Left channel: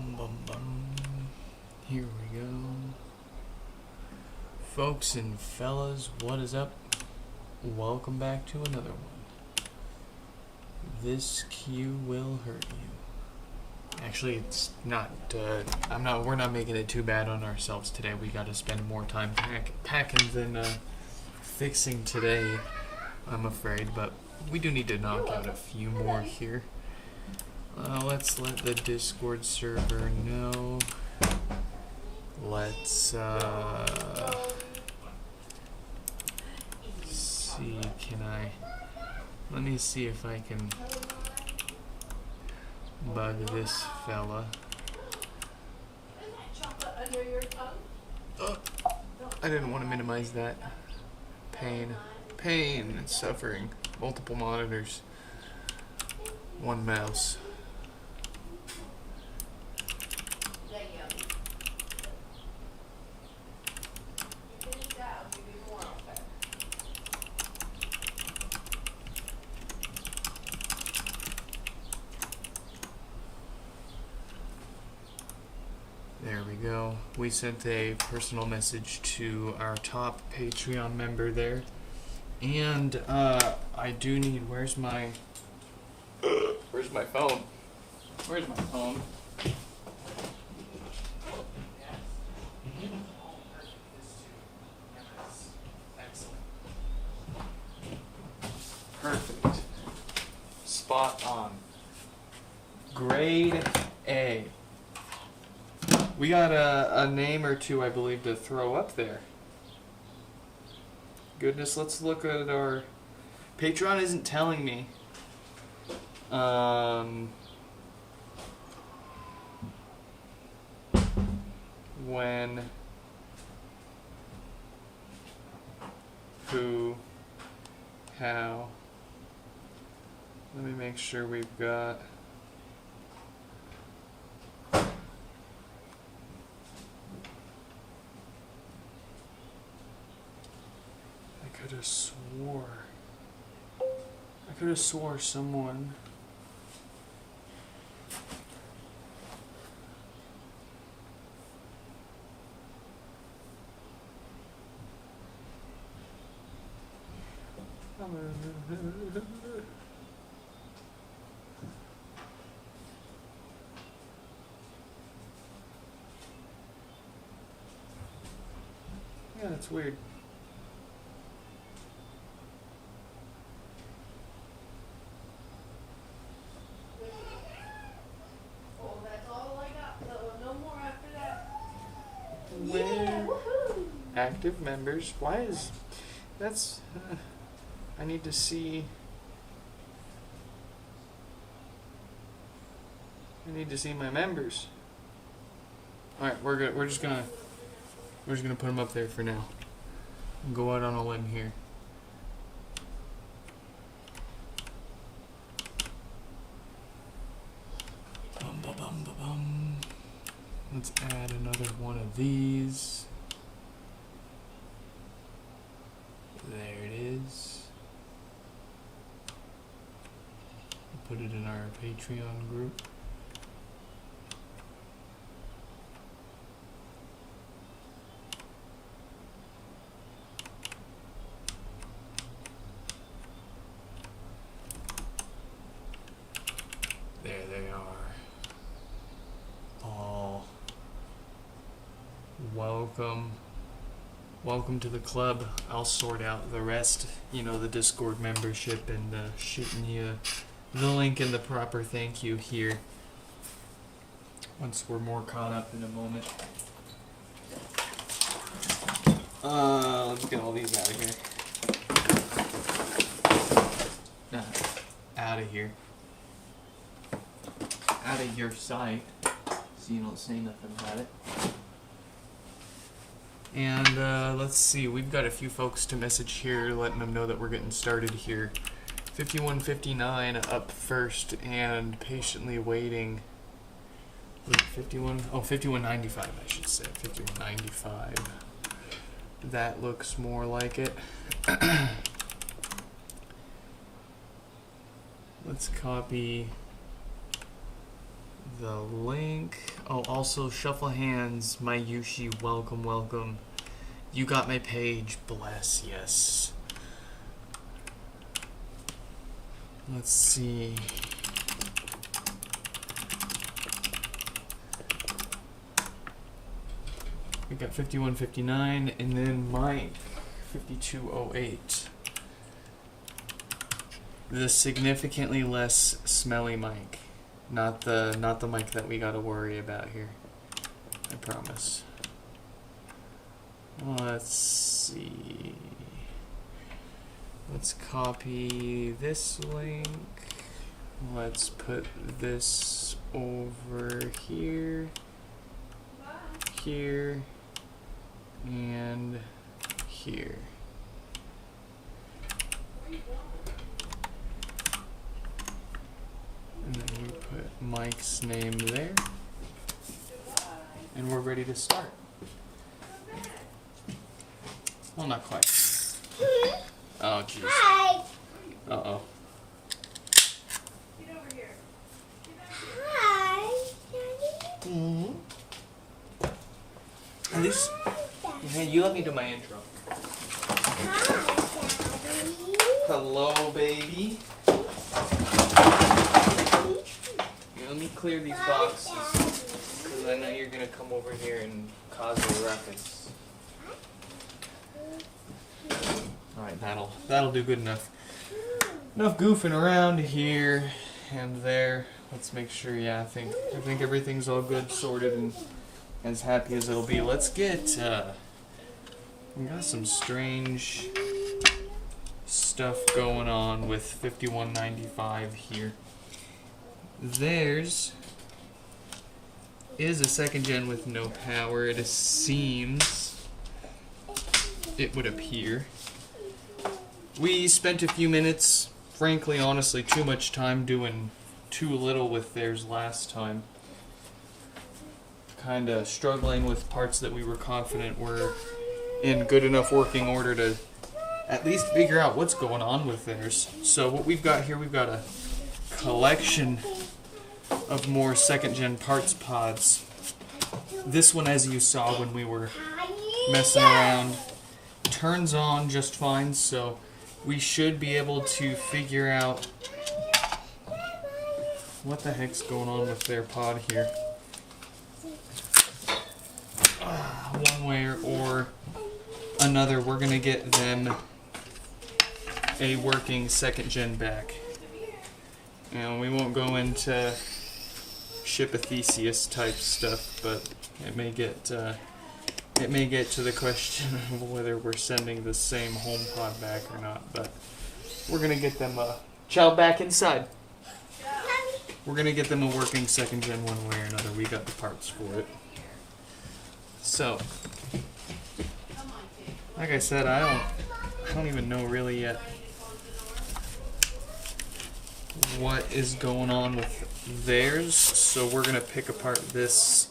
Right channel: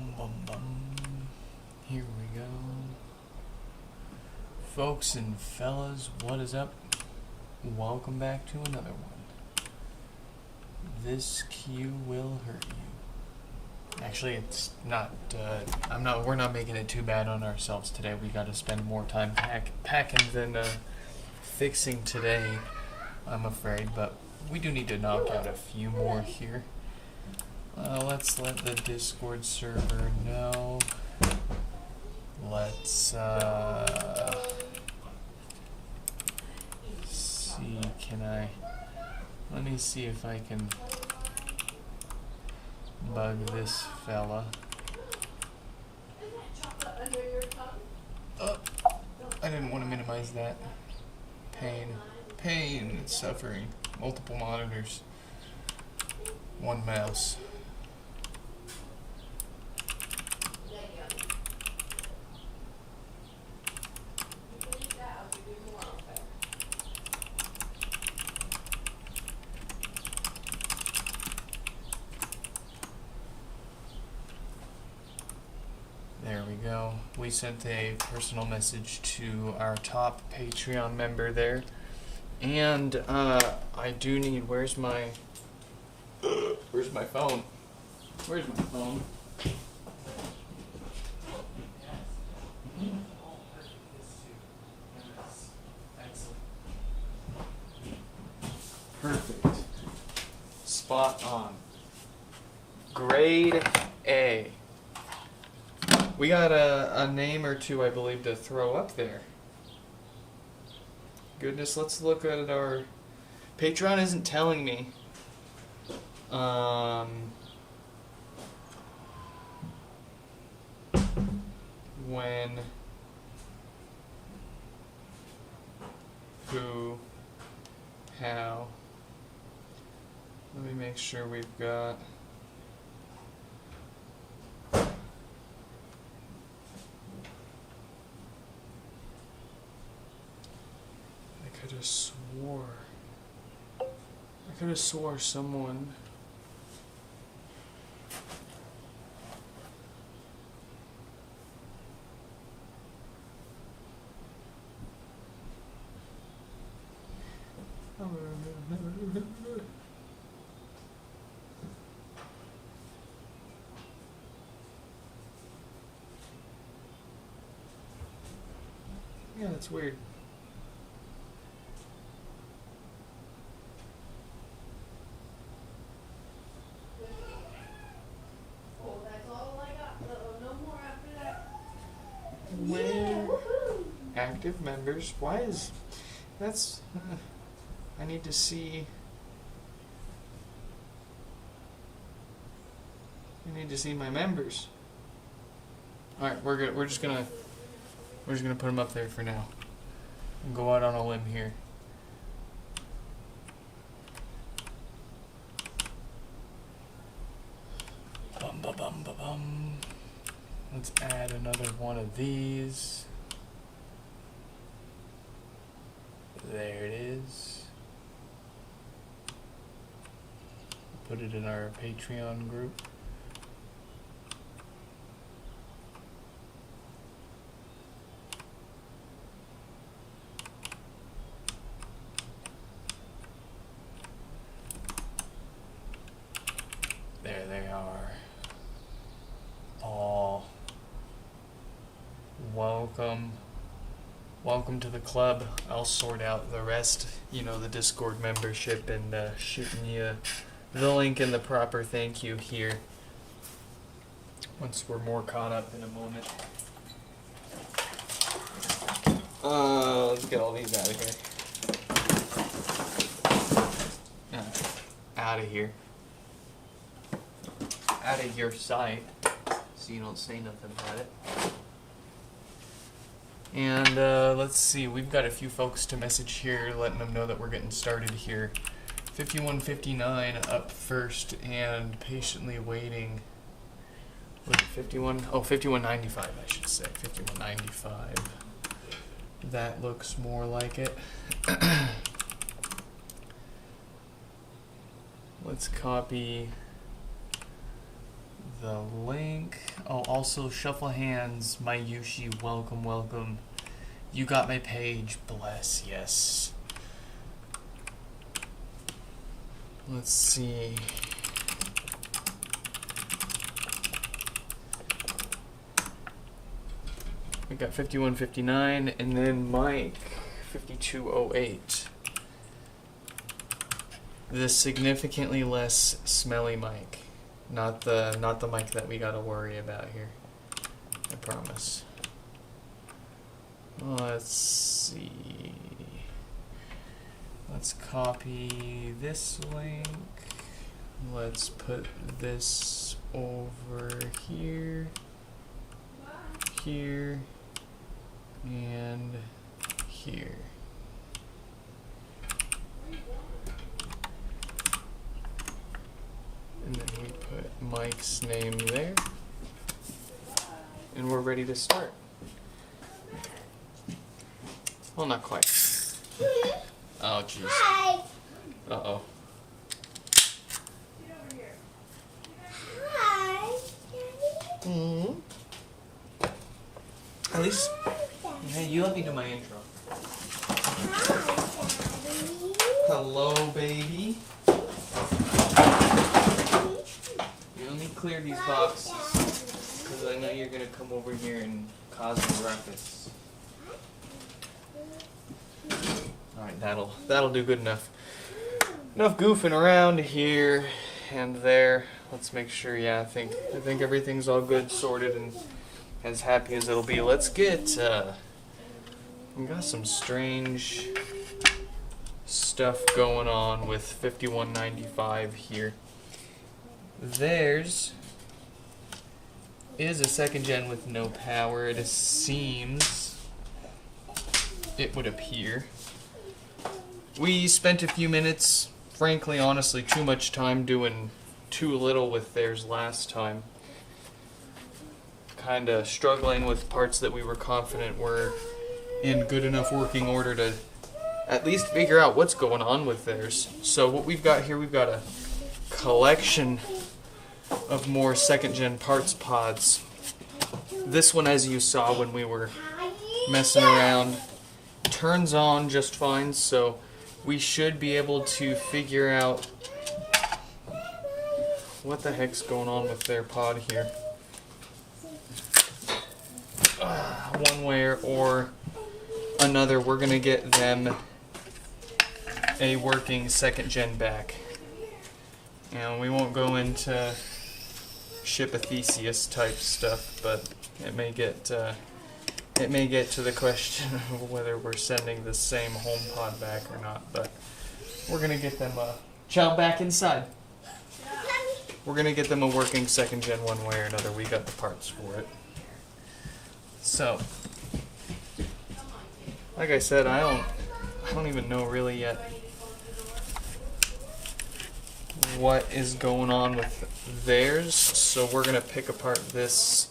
Bum bum bum. Here we go. Folks and fellas, what is up? Welcome back to another one. This cue will hurt you. Actually, it's not, we're not making it too bad on ourselves today. We gotta spend more time packing than fixing today, I'm afraid, but we do need to knock out a few more here. Let's let the Discord server know. Let's see, let me see if I can bug this fella. Oh, I didn't want to minimize that. Pain and suffering. Multiple monitors. One mouse. There we go. We sent a personal message to our top Patreon member there. And I do need, where's my phone? Where's my phone? Perfect. Spot on. Grade A. We got a name or two, I believe, to throw up there. Goodness, let's look at our... Patreon isn't telling me. When... Who... How... Let me make sure we've got... I could have swore someone. Yeah, it's weird. Active members. Why is that's? I need to see. I need to see my members. All right, we're just gonna put them up there for now. And go out on a limb here. Bum ba bum ba bum. Let's add another one of these. There it is. Put it in our Patreon group. There they are. Paul. Welcome to the club. I'll sort out the rest, the Discord membership, and shooting you the link and the proper thank you here once we're more caught up in a moment. Let's get all these out of here. Out of here. Out of your sight, so you don't say nothing about it. And let's see, we've got a few folks to message here, letting them know that we're getting started here. 5159 up first and patiently waiting. Was it 51? Oh, 5195, I should say. 5195. That looks more like it. Let's copy the link. Oh, also Shuffle Hands, my Yushi, welcome, welcome. You got my page, bless, yes. Let's see. We got 5159 and then Mike 5208. The significantly less smelly mic. Not the mic that we gotta worry about here. I promise. Let's see. Let's copy this link. Let's put this over here, here, and here. And then we put Mike's name there. And we're ready to start. Well, not quite. Oh, jeez. Uh-oh. Mm-hmm. At least, you let me do my intro. Hello, baby. Let me clear these boxes, because I know you're going to come over here and cause a ruckus. Alright, that'll do good enough. Enough goofing around here and there. Let's make sure, yeah, I think everything's all good, sorted, and as happy as it'll be. Let's get, we got some strange stuff going on with 5195 here. Theirs is a second gen with no power. It seems, it would appear. We spent a few minutes, frankly, honestly, too much time doing too little with theirs last time. Kinda struggling with parts that we were confident were in good enough working order to at least figure out what's going on with theirs. So what we've got here, we've got a collection of more second-gen parts pods. This one, as you saw when we were messing around, turns on just fine, so we should be able to figure out what the heck's going on with their pod here. One way or another, we're going to get them a working second-gen back. And we won't go into ship a Theseus type stuff, but it may get to the question of whether we're sending the same HomePod back or not. But we're gonna get them chow back inside. We're gonna get them a working second gen one way or another. We got the parts for it. So, like I said, I don't even know really yet what is going on with theirs, so we're gonna pick apart this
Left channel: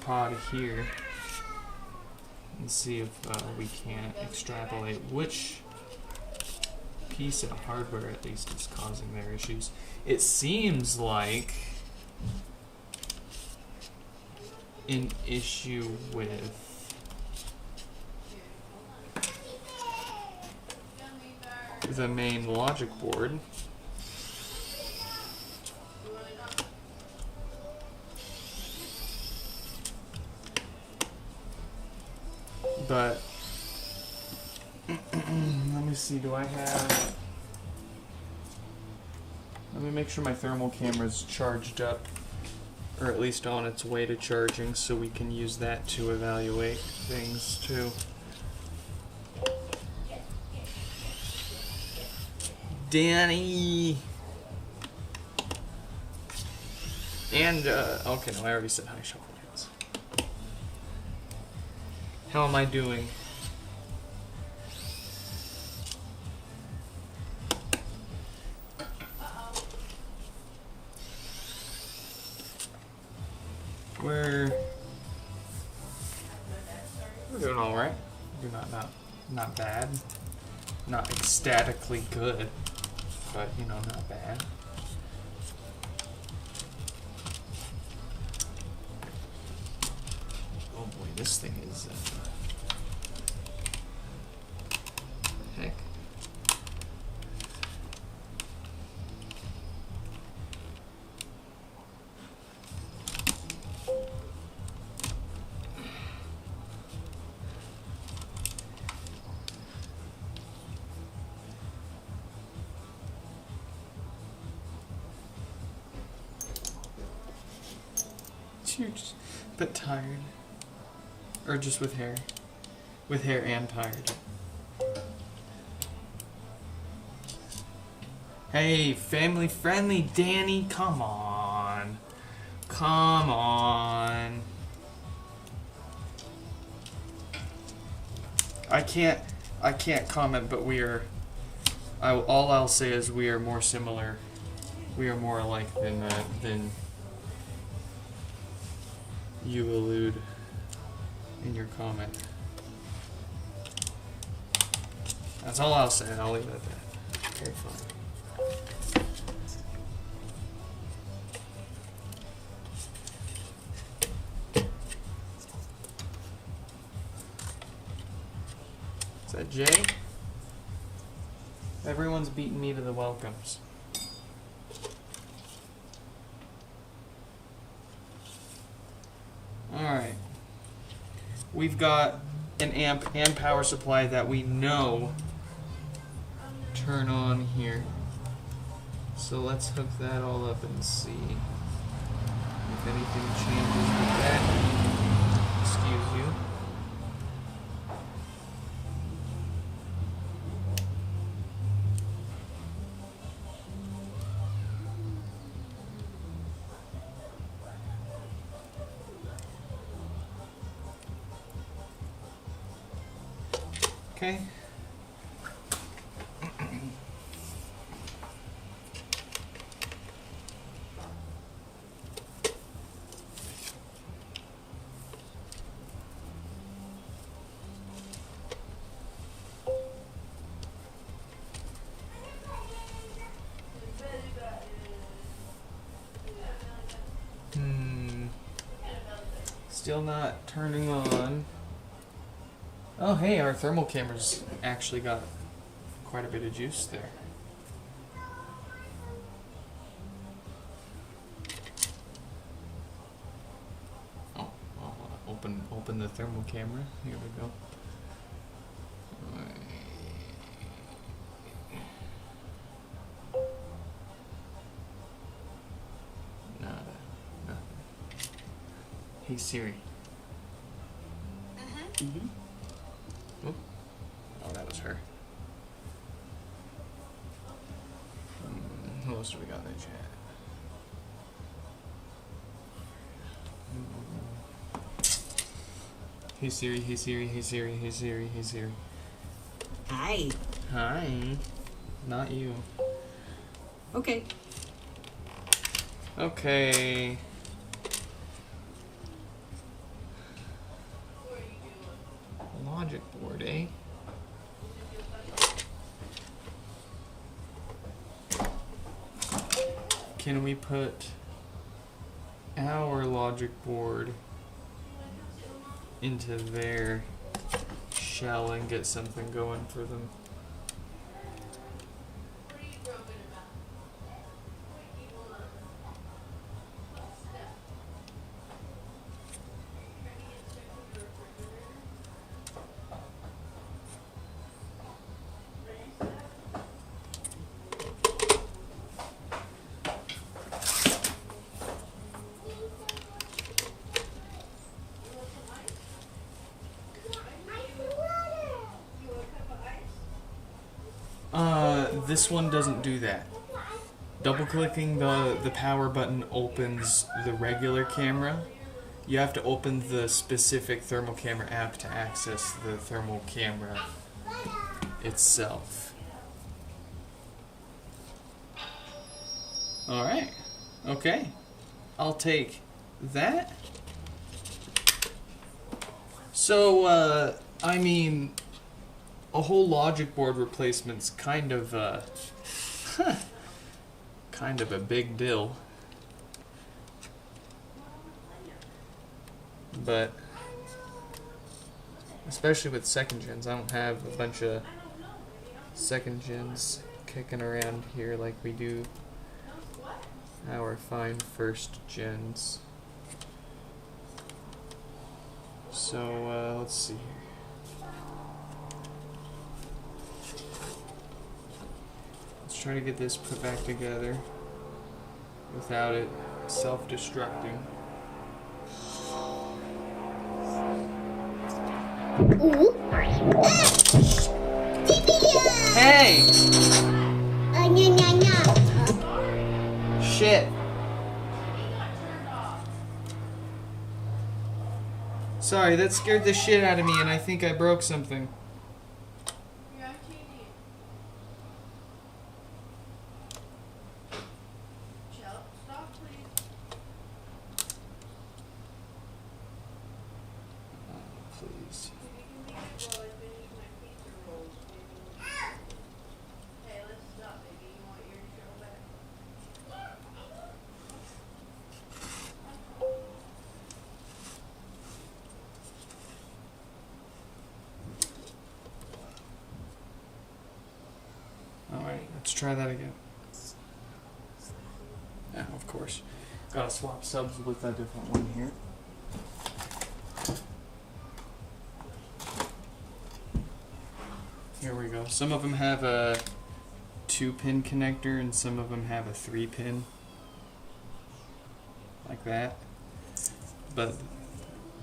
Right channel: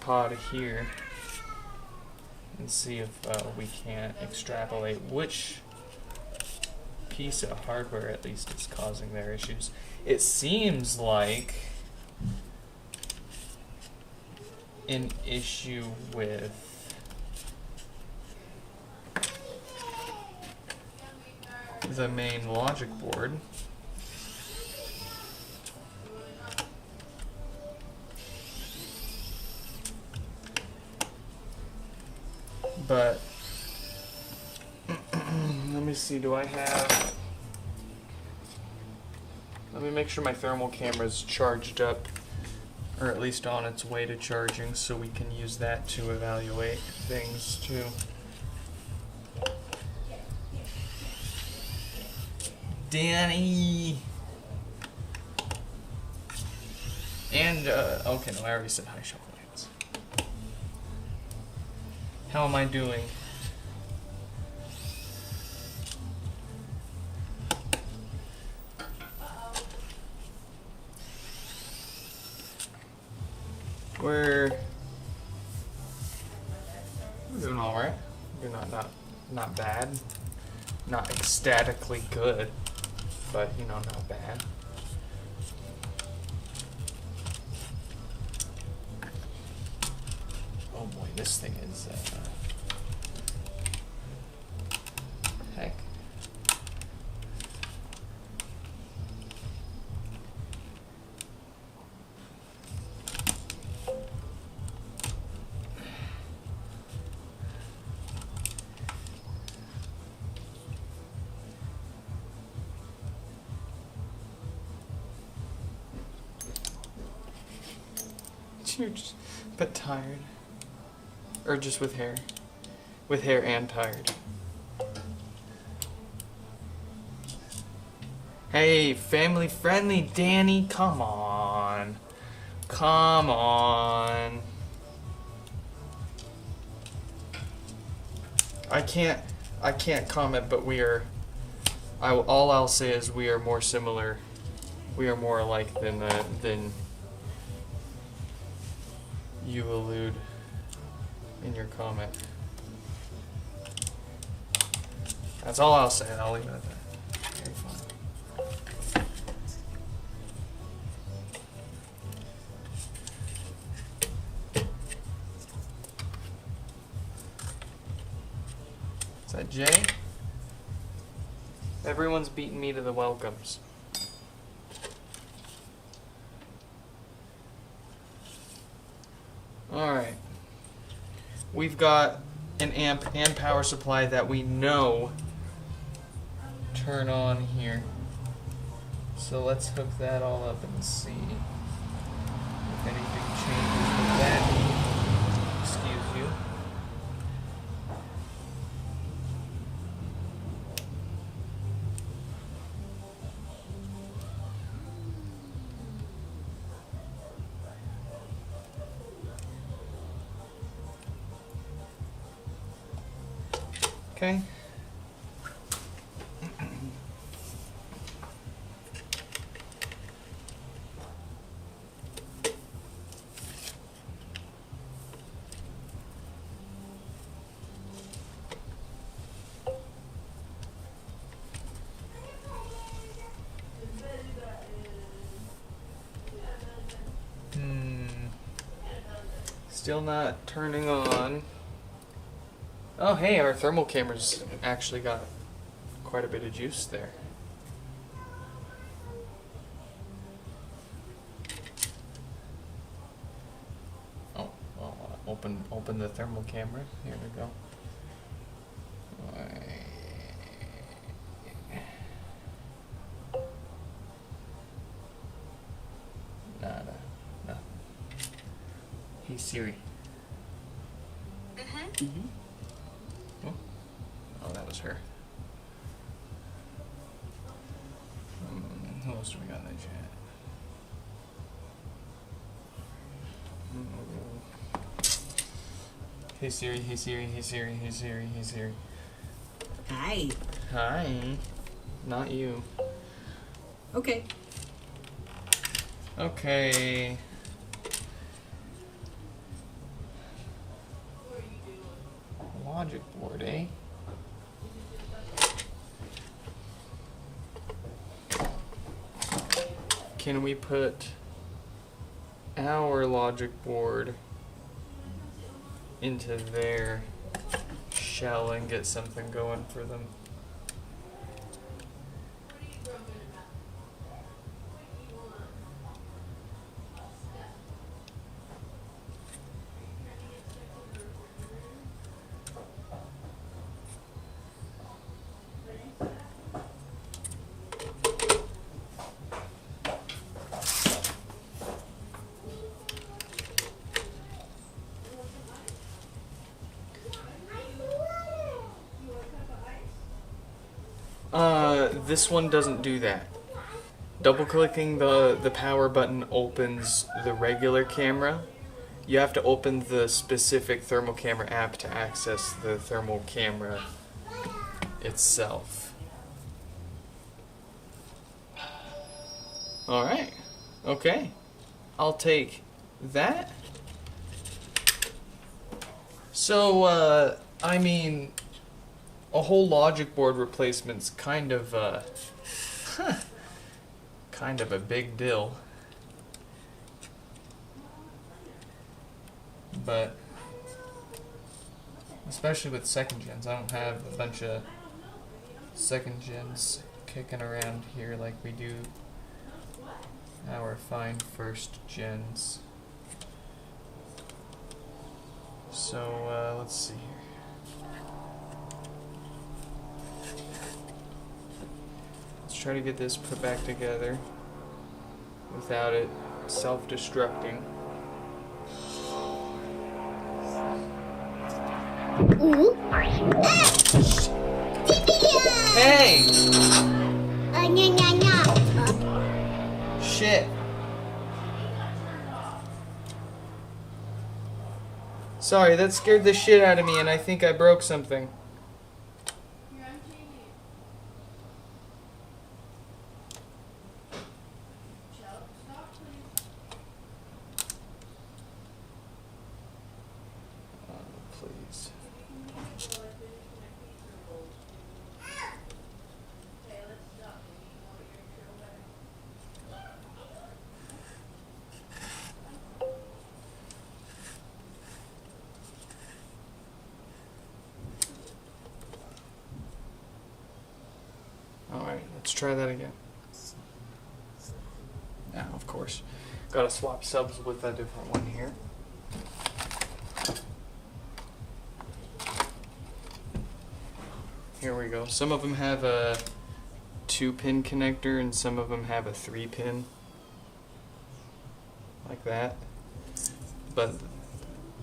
pod here and see if we can't extrapolate which piece of hardware at least is causing their issues. It seems like an issue with the main logic board. But let me see, do I have... Let me make sure my thermal camera's charged up, or at least on its way to charging, so we can use that to evaluate things too. Danny! And, okay, no, I already said hi, Shuffle Hands. How am I doing? We're doing all right. We're not bad. Not ecstatically good, but you know, not bad. This thing is heck. You're just but tired. Or just with hair. With hair and tired. Hey, family friendly Danny, come on. Come on. I can't comment, but all I'll say is we are more similar. We are more alike than you allude in your comment. That's all I'll say, and I'll leave it at that. Okay, fine. Is that Jay? Everyone's beating me to the welcomes. Alright. We've got an amp and power supply that we know turn on here. So let's hook that all up and see if anything changes with that. Excuse you. Okay. Still not turning on. Oh, hey, our thermal camera's actually got quite a bit of juice there. Oh, well, open the thermal camera. Here we go. Nada, nothing. Hey Siri. Mm-hmm. Oh, that was her. Who else do we got in the chat? Hey Siri, hey Siri, hey Siri, hey Siri, hey Siri. Hi. Hi. Not you. Okay. Okay. Logic board, eh? Can we put our logic board into their shell and get something going for them? This one doesn't do that. Double clicking the power button opens the regular camera. You have to open the specific thermal camera app to access the thermal camera itself. Alright. Okay. I'll take that. So, I mean, a whole logic board replacement's kind of a big deal. But especially with second gens. I don't have a bunch of second gens kicking around here like we do our fine first gens. So let's see here. Let's try to get this put back together without it self-destructing. Hey! Shit. Sorry, that scared the shit out of me and I think I broke something. Please. Alright, let's try that again. Now, of course, gotta swap subs with a different one here. Here we go. Some of them have a 2-pin connector and some of them have a 3-pin. Like that. But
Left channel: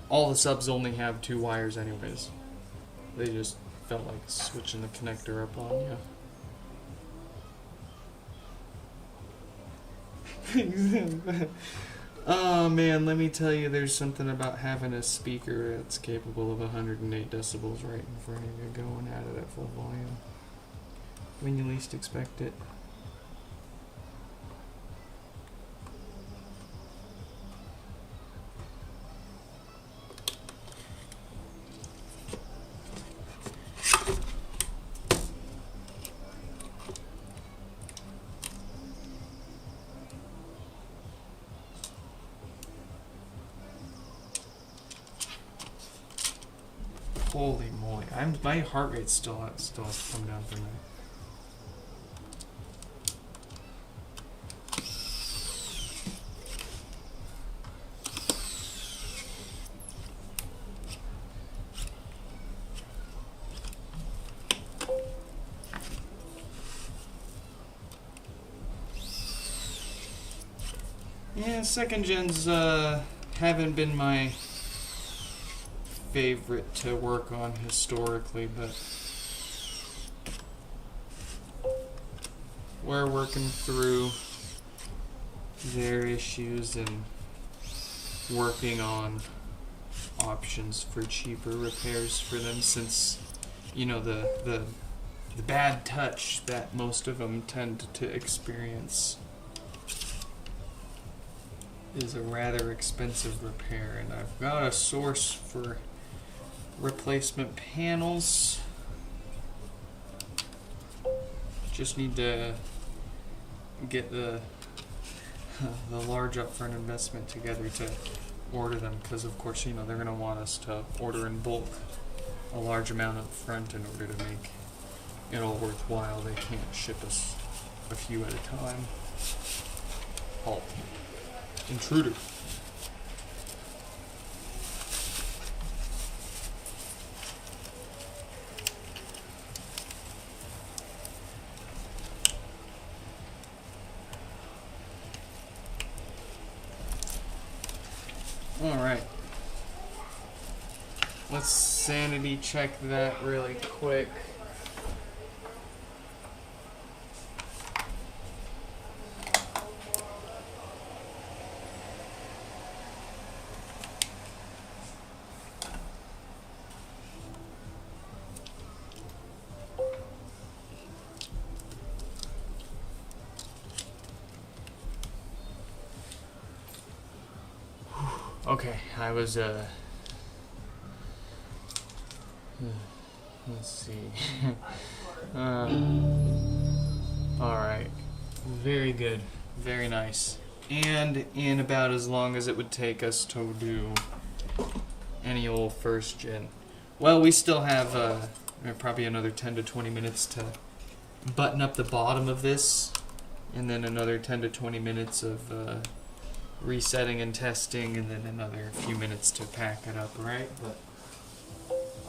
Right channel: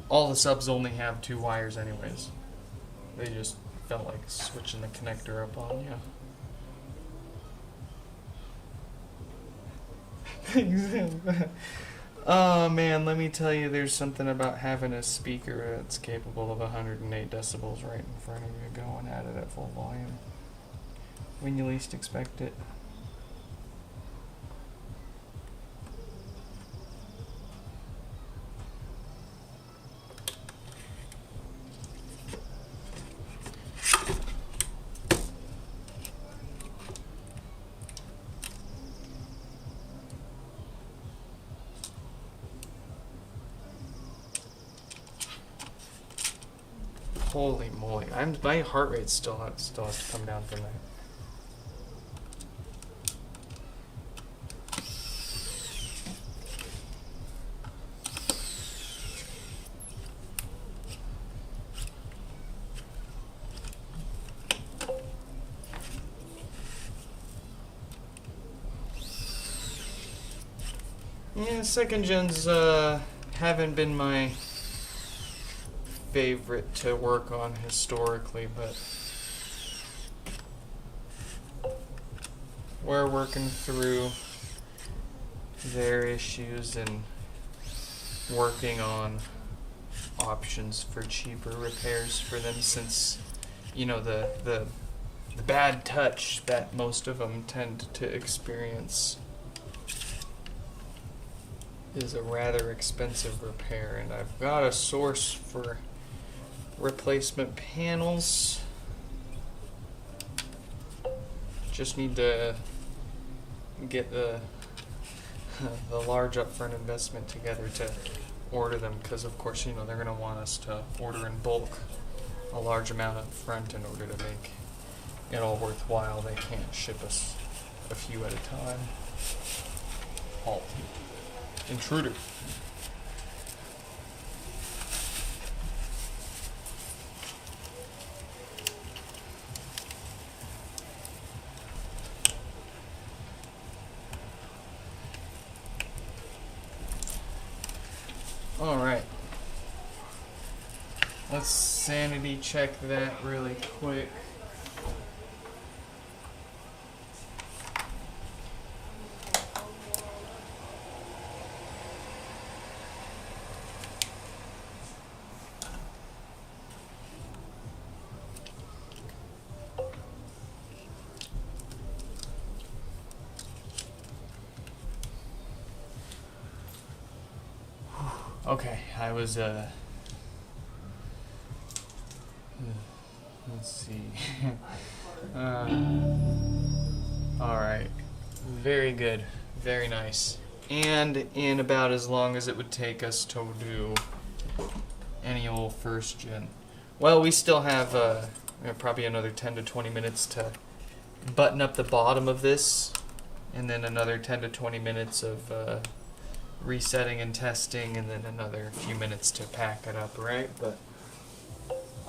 all the subs only have 2 wires anyways. They just felt like switching the connector up on you. Oh man, let me tell you, there's something about having a speaker that's capable of 108 decibels right in front of you going at it at full volume when you least expect it. Holy moly! My heart rate still has to come down from that. Yeah, second gens haven't been my favorite to work on historically, but we're working through their issues and working on options for cheaper repairs for them, since you know the bad touch that most of them tend to experience is a rather expensive repair, and I've got a source for replacement panels. Just need to get the large upfront investment together to order them, because of course, you know, they're going to want us to order in bulk a large amount up front in order to make it all worthwhile. They can't ship us a few at a time. Halt. Intruder. Alright. Let's sanity check that really quick. Okay, I was, let's see. Alright. Very good. Very nice. And in about as long as it would take us to do any old first gen. Well, we still have probably another 10 to 20 minutes to button up the bottom of this, and then another 10 to 20 minutes of resetting and testing, and then another few minutes to pack it up, right? But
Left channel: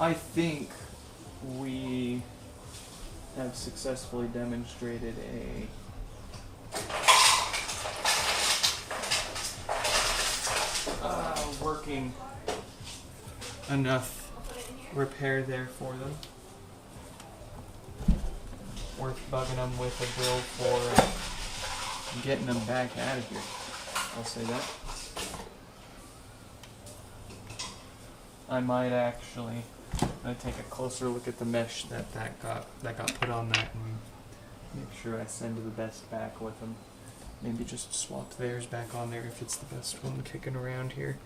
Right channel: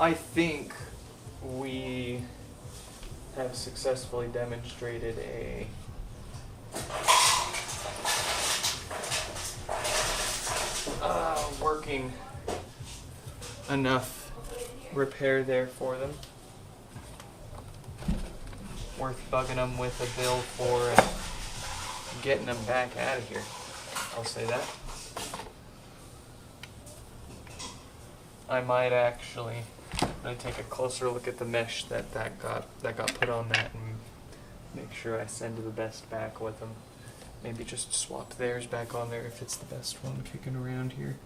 I think we have successfully demonstrated a working enough repair there for them. Worth bugging them with a bill for getting them back out of here. I'll say that. I might actually take a closer look at the mesh that got put on that and make sure I send the best back with them. Maybe just swap theirs back on there if it's the best one kicking around here.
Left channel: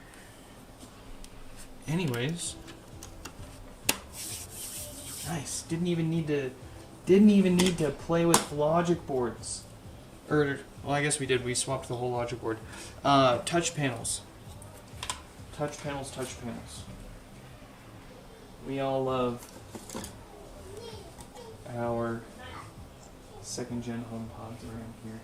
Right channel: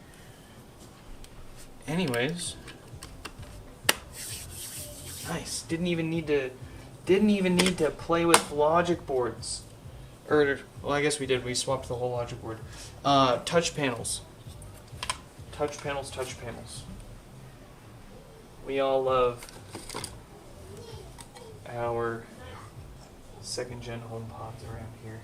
Anyways, nice. Didn't even need to play with logic boards. Well, I guess we did. We swapped the whole logic board. Touch panels. Touch panels. We all love our second-gen HomePods around here.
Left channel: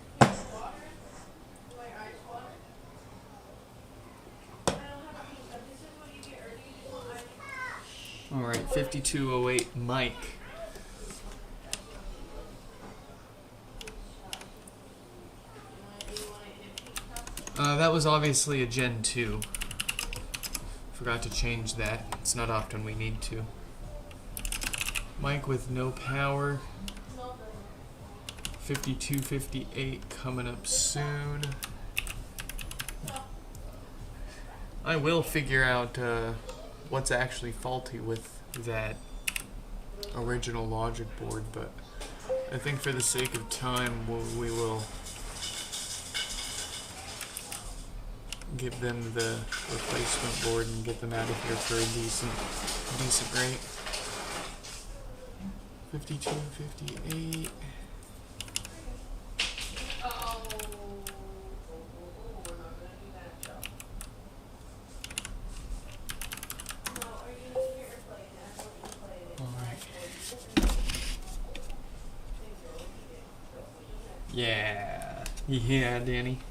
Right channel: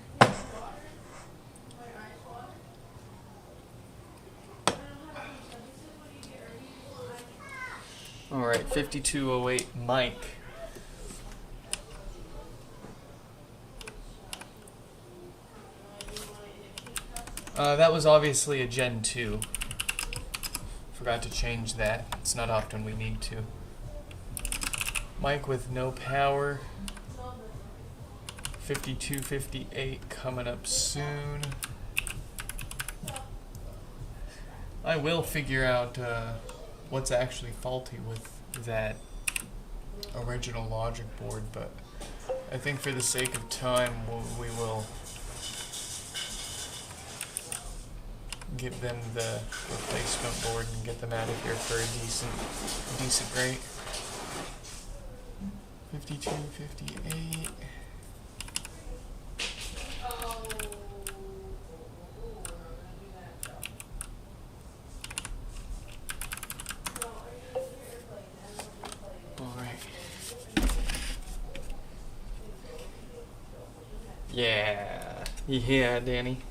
Alright, 5208 Mike. That was obviously a Gen 2. Forgot to change that. It's not often we need to. Mike with no power. 5258 coming up soon. I will figure out what's actually faulty with that original logic board, but I think for the sake of time we will give them the replacement board and get them out of here for a decent rate. 5258. Yeah, Danny.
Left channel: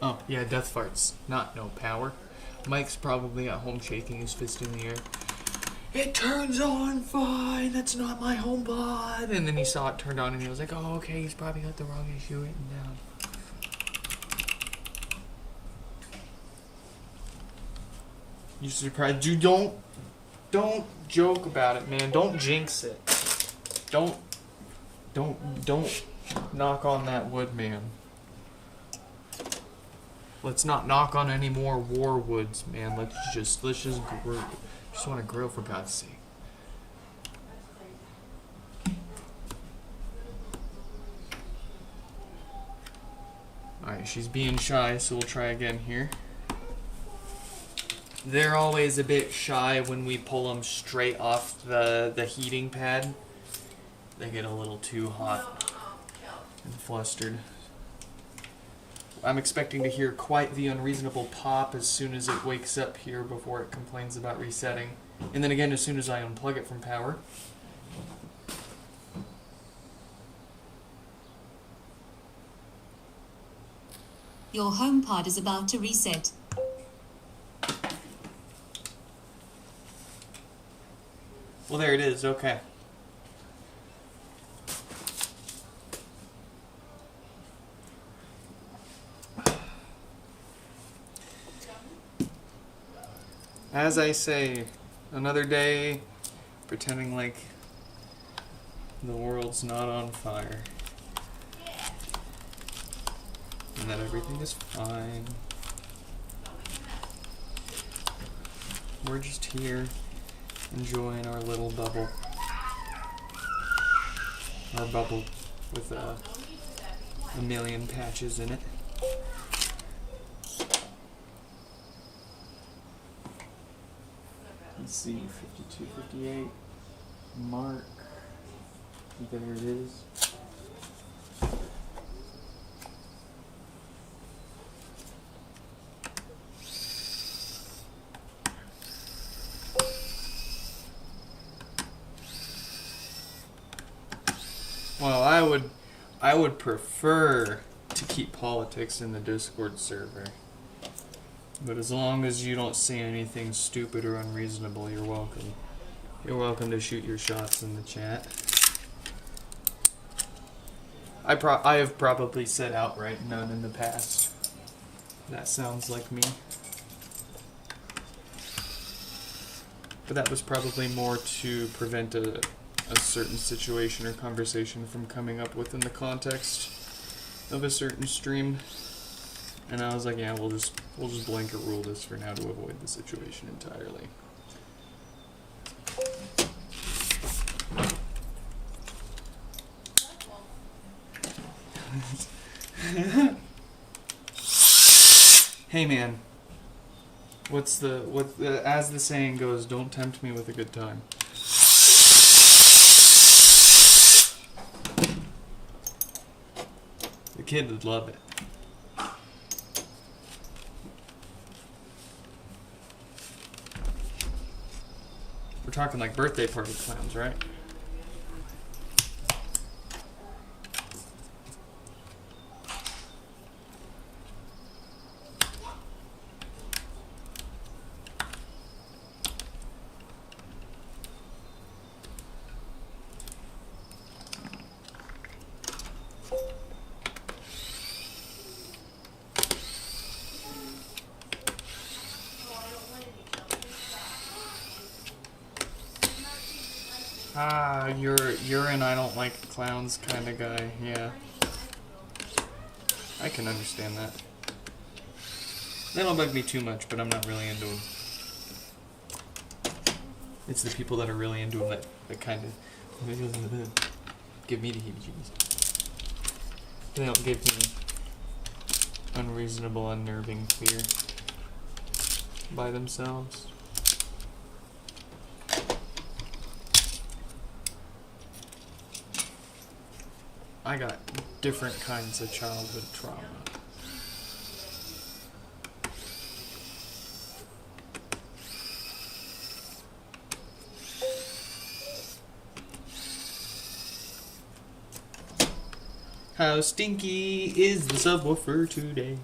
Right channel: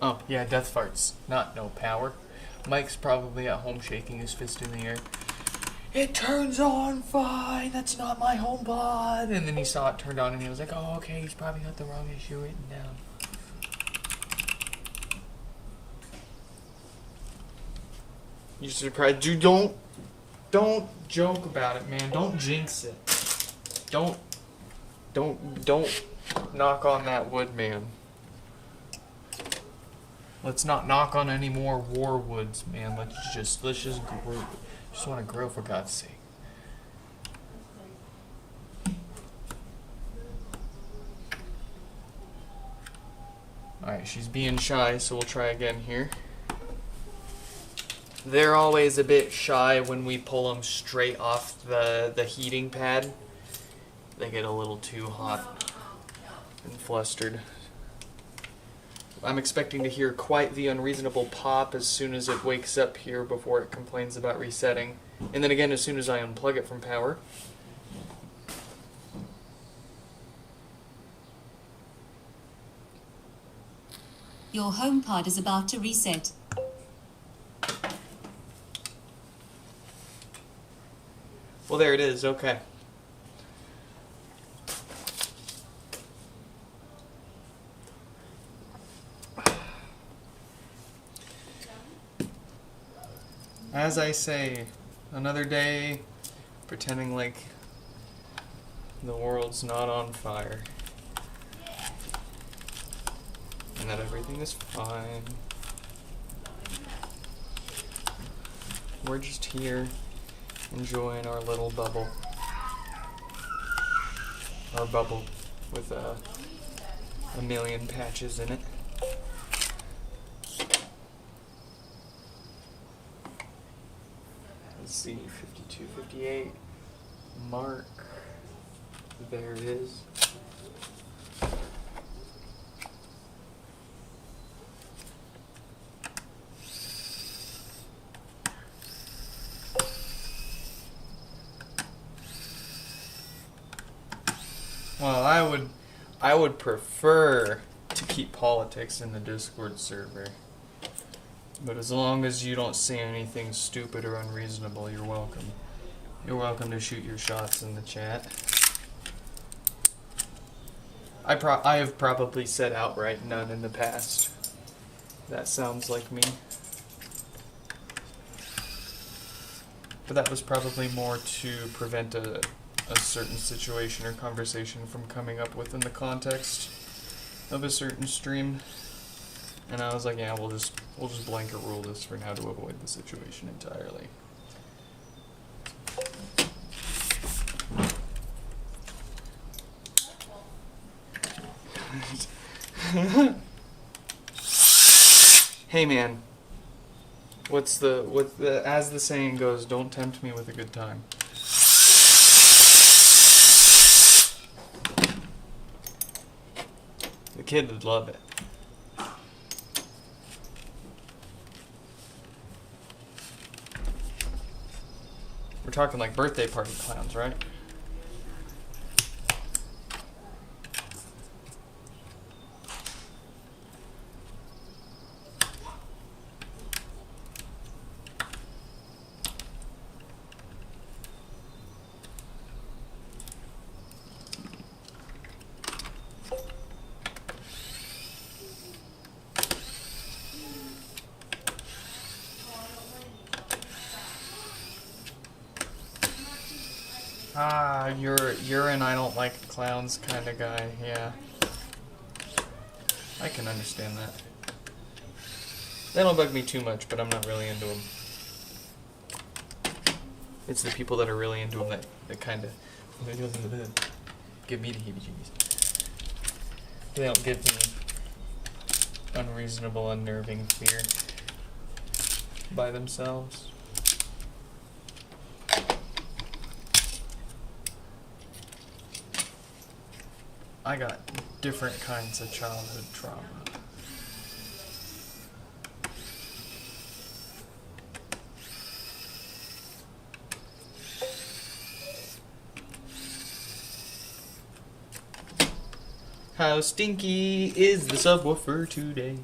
Oh, yeah, death farts. Not no power. Mike's probably at home shaking his fist in the air. It turns on fine. That's not my HomePod. And then he saw it turned on and he was like, oh, okay, he's probably got the wrong issue written down. You surprised? You don't joke about it, man. Don't jinx it. Don't knock on that wood, man. Let's not knock on any more war woods, man. Let's just grow. Just want to grow, for God's sake. Alright, she's being shy, so we'll try again here. They're always a bit shy when we pull them straight off the heating pad. They get a little too hot and flustered. I'm expecting to hear quite the unreasonable pop as soon as it wakes up here before it complains about resetting. And then again as soon as I unplug it from power. Your HomePod is about to reset. Well, there it is. Okay. As I say, another day pretending like the world's not on fire and that everything is fine. We're just here enjoying our little bubble. Our bubble with a million patches in it. Let's see, 52, 58, mark, there it is. Well, I would prefer to keep politics in the Discord server. But as long as you don't say anything stupid or unreasonable, you're welcome. You're welcome to shoot your shots in the chat. I have probably said outright none in the past. That sounds like me. But that was probably more to prevent a certain situation or conversation from coming up within the context of a certain stream. And I was like, yeah, we'll just blanket rule this for now to avoid the situation entirely. Hey man, what's the as the saying goes, don't tempt me with a good time. The kid would love it. We're talking like birthday party clowns, right? Ah, you're an I don't like clowns kind of guy, yeah. I can understand that. They don't bug me too much, but I'm not really into them. It's the people that are really into them that kind of give me the heebie-jeebies. They don't give me unreasonable, unnerving fear by themselves. I got different kinds of childhood trauma. How stinky is the subwoofer today?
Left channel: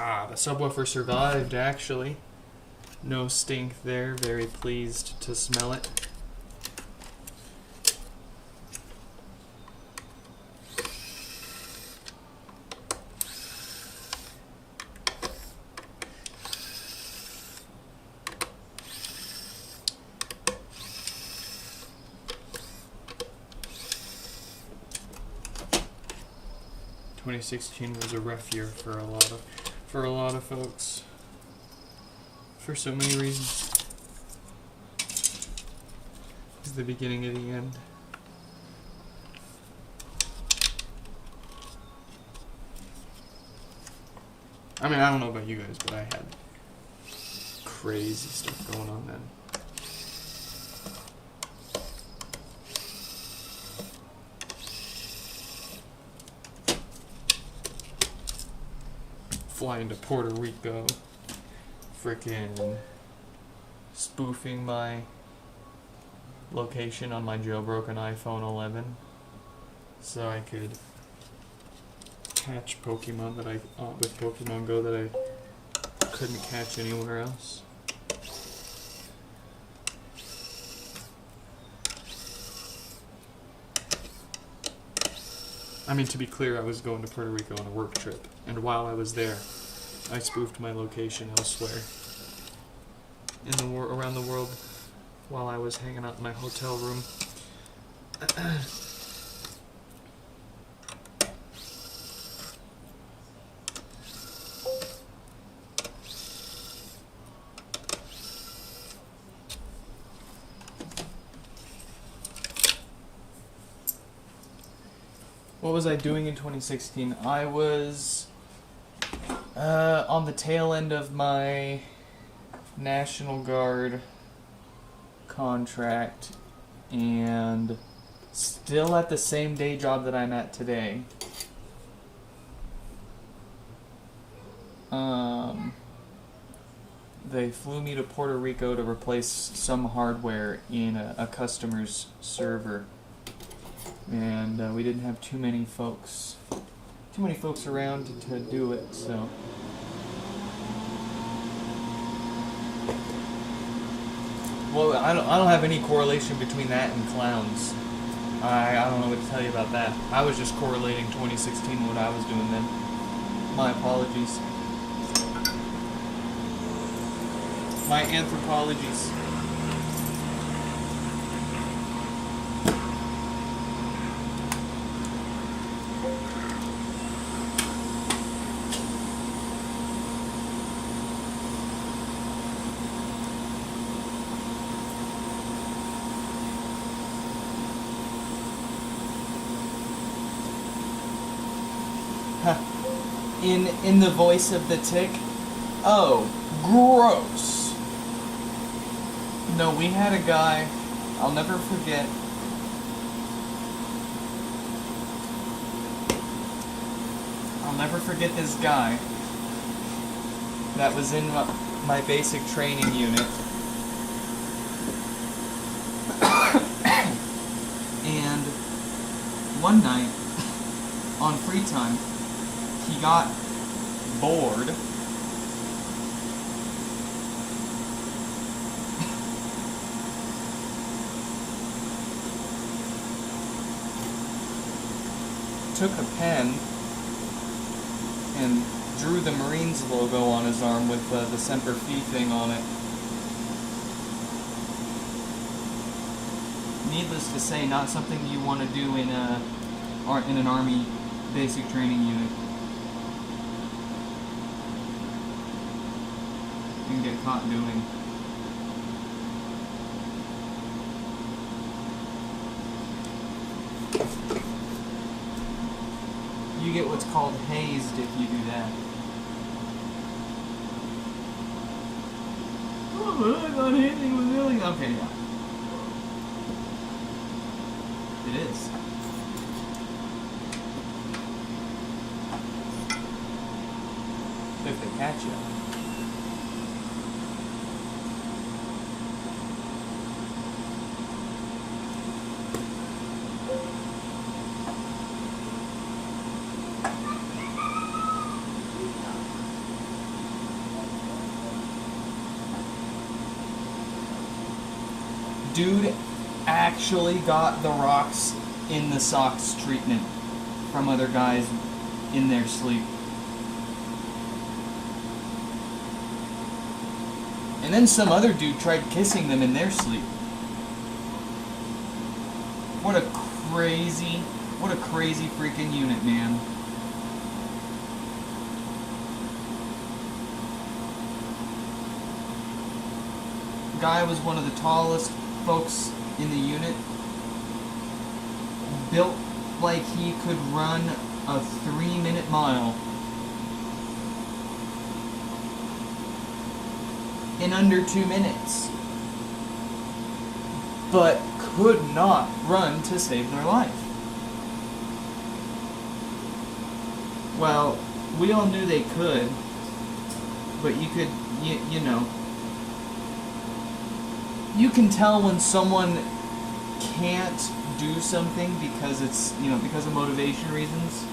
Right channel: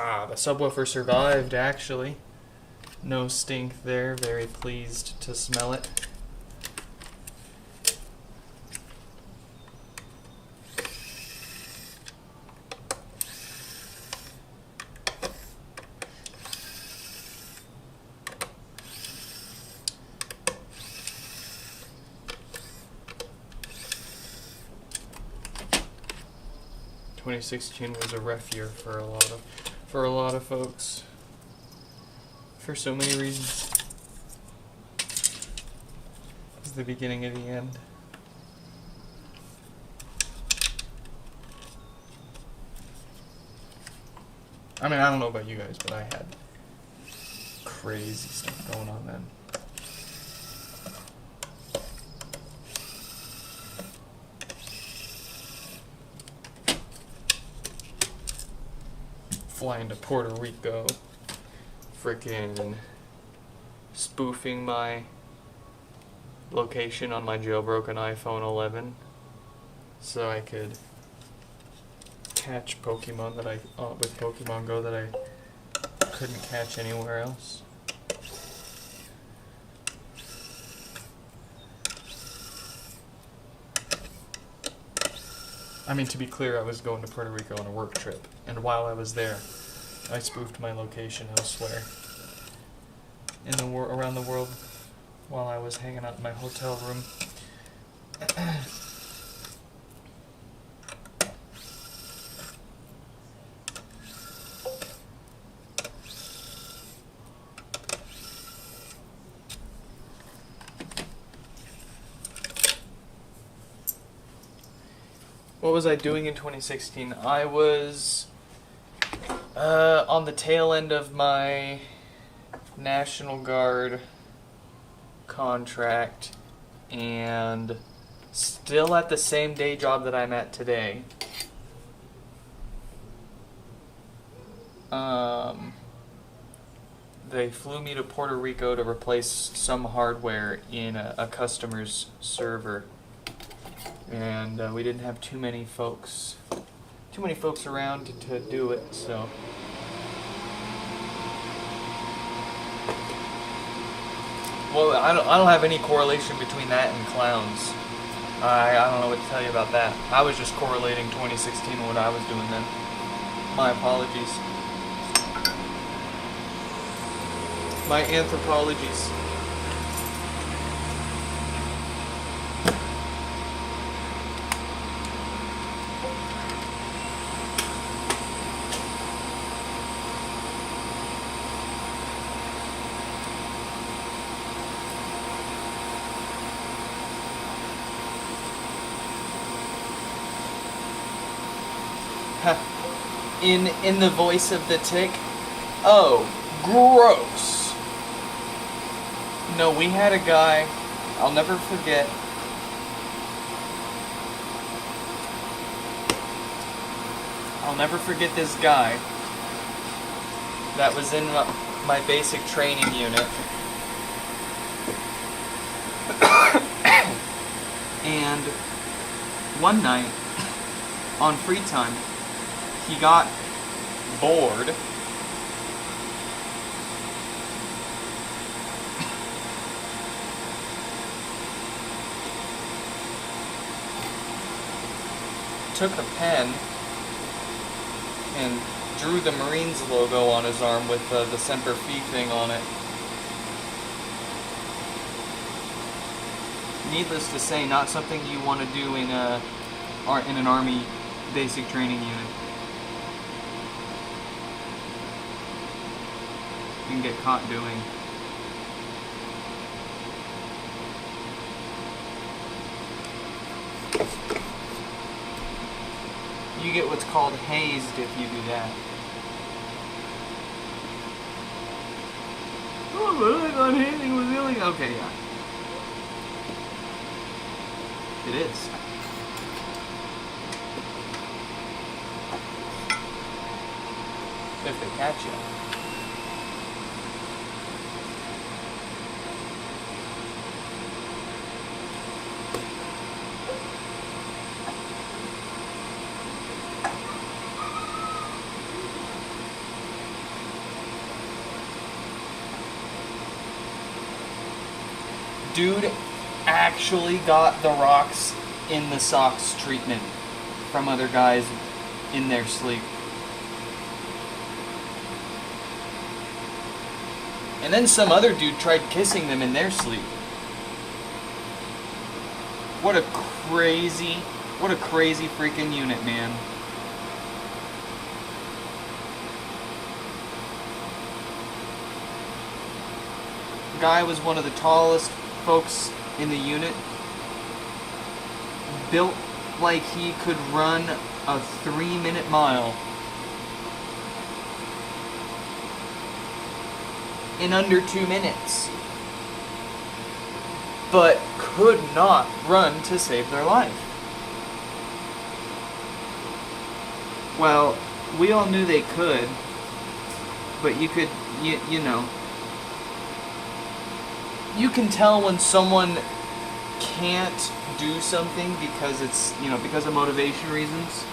Ah, the subwoofer survived, actually. No stink there. Very pleased to smell it. ...2016 was a rough year for a lot of folks. For so many reasons. It's the beginning of the end. I mean, I don't know about you guys, but I had crazy stuff going on then. Flying to Puerto Rico, frickin' spoofing my location on my jailbroken iPhone 11 so I could catch Pokemon that I with Pokemon Go that I couldn't catch anywhere else. I mean, to be clear, I was going to Puerto Rico on a work trip, and while I was there, I spoofed my location elsewhere in the around the world while I was hanging out in my hotel room. What was I doing in 2016? I was on the tail end of my National Guard contract and still at the same day job that I'm at today. They flew me to Puerto Rico to replace some hardware in a customer's server, and we didn't have too many folks around to do it, so. Well, I don't have any correlation between that and clowns. I don't know what to tell you about that. I was just correlating 2016 and what I was doing then. My apologies. My anthropologies. In the voice of the tick, oh, gross. No, we had a guy, I'll never forget. I'll never forget this guy that was in my basic training unit. And one night, on free time, he got bored. Took a pen and drew the Marines logo on his arm with the Semper Fi thing on it. Needless to say, not something you want to do in an Army basic training unit. You can get caught doing. You get what's called hazed if you do that. Oh, but I thought hazing was illegal. Okay, yeah. It is. If they catch you. Dude actually got the rocks in the socks treatment from other guys in their sleep. And then some other dude tried kissing them in their sleep. What a crazy freaking unit, man. Guy was one of the tallest folks in the unit, built like he could run a 3-minute mile in under 2 minutes, but could not run to save their life. Well, we all knew they could, but you could, you know, you can tell when someone can't do something because it's, you know, because of motivation reasons.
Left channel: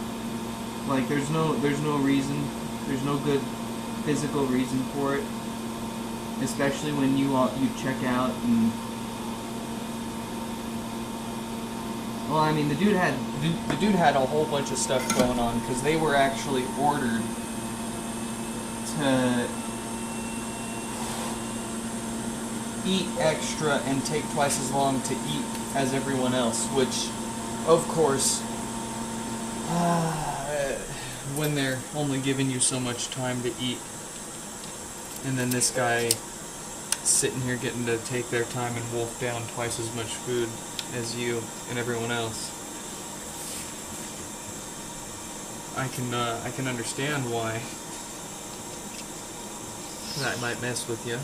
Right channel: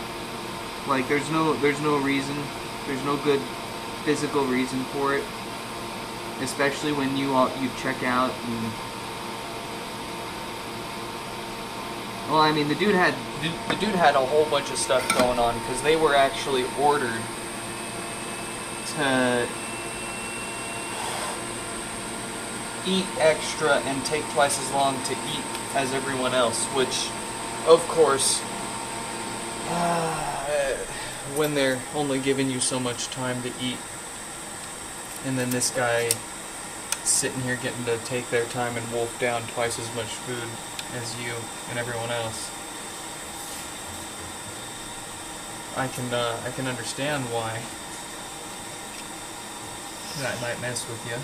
Like there's no reason, there's no good physical reason for it. Especially when you check out and, well, I mean, the dude had a whole bunch of stuff going on because they were actually ordered to eat extra and take twice as long to eat as everyone else, which, of course, when they're only giving you so much time to eat, and then this guy sitting here getting to take their time and wolf down twice as much food as you and everyone else, I can understand why that might mess with you.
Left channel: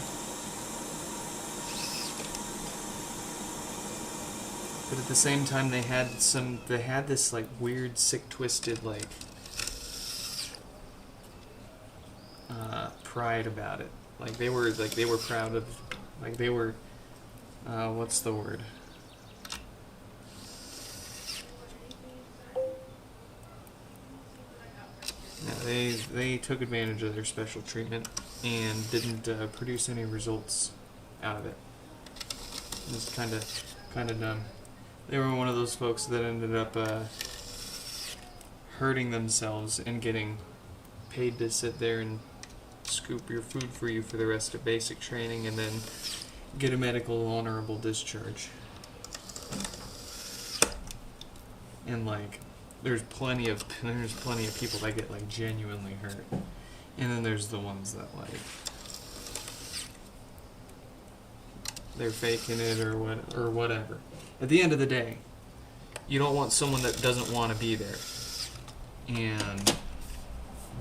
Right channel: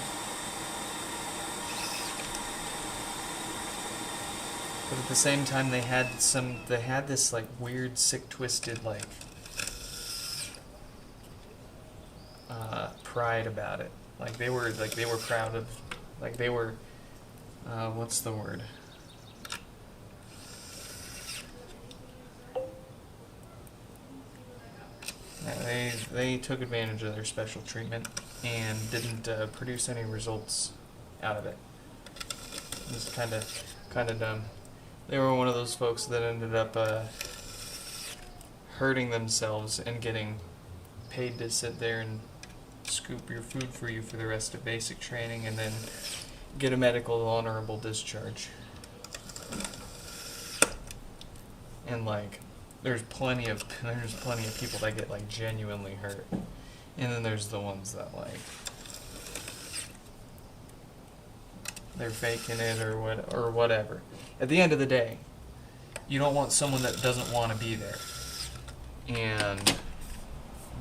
But at the same time, they had this like weird, sick, twisted, like pride about it. Like they were proud of, like they were, what's the word? They took advantage of their special treatment and didn't produce any results out of it. It was kind of dumb. They were one of those folks that ended up hurting themselves and getting paid to sit there and scoop your food for you for the rest of basic training and then get a medical honorable discharge. And like, there's plenty of people that get like genuinely hurt, and then there's the ones that like they're faking it or whatever. At the end of the day, you don't want someone that doesn't want to be there, and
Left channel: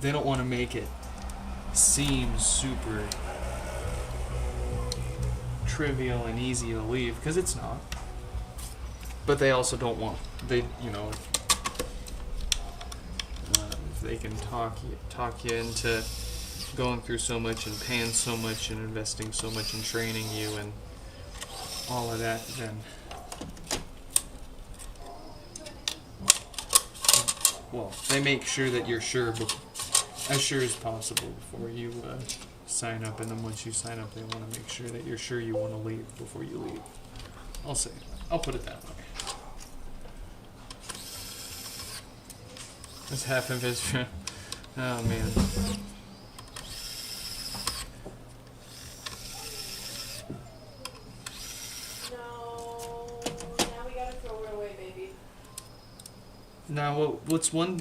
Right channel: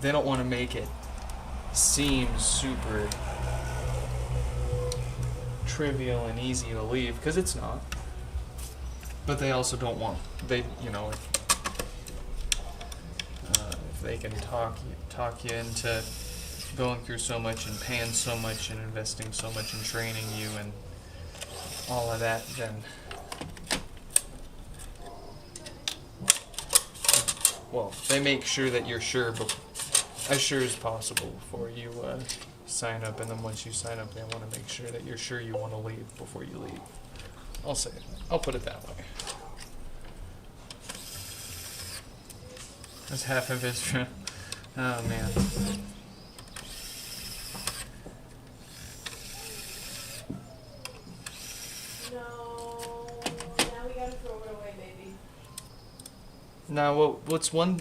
they don't want to make it seem super trivial and easy to leave, because it's not. But they also don't want, if they can talk you into going through so much and paying so much and investing so much in training you and all of that, then they make sure that you're sure, as sure as possible before you sign up, and then once you sign up, they want to make sure that you're sure you want to leave before you leave. I'll say that. I'll put it that way. That's half of his. Oh man. Now, what's one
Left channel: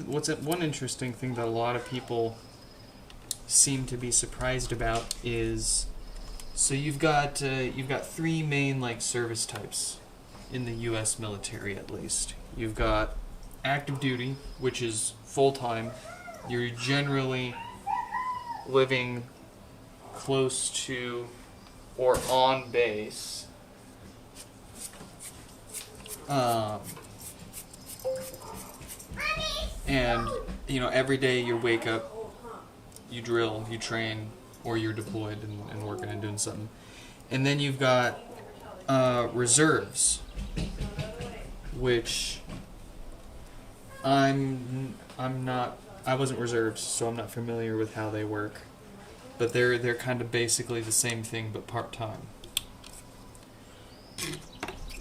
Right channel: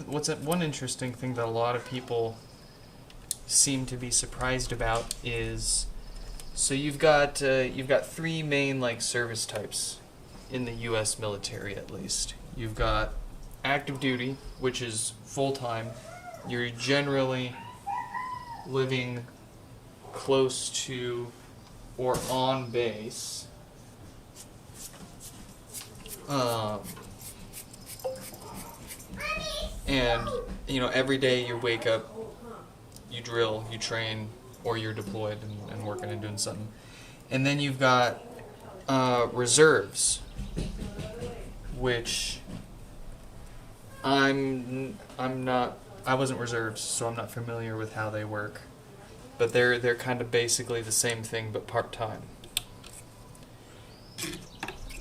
interesting thing that a lot of people seem to be surprised about is, so you've got three main like service types in the U.S. military, at least. You've got active duty, which is full time. You're generally living close to or on base. And, every day you wake up, you drill, you train, or you're deployed and working and doing something. And then you've got reserves, which I wasn't reserves, so I'm not familiar with how they work. But they're kind of basically the same thing, but part-time.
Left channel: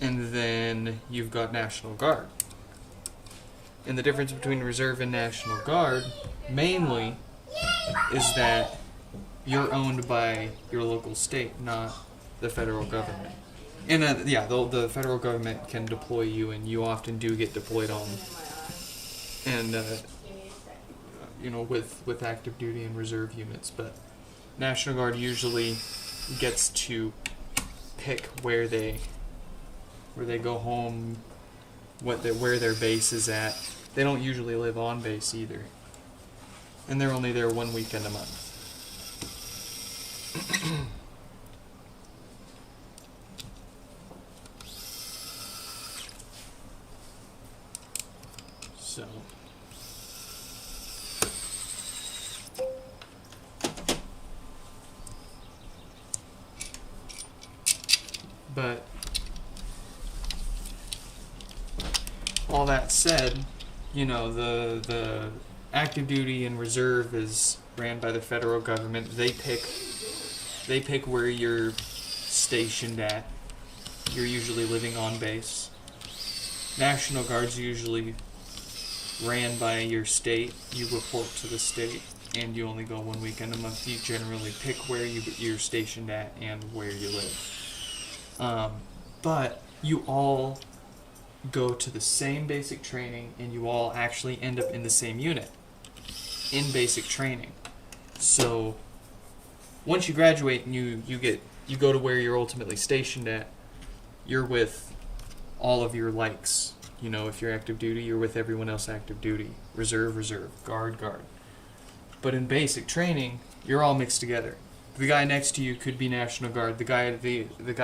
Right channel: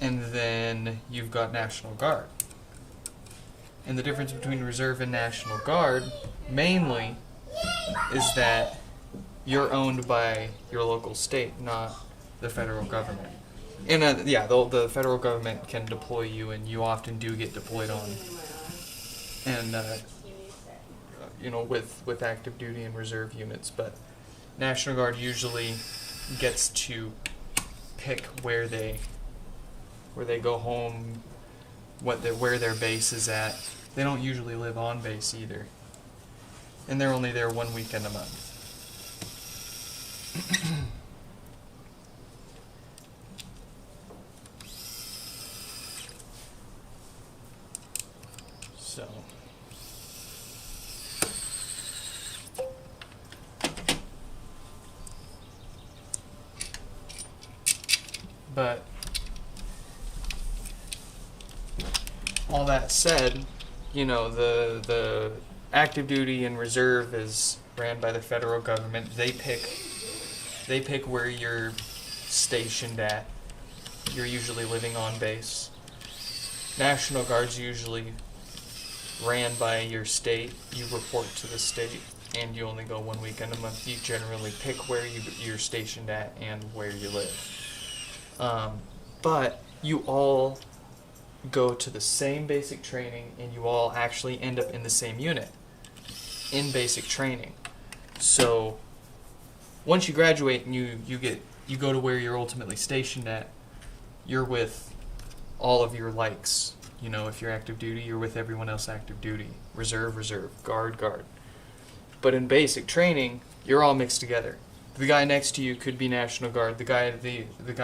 And then you've got National Guard. And the difference between Reserve and National Guard, mainly, is that you're owned by your local state, not the federal government. And the federal government can deploy you, and you often do get deployed on. And with active duty and reserve units, but National Guard usually gets to pick where they go home, where their base is at. They don't usually live on base either, and they're only there 1 weekend a month. So. But all that said, the active duty and reserve is ran by the federal government. They pick where you're stationed at. You're usually living on base. National Guard's usually ran by your state. You report to the state, and you only go 1 weekend a month. You generally pick where you're stationed at and where you live. But you all go to the same basic training, and you all actually end up in the same unit in basic training. So once you graduate and you go to where you're ultimately stationed at, you're with all of your likes. If you're active duty, you're with everyone else active duty. Reserve, guard. But in basic training, you're all mixed together. The guy next to you could be National Guard. The guy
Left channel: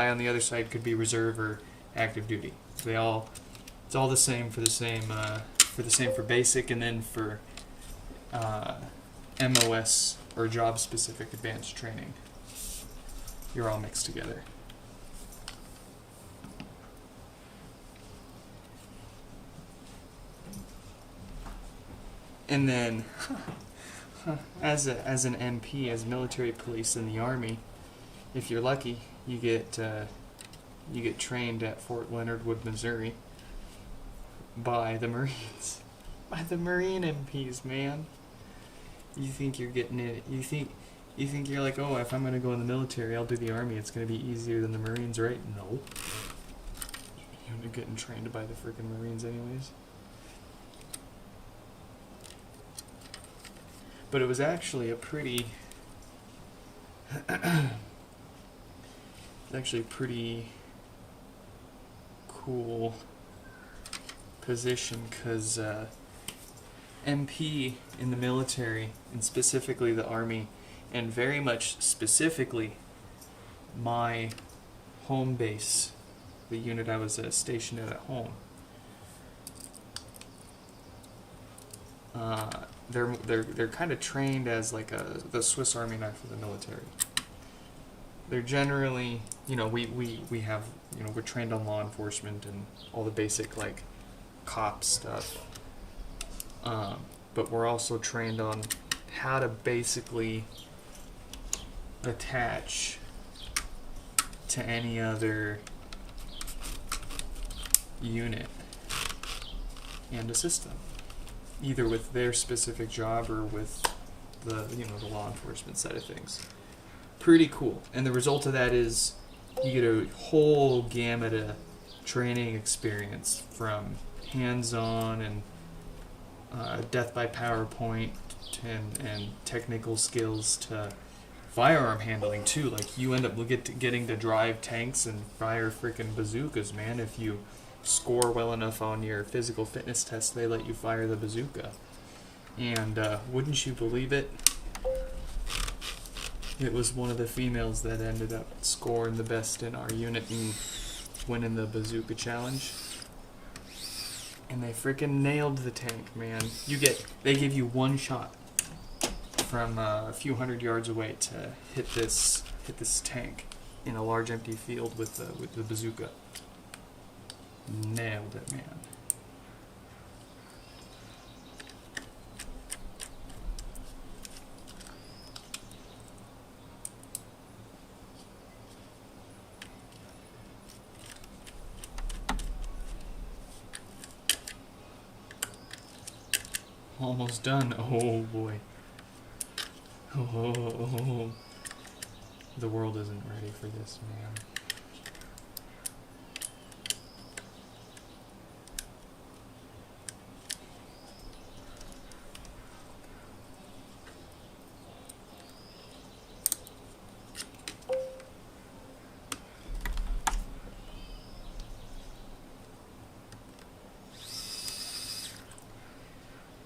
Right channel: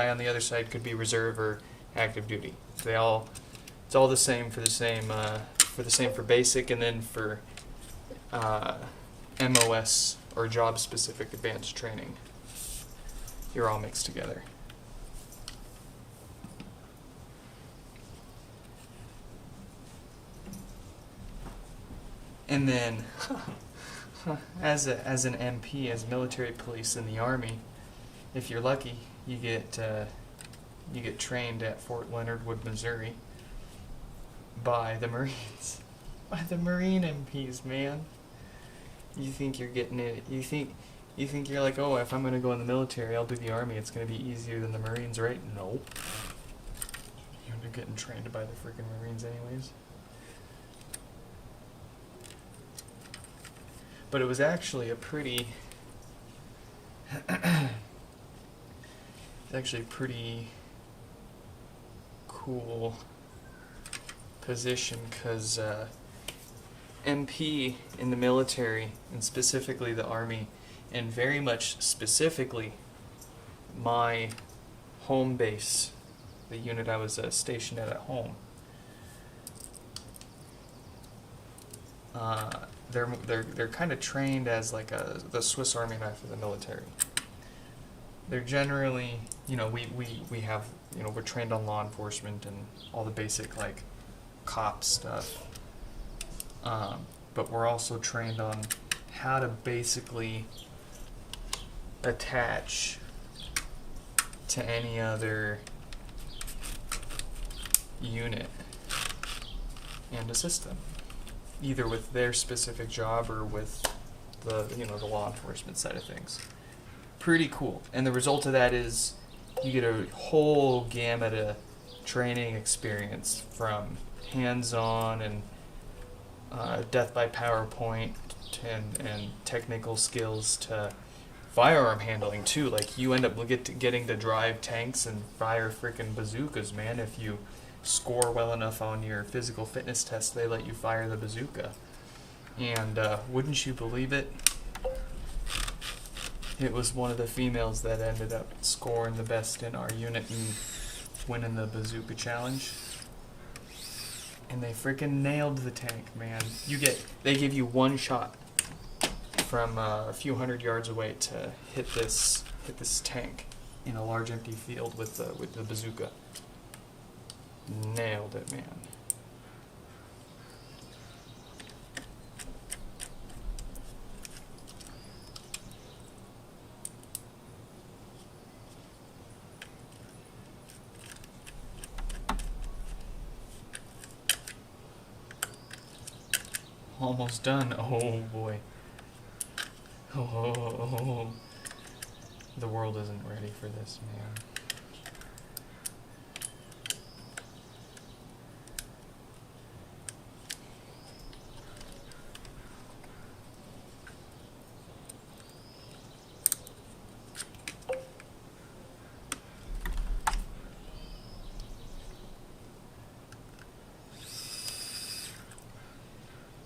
on the other side could be reserve or active duty. It's all the same for basic, and then for MOS or job specific advanced training. You're all mixed together. And then, as an MP, as military police in the Army, if you're lucky, you get trained at Fort Leonard Wood, Missouri, by the Marines, by the Marine MPs, man. You think you're getting it? You think you're like, oh, if I'm gonna go in the military, I'll do the Army. It's gonna be easier than the Marines, right? No. You're getting trained by the freaking Marines, anyways. But it was actually a pretty cool position, because MP in the military, and specifically the Army, and very much specifically my home base, the unit I was stationed at home, they're kind of trained as like the Swiss Army knife of the military. They're generally, we have, we're trained on law enforcement and all the basic like cop stuff, but we're also trained on how to basically attach to any other unit and assist them, either with their specific job or with the law enforcement side of things. Pretty cool. And the result of that is you get a whole gamut of training experience, from hands-on and death by PowerPoint and technical skills to firearm handling too. Like, you end up getting to drive tanks and fire freaking bazookas, man. If you score well enough on your physical fitness test, they let you fire the bazooka. And wouldn't you believe it, it was one of the females that ended up scoring the best in our unit and winning the bazooka challenge. And they freaking nailed the tank, man. They give you one shot from a few hundred yards away to hit this tank in a large empty field with the bazooka. Nailed it, man. Almost done. Oh boy. Oh. The world isn't ready for this, man.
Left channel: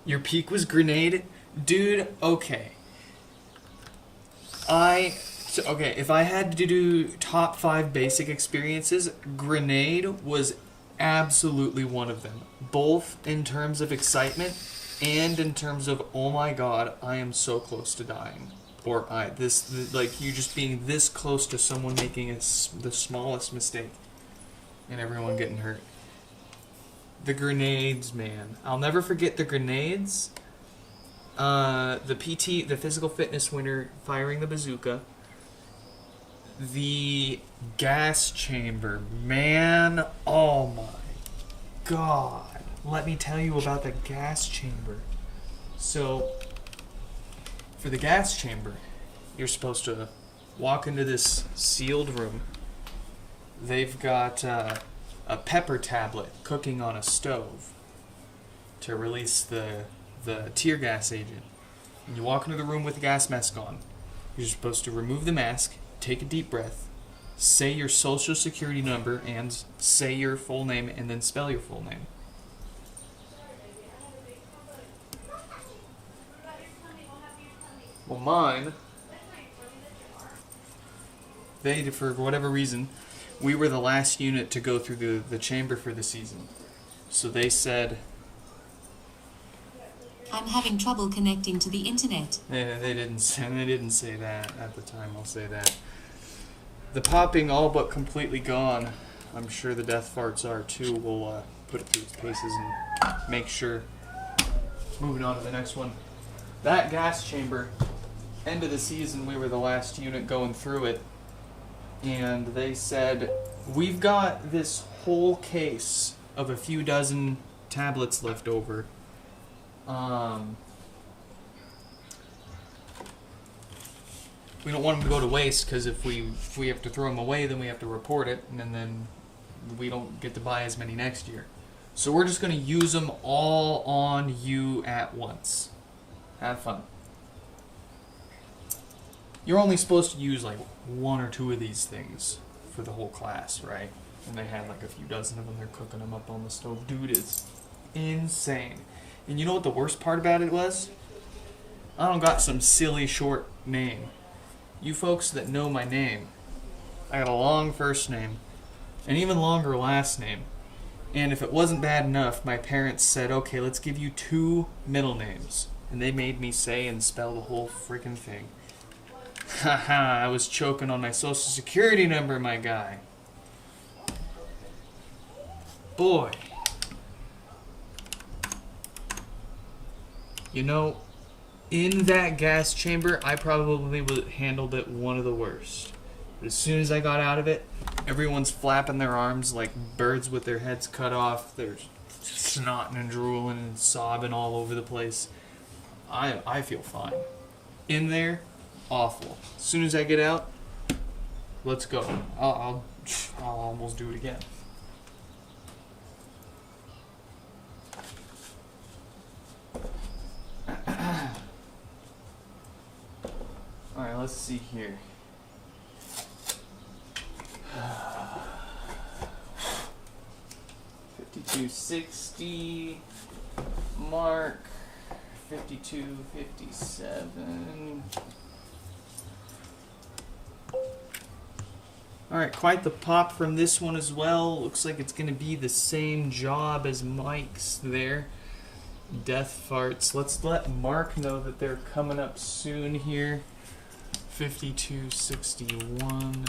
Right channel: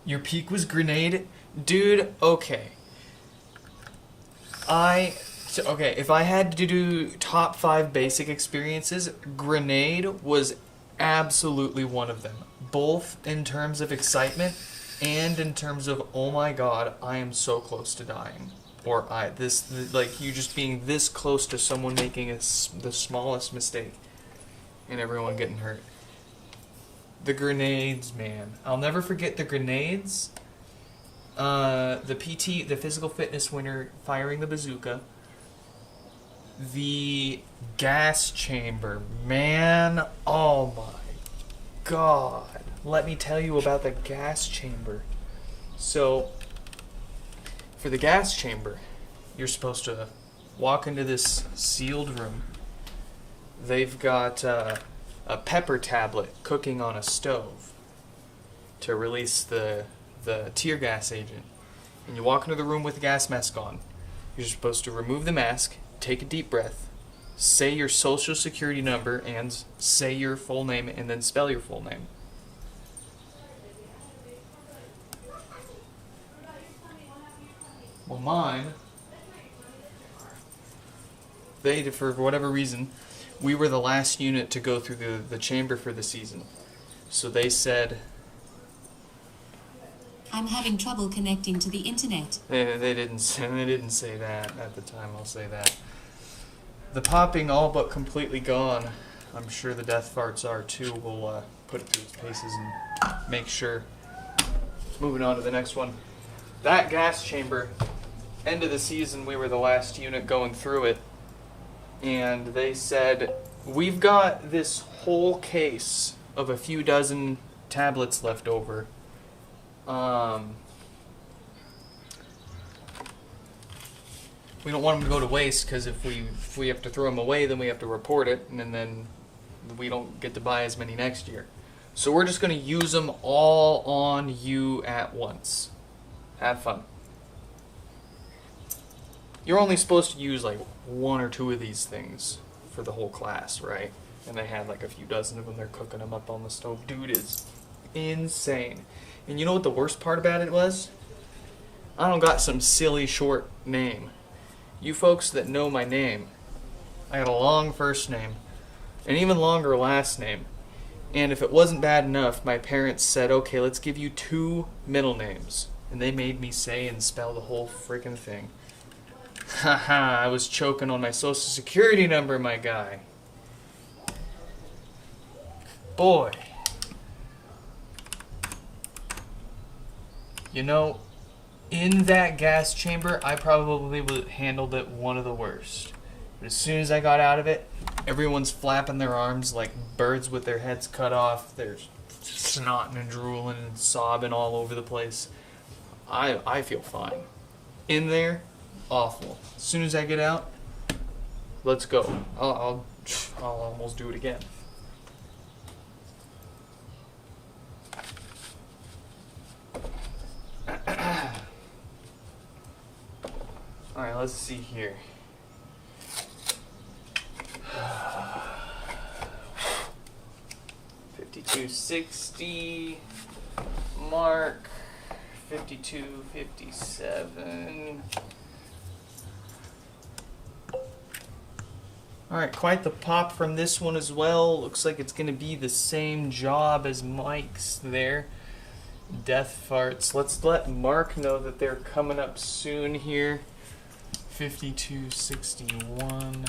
Your peak was grenade? Dude, okay. If I had to do top 5 basic experiences, grenade was absolutely one of them. Both in terms of excitement and in terms of, oh my god, I am so close to dying. Or you just being this close to someone making the smallest mistake and everyone getting hurt. The grenades, man. I'll never forget the grenades. The physical fitness winner firing the bazooka. The gas chamber. Man, oh my god. Let me tell you about the gas chamber. So, for the gas chamber, you're supposed to walk into this sealed room. They've got a pepper tablet cooking on a stove to release the tear gas agent. And you walk into the room with the gas mask on. You're supposed to remove the mask, take a deep breath, say your social security number, and say your full name, and then spell your full name. Well, mine, for whatever reason, we were the last unit to go through the chamber for the season. So they said, I I'm having trouble connecting to the internet. They didn't say that at the time. I'll say that. The popping all but completely gone. I'm sure the death farts are too. We'll put it through its paces and make sure. Moving on to the next one. That gas chamber. End of the season, we were the last unit going through it. And they said, we've got this whole case of a few dozen tablets left over. We don't want them to go to waste, because if we have to throw them away, then we have to report it, and then we don't get to buy as many next year. So we're just going to use them all on you at once. Have fun. You're only supposed to use like 1 or 2 of these things for the whole class, right? And they had like a few dozen of them. They're cooking them up on the stove. Dude, it's insane. And you know what the worst part about it was? I don't got some silly short name. You folks that know my name, I got a long first name, an even longer last name. And if it wasn't bad enough, my parents said, okay, let's give you 2 middle names. And they made me say and spell the whole freaking thing. Haha, I was choking on my social security number, my guy. Boy. You know, in that gas chamber, I probably would have handled it one of the worst. But as soon as I got out of it, everyone's flapping their arms like birds with their heads cut off. They're snotting and drooling and sobbing all over the place. I feel fine. In there, awful. As soon as I get out, let's go. I'll almost do it again. Alright, let's see here. $52.60 mark. $52.57. Alright, quite the pop from this one as well. Looks like it's going to be the same job as Mike's there. Death farts. Let's let Mark know that they're coming up soon here. $52.61.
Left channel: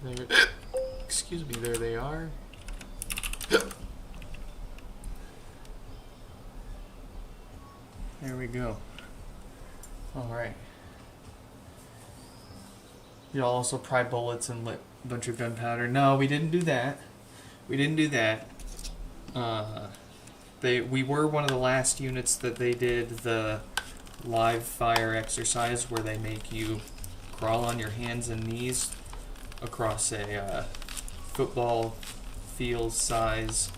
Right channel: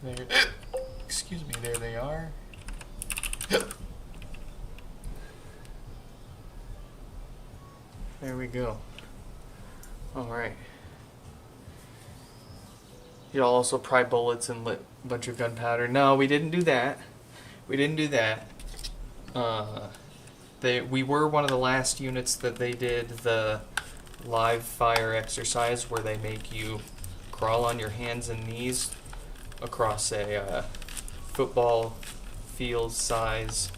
There, excuse me, there they are. There we go. Alright. Y'all also pry bullets and lit a bunch of gunpowder. No, we didn't do that. We didn't do that. We were one of the last units that they did the live fire exercise where they make you crawl on your hands and knees across a football field size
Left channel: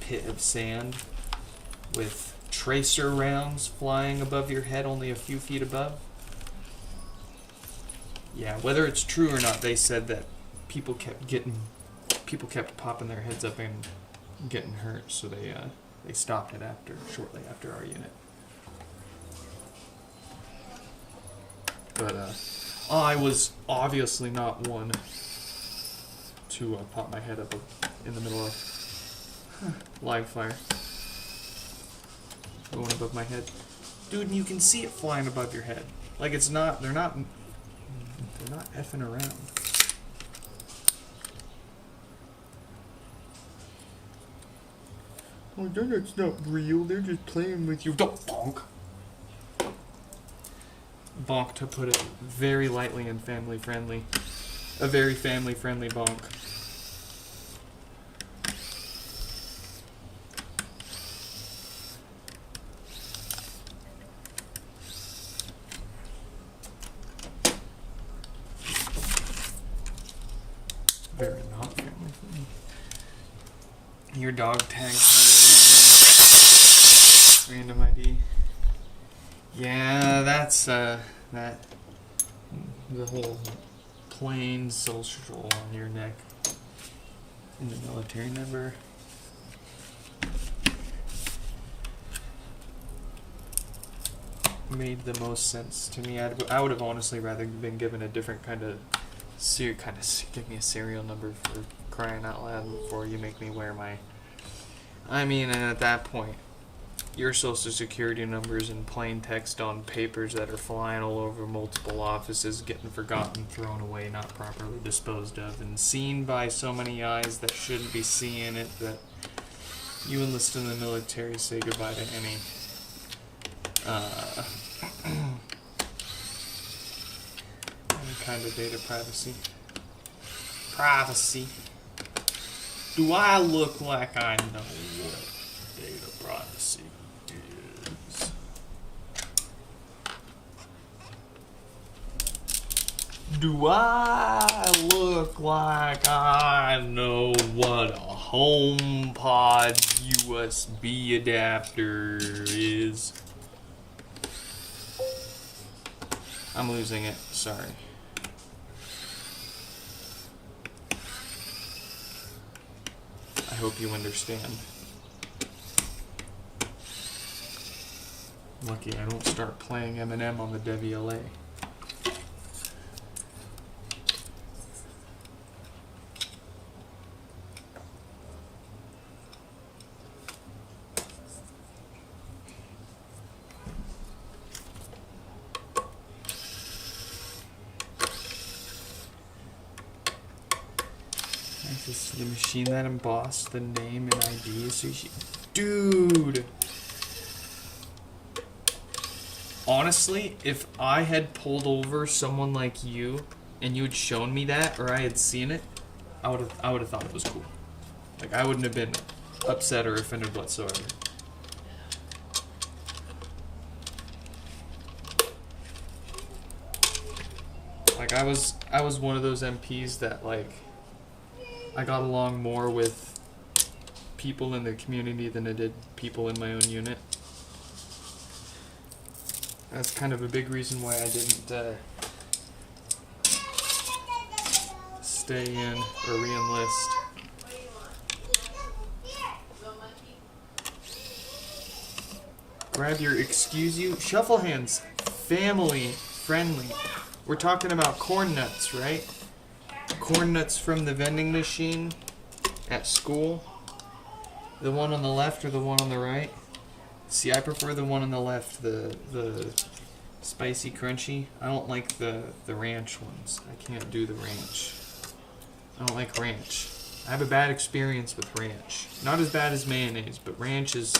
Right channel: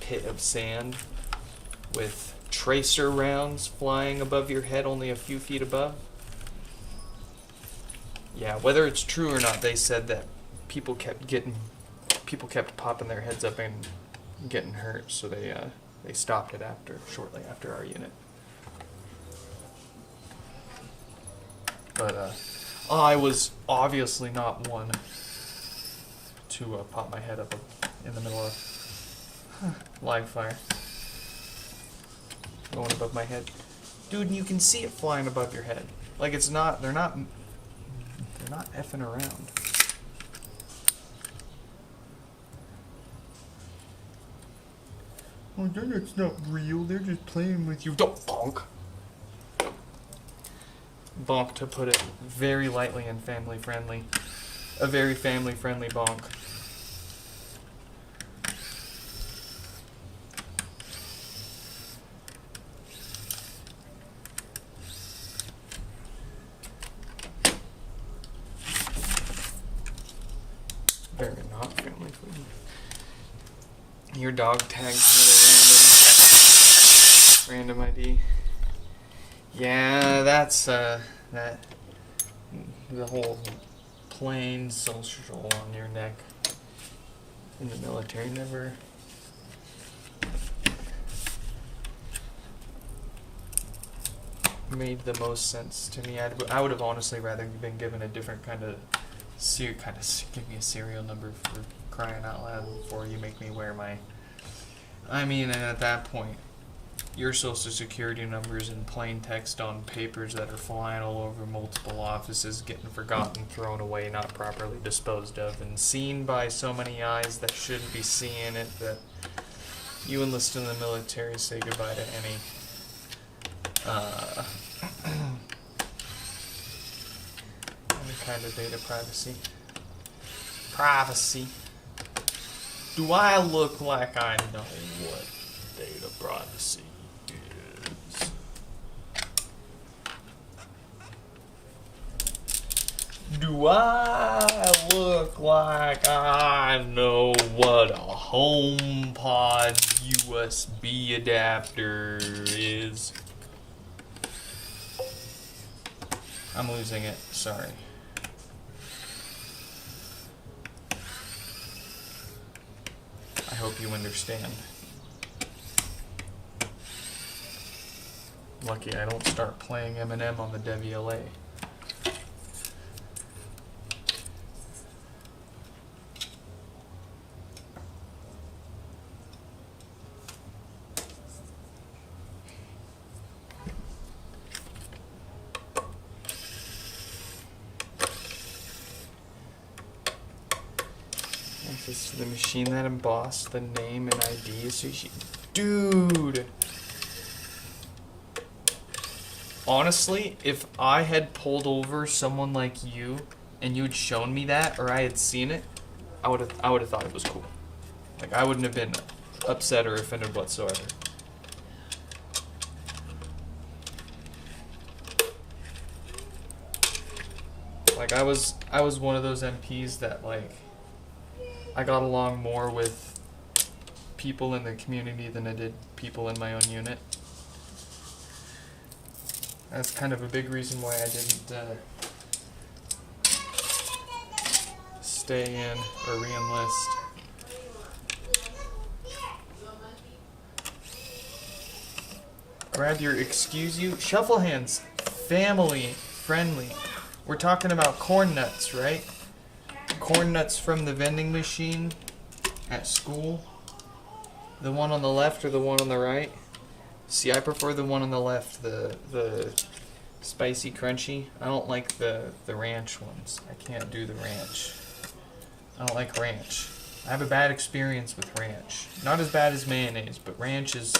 pit of sand with tracer rounds flying above your head only a few feet above. Yeah, whether it's true or not, they said that people kept popping their heads up and getting hurt, so they stopped it shortly after our unit. But I was obviously not one to pop my head up in the middle of live fire. Going above my head. Dude, you can see it flying above your head. Like it's not, they're not effing around. Oh, that's not real, they're just playing with you. Don't bonk! Bonk, to put it very lightly and family friendly. A very family friendly bonk. Very not family friendly. Your dog tags had a random ID. Yeah, that's the whole plain social on your neck in the military never made the most sense to me. I would have honestly rather been given a different kind of kind of give me a serial number for crying out loud before you make me wear my... I mean, and at that point, your social security numbers in plain text on papers that are flying all over multiple offices, getting forgotten, thrown away, not properly disposed of, and seen by so many eyes that shouldn't be seeing it, that you enlist in the military, say goodbye to any kind of data privacy. Do I look like I know what data privacy is? Do I look like I know what a HomePod USB adapter is? I'm losing it, sorry. I hope you understand. Lucky I don't start playing Eminem on the WLA. Access to the machine that embossed the name and ID. So dude! Honestly, if I had pulled over someone like you and you had shown me that, or I had seen it, I would have thought it was cool. Like, I wouldn't have been upset or offended whatsoever. Like, I was one of those MPs that, like, I got along more with people in the community than I did people in my own unit. That's kind of a big reason why I didn't stay in or re-enlist. Grab your excuse you. Shuffle hands. Family friendly. We're talking about corn nuts, right? Corn nuts from the vending machine at school. The one on the left or the one on the right? See, I prefer the one on the left, the spicy crunchy. I don't like the ranch ones. I can't do the ranch. I don't like ranch. I have a bad experience with ranch. Not as bad as mayonnaise, but ranch is...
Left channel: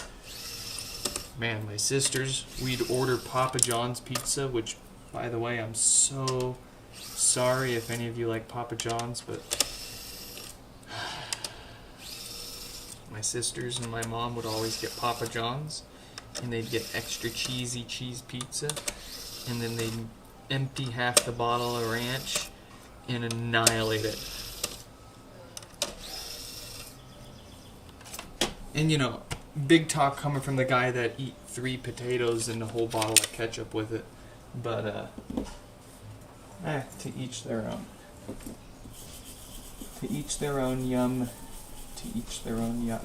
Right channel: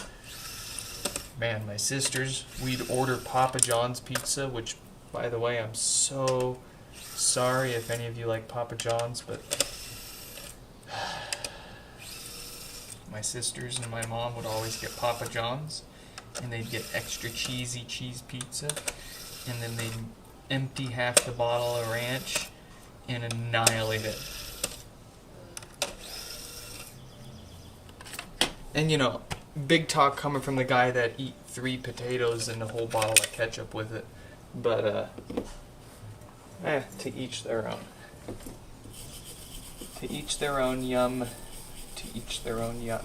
Man, my sisters, we'd order Papa John's pizza, which, by the way, I'm so sorry if any of you like Papa John's, but my sisters and my mom would always get Papa John's, and they'd get extra cheesy cheese pizza, and then they'd empty half the bottle of ranch and annihilate it. And you know, big talk coming from the guy that eat 3 potatoes and a whole bottle of ketchup with it, but to each their own. To each their own, yum. To each their own, yuck.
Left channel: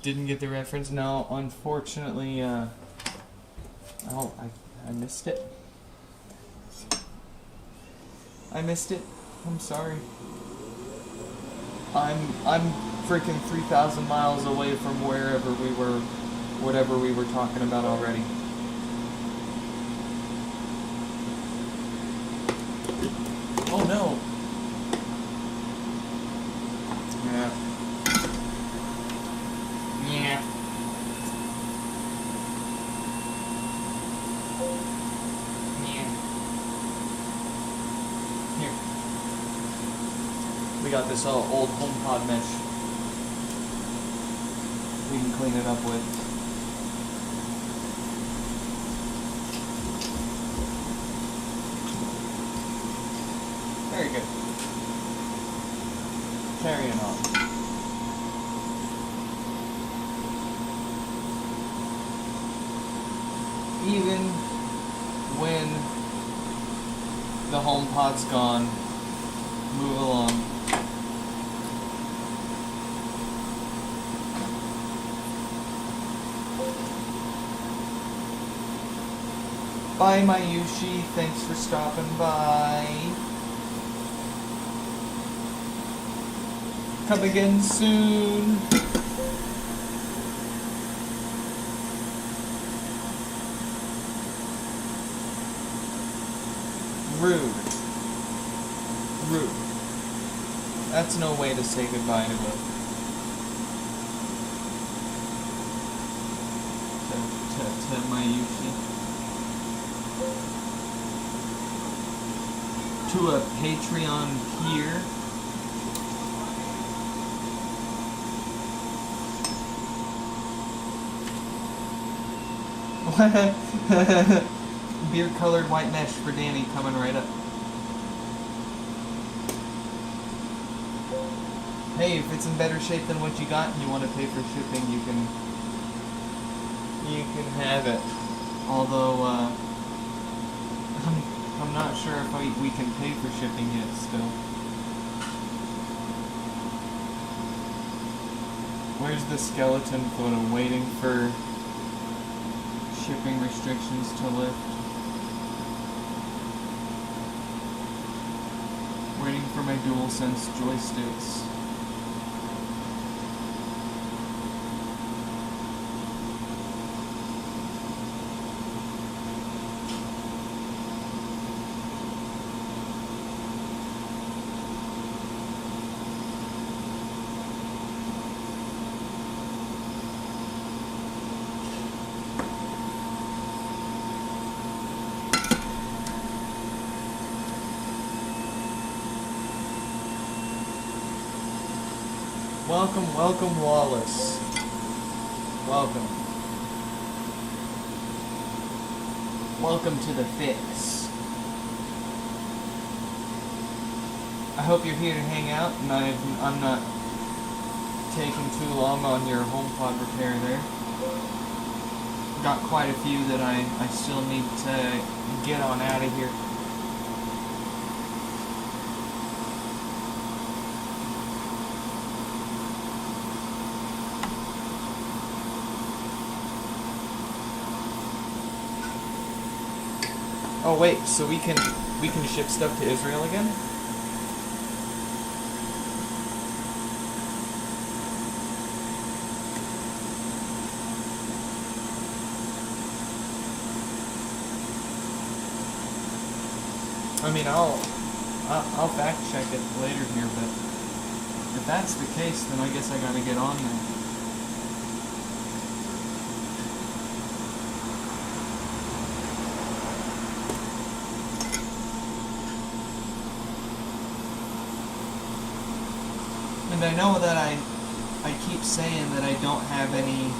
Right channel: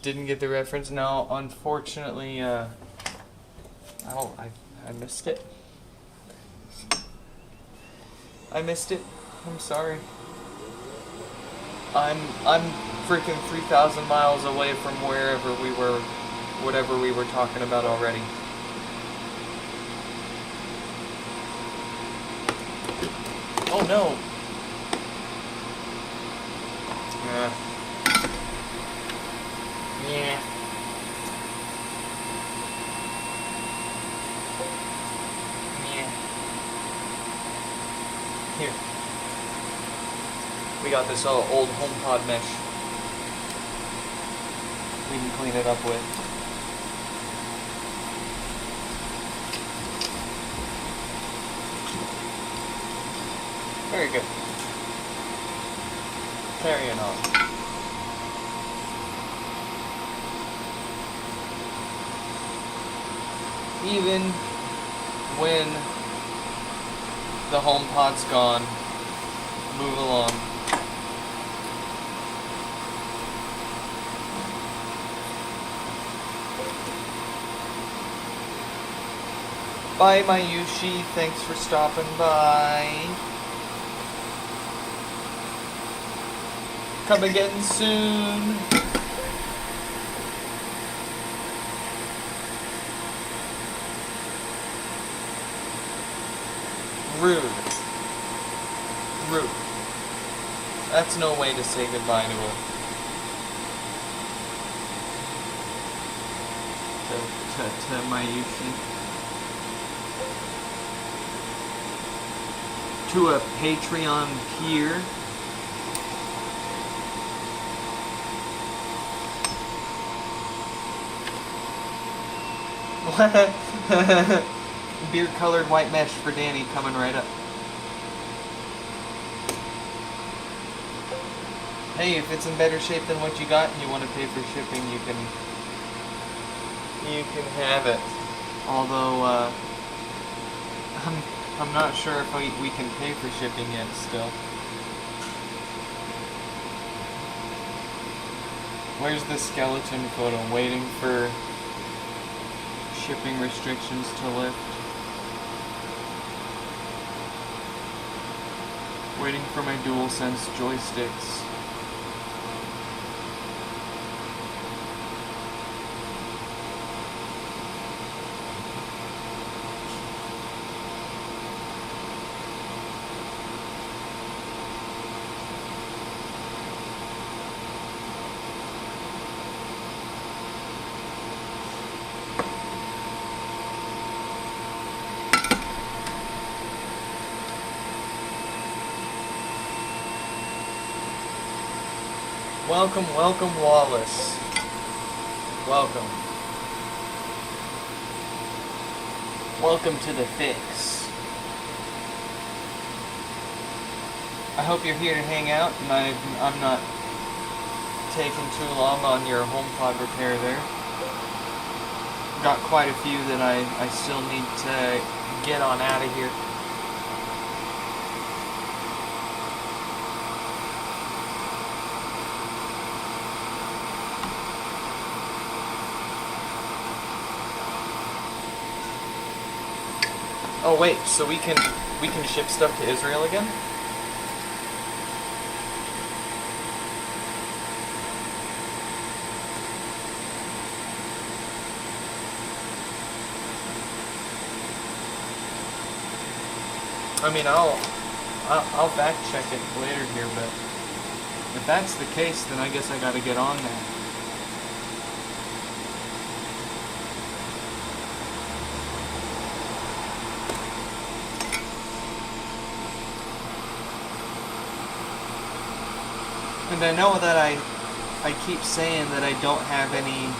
Didn't get the reference? No, unfortunately, I missed it. I missed it. I'm sorry. I'm freaking 3,000 miles away from wherever we were, whatever we were talking about already. Oh no. Yeah. Yeah. Yeah. Here. We got this old HomePod mesh. We can clean it up with. Very good. Carrying on. Even when the HomePod's gone, move along. Bye, Mayushi. Thanks for stopping by. Come again soon. Rude. Rude. That's no way to say goodbye to a to Mayuki. To a Patreon peer. Beer colored white mesh for Danny coming right up. Hey, if it's in better shape than what you got and you want to pay for shipping, you can have it. Although I'm not sure if we can pay for shipping yet still. Where's the skeleton photo? Waiting for shipping restrictions to lift. Waiting for my DualSense joysticks. Welcome, welcome, Wallace. Welcome. Welcome to the fix. I hope you're here to hang out, and I'm not taking too long on your HomePod repair there. Got quite a few that I still need to get on out of here. Oh wait, so we can ship stuff to Israel again? I mean, I'll fact check it later here, but if that's the case, then I guess I gotta get on that. And I know that I keep saying that I don't have any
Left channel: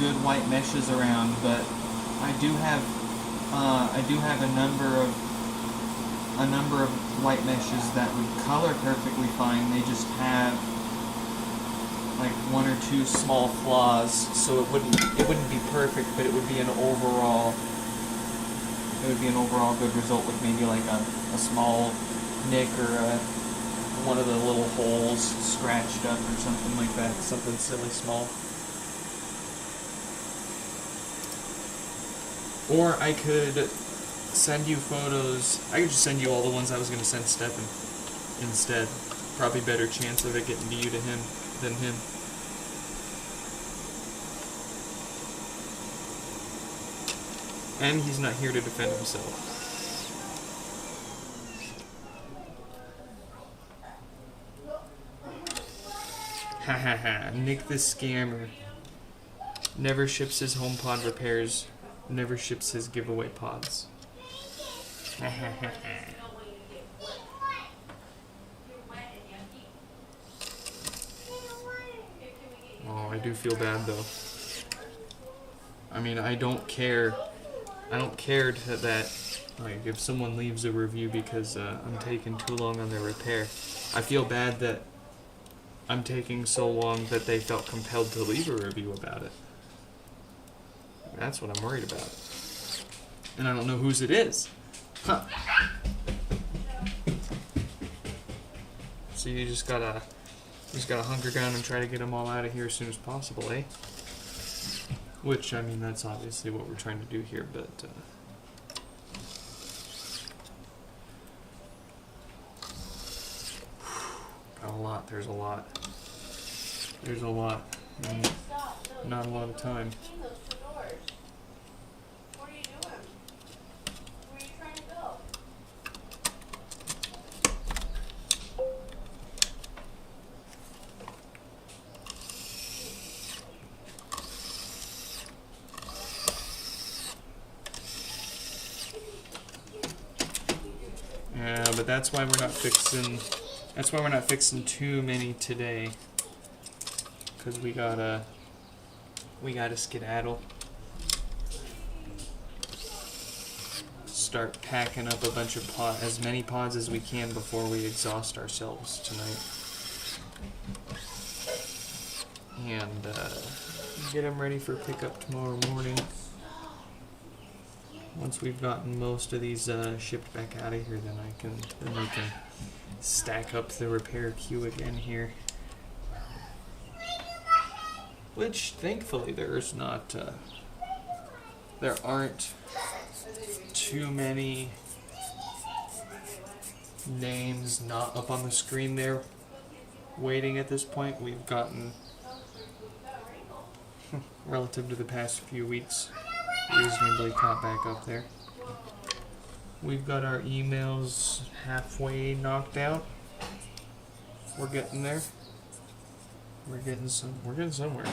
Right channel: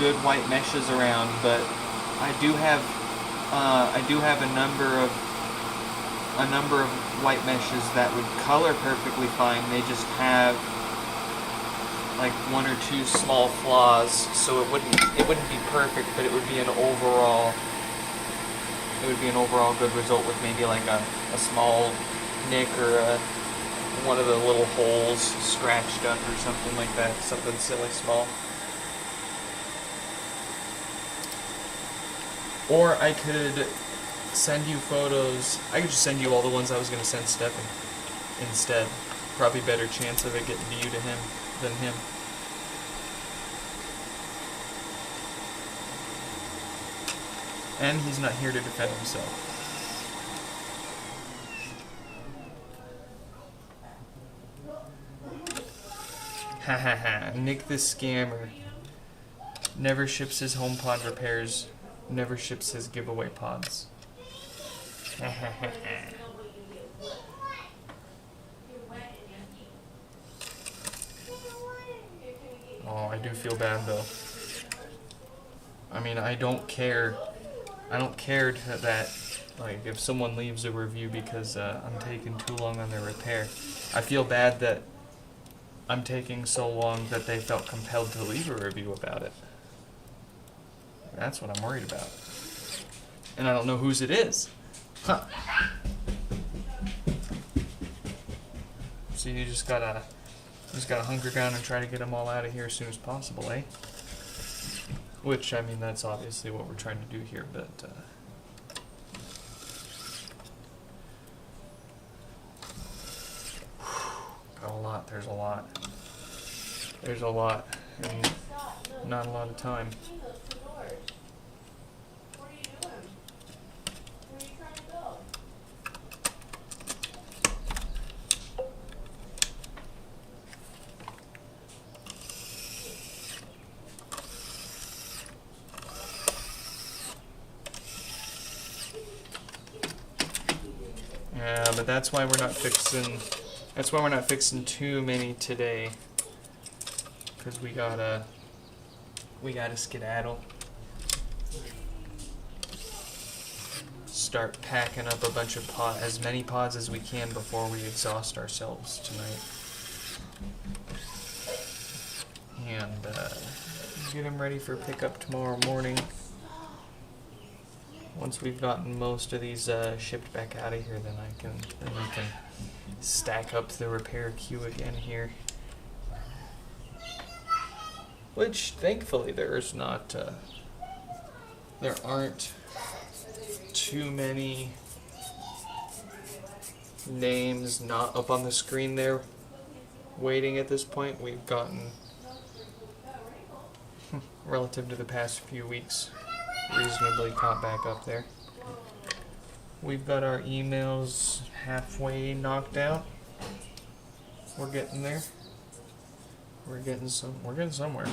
good white meshes around, but I do have a number of white meshes that would color perfectly fine. They just have like one or two small flaws, so it wouldn't be perfect, but it would be an overall good result with maybe like a small nick or one of the little holes scratched up or something like that, something silly small. Or I could send you photos. I could just send you all the ones I was going to send Stefan instead. Probably better chance of it getting to you to him than him. And he's not here to defend himself. Ha ha ha. Nick the scammer. Never ships his HomePod repairs. Never ships his giveaway pods. Ha ha ha ha. Oh, I do feel bad though. I mean, I don't care that like if someone leaves a review because I'm taking too long on their repair. I feel bad that I'm taking so long that they felt compelled to leave a review about it. That's what I'm worried about. And I don't know whose it is. Huh. So you just gotta hunker down and try to get them all out of here as soon as possible, eh? Which, I mean, that's obviously what we're trying to do here, but there's a lot. There's a lot, and not a lot of time. Yeah, but that's why we're not fixing. That's why we're not fixing too many today. Cause we gotta skedaddle. Start packing up a bunch of as many pods as we can before we exhaust ourselves tonight. And get them ready for pickup tomorrow morning. Once we've gotten most of these shipped back out of here, then we can stack up the repair queue again here. Which thankfully there aren't too many names not up on the screen there waiting at this point. We've gotten, relative to the past few weeks, reasonably caught back up there. We've got our emails halfway knocked out. We're getting there. We're getting somewhere.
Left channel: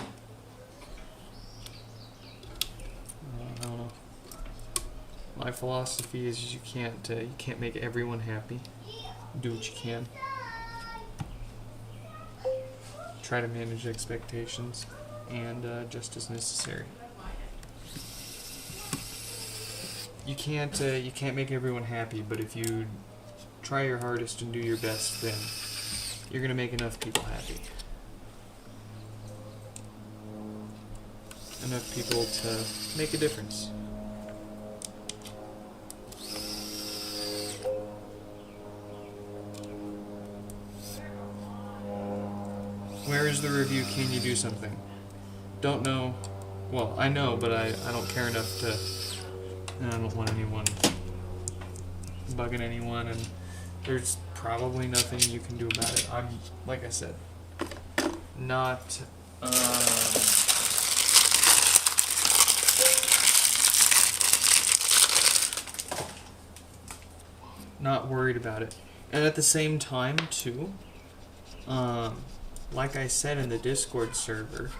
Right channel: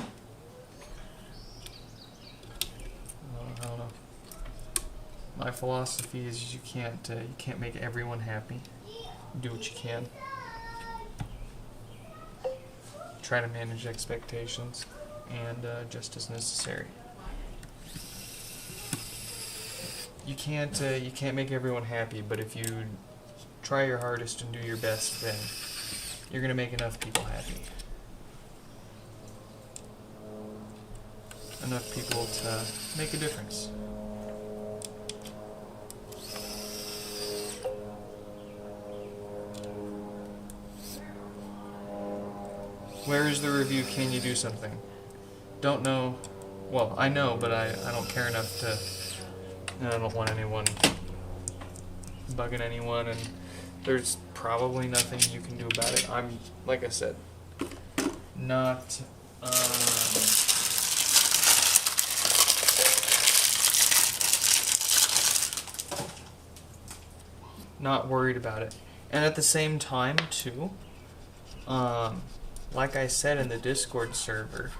I don't know. My philosophy is you can't make everyone happy. Do what you can. Try to manage expectations, and just as necessary. You can't make everyone happy, but if you try your hardest and do your best, then you're gonna make enough people happy. Enough people to make a difference. Where is the review? Can you do something? Don't know. Well, I know, but I don't care enough to. And I don't want anyone bugging anyone, and there's probably nothing you can do about it. I'm, like I said, not worried about it. And at the same time, too, like I said in the Discord server,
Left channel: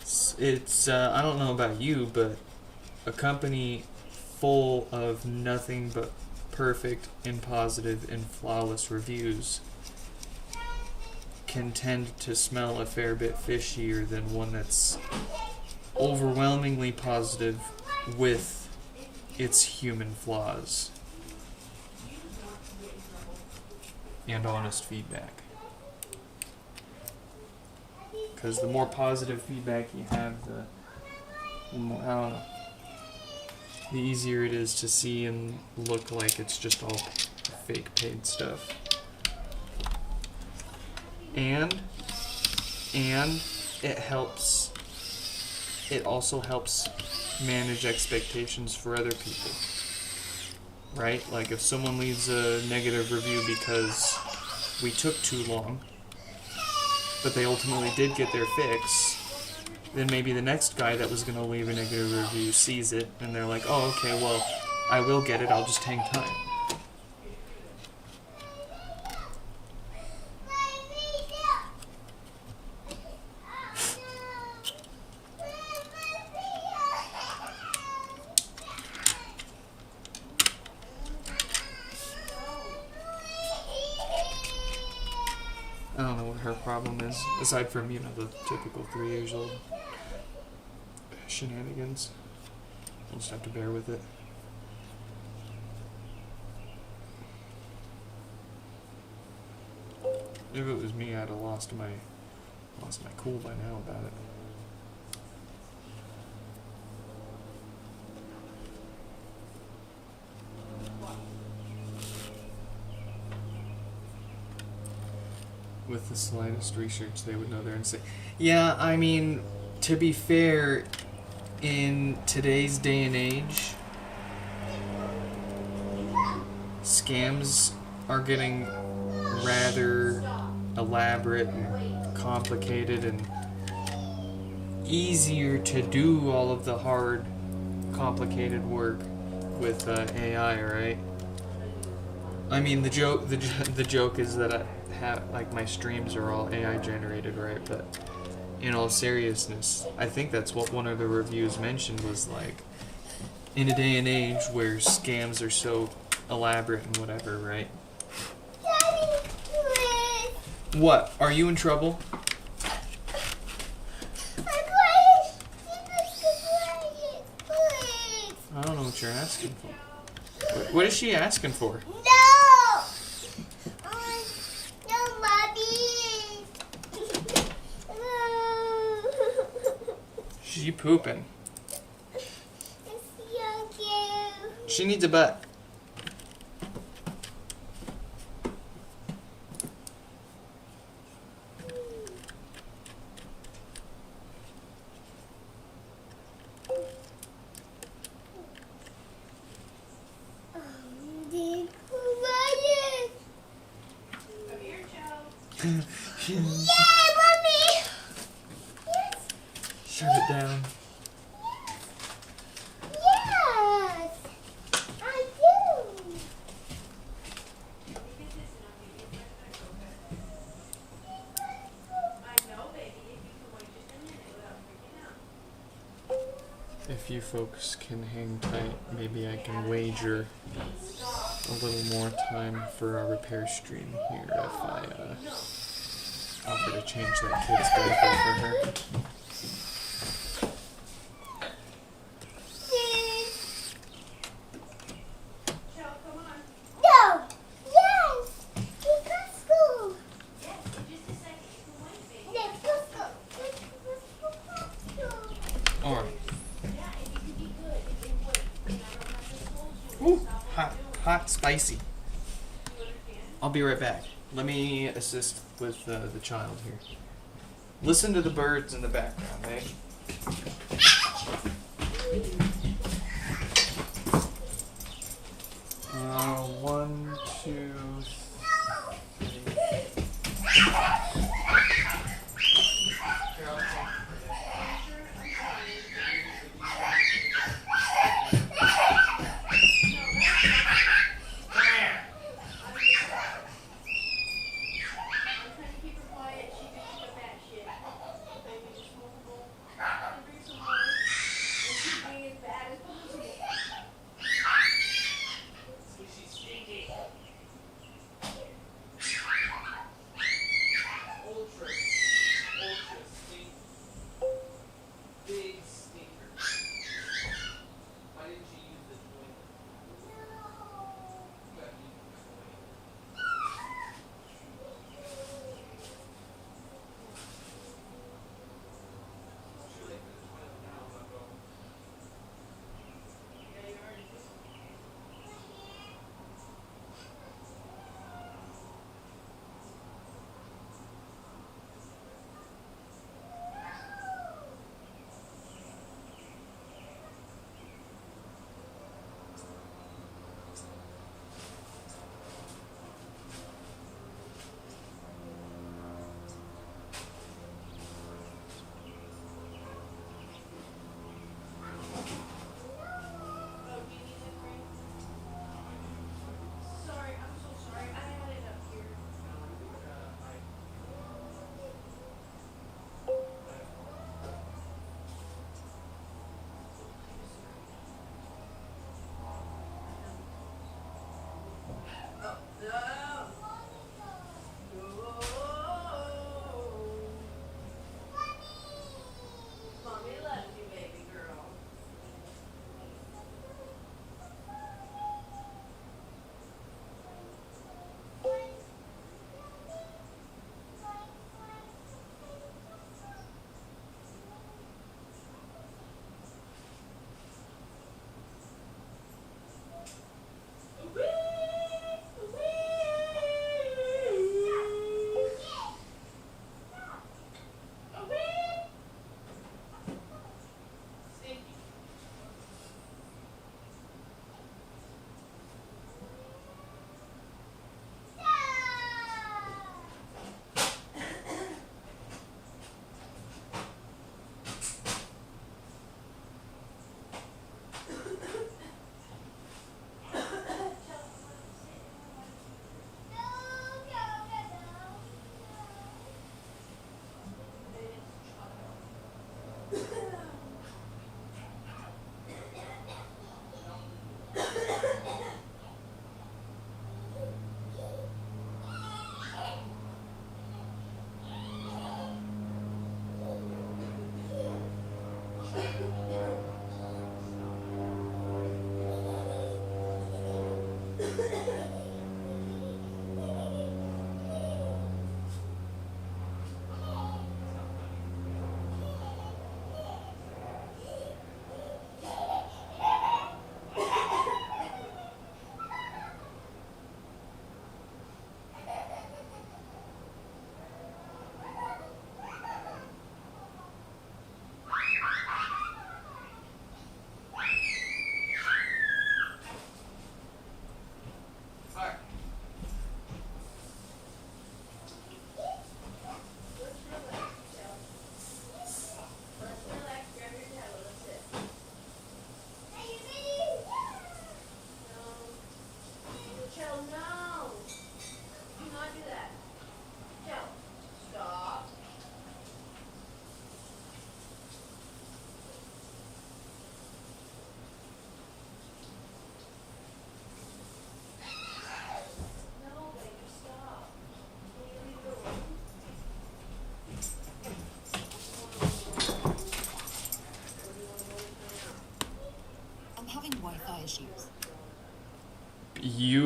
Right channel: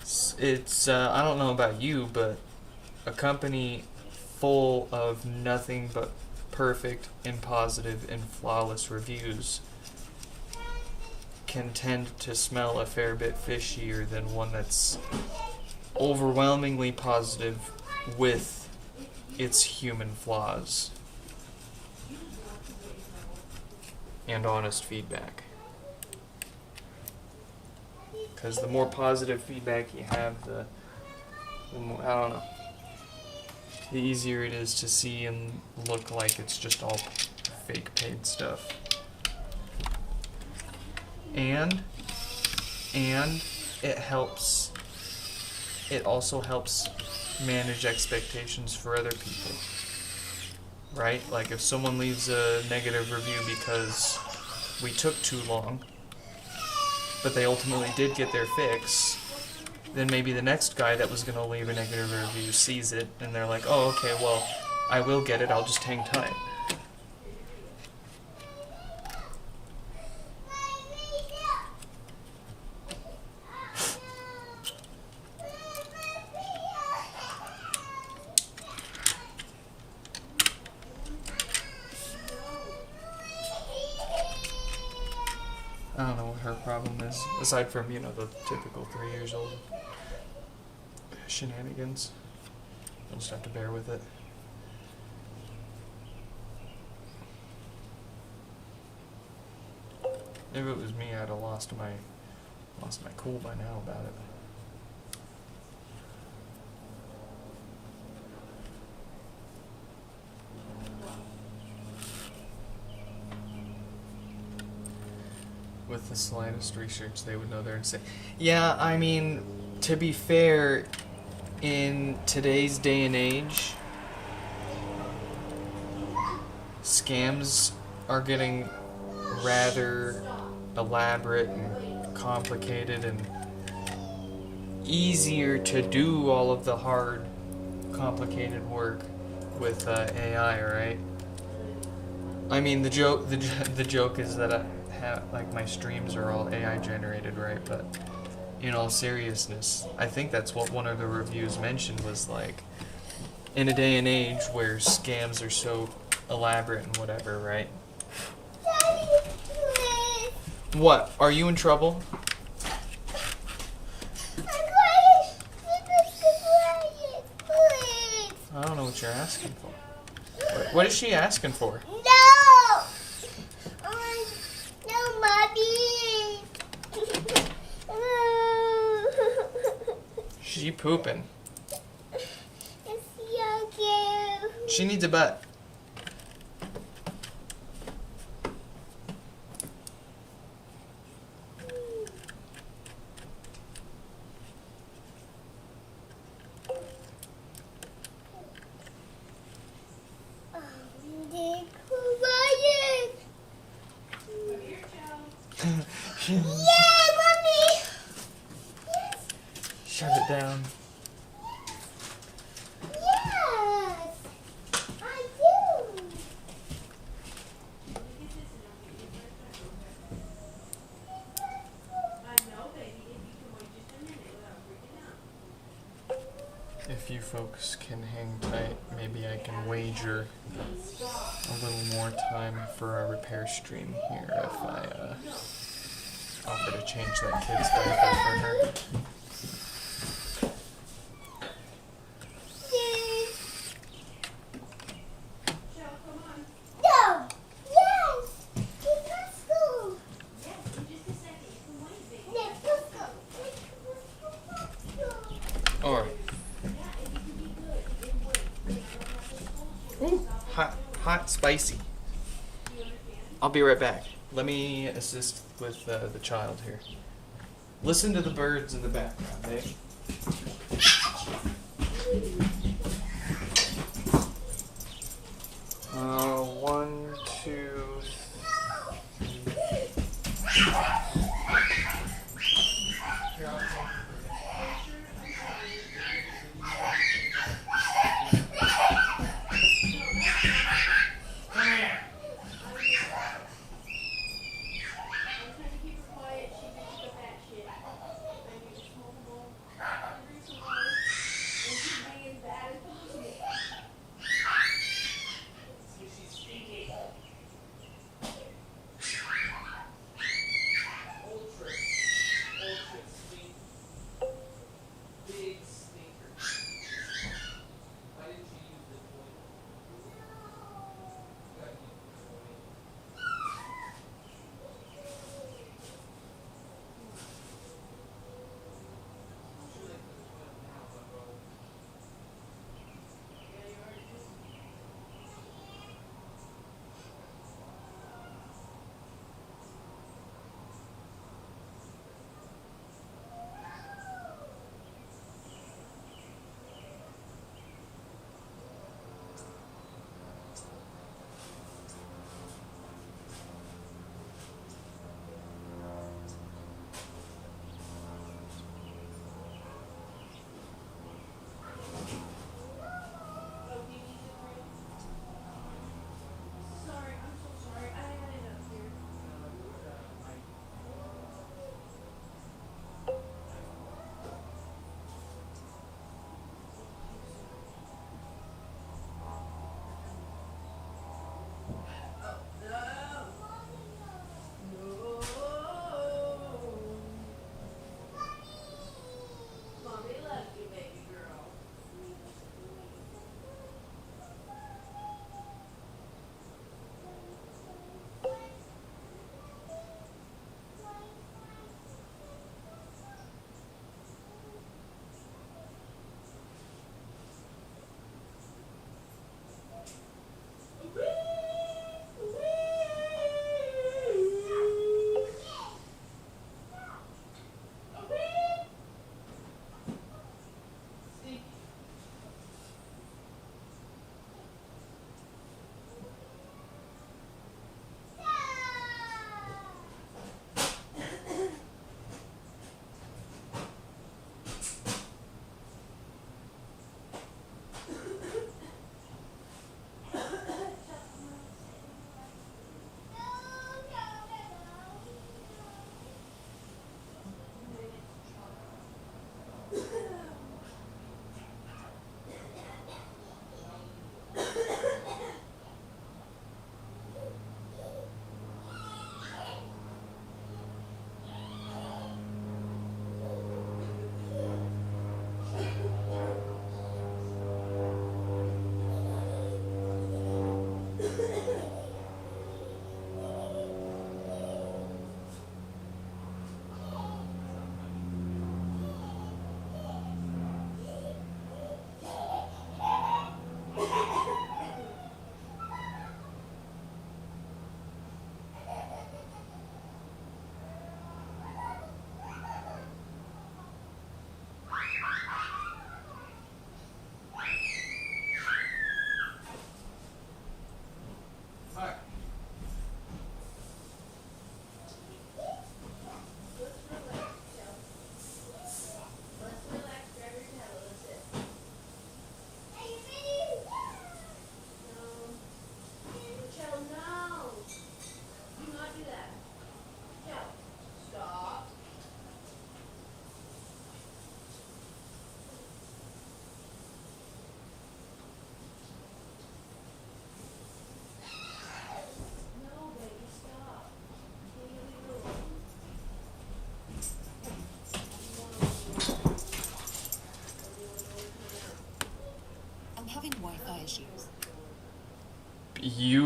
it's I don't know about you, but a company full of nothing but perfect and positive and flawless reviews can tend to smell a fair bit fishier than one that's overwhelmingly positive with its human flaws and honest feedback. Because the more positive feedback you have, the more, I don't know, the easier it is to see and look like it's just all fake paid stuff. And it helps, it also helps manage expectations for other people. Right? Like if someone leaves a negative review because we took too long, but they ultimately did get their fix, then maybe the next guy that was going to leave a negative review sees it, and they're like, oh, okay, well, I will get it, I'll just hang tight. I don't know what her problem is, aside from, the typical 3 years old shenanigans. I'll just have to bear with it. If it was me, I'd have lost my cool by now about it. With the slightest research, they would know there and say, yeah, I mean, to be fair, in today's day and age, scams are getting rather elaborate and complicated and easier to do all of the hard, complicated work with AI, right? I mean, the joke is that I have, like, my streams are all AI generated, right? But in all seriousness, I think that's what one of the reviews mentioned was, like, in a day and age where scams are so elaborate and whatever, right? Daddy, please. What? Are you in trouble? I'm quiet. Quiet, please. I don't know what you're asking for. What is she asking for? No. No, mommy. She pooping. It's so cute. She needs a butt. They're quiet. Yeah, mommy. Yes. Shut it down. Yes. I do. If you folks can hang tight, maybe I can wager a little more time for a repair stream here if I offer to change that kid's diaper for her. No. Yes. Let's go. Alright. Hot, spicy. I'll be right back. Let me assist with the child here. Listen to the birds in the background, eh? One, two, three.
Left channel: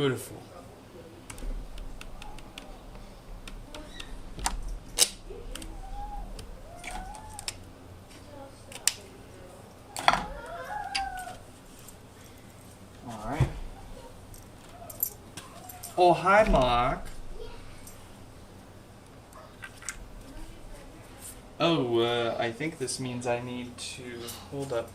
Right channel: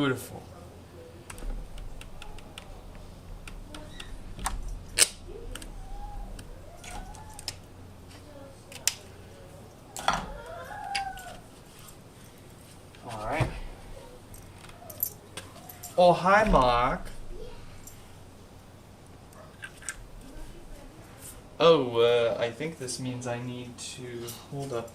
Beautiful. All right. Oh, hi, Mark. Oh, I think this means I need to hold up.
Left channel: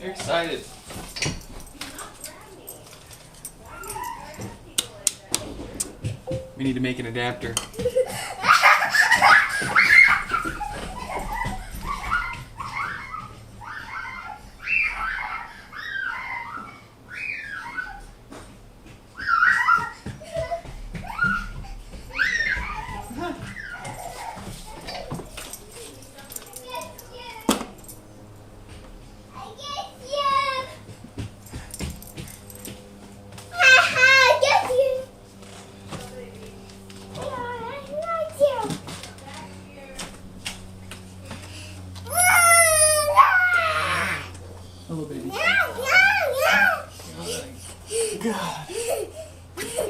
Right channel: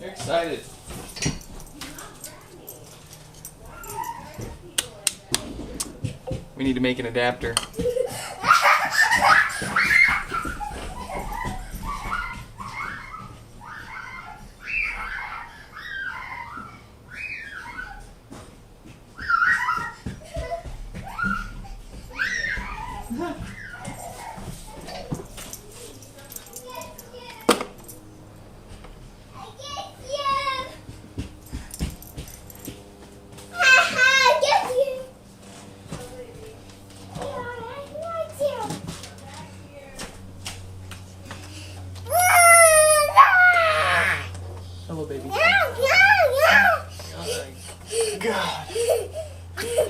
You're excited. We need to make an adapter. Hello, baby. God.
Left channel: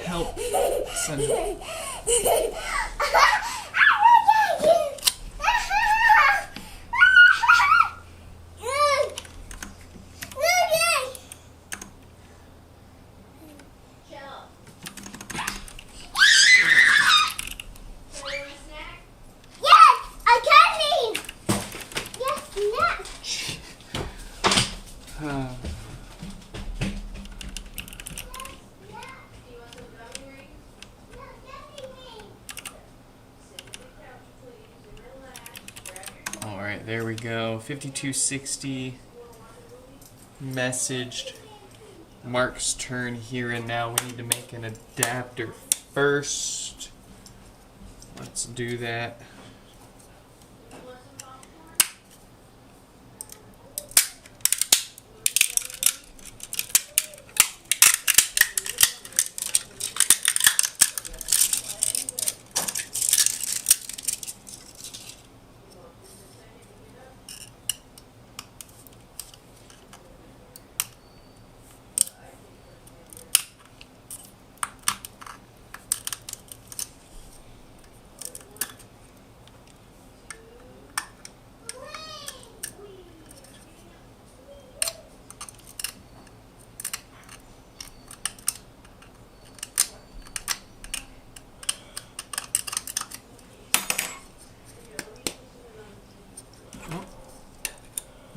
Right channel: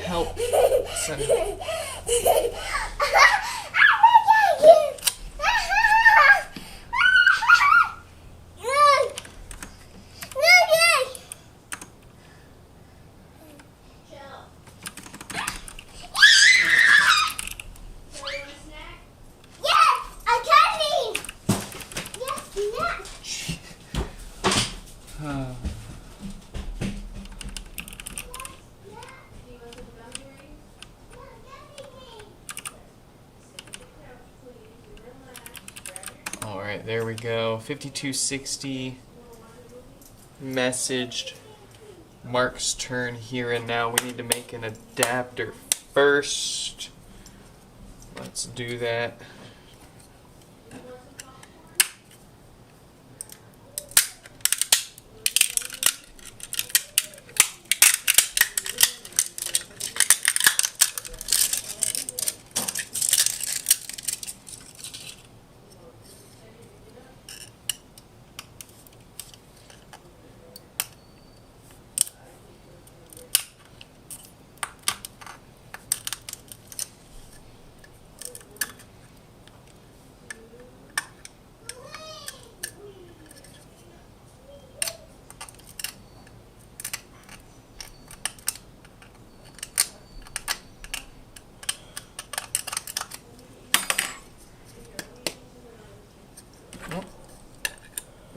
Help. Send. Alright, there we go. 5260 messaged. Mark's turn here and now. We need to make an adapter first. Let's do that.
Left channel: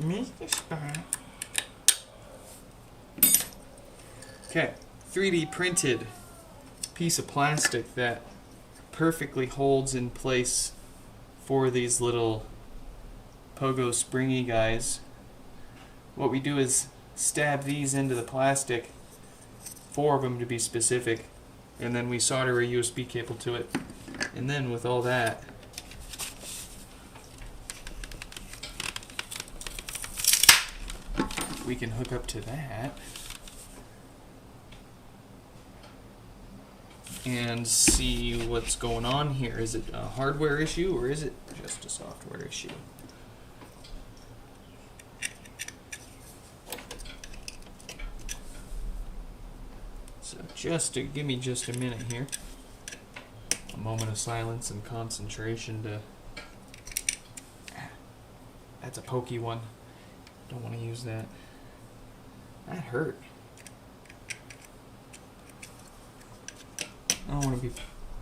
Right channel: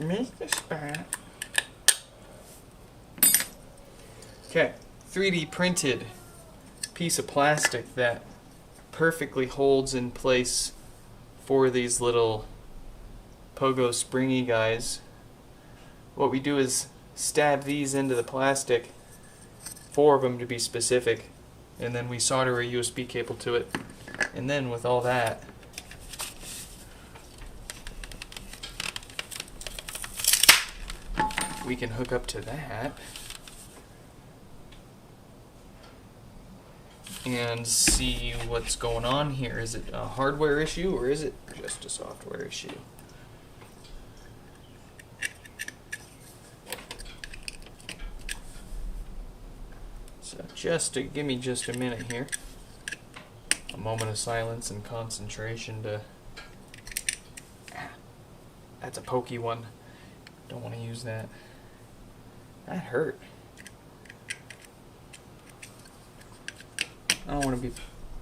Make the spot. Okay, 3D printed piece of plastic that perfectly holds in place for these little pogo springy guys. What we do is stab these into the plastic, 4 of them to be specific, and then we solder a USB cable to it. And then with all that, we can hook up to that and see what's going on here. Is it a hardware issue or is it just a software issue? So give me just a minute here. A moment of silence and concentration to... That's a pokey one. Don't want to use that. That hurt. I don't want to be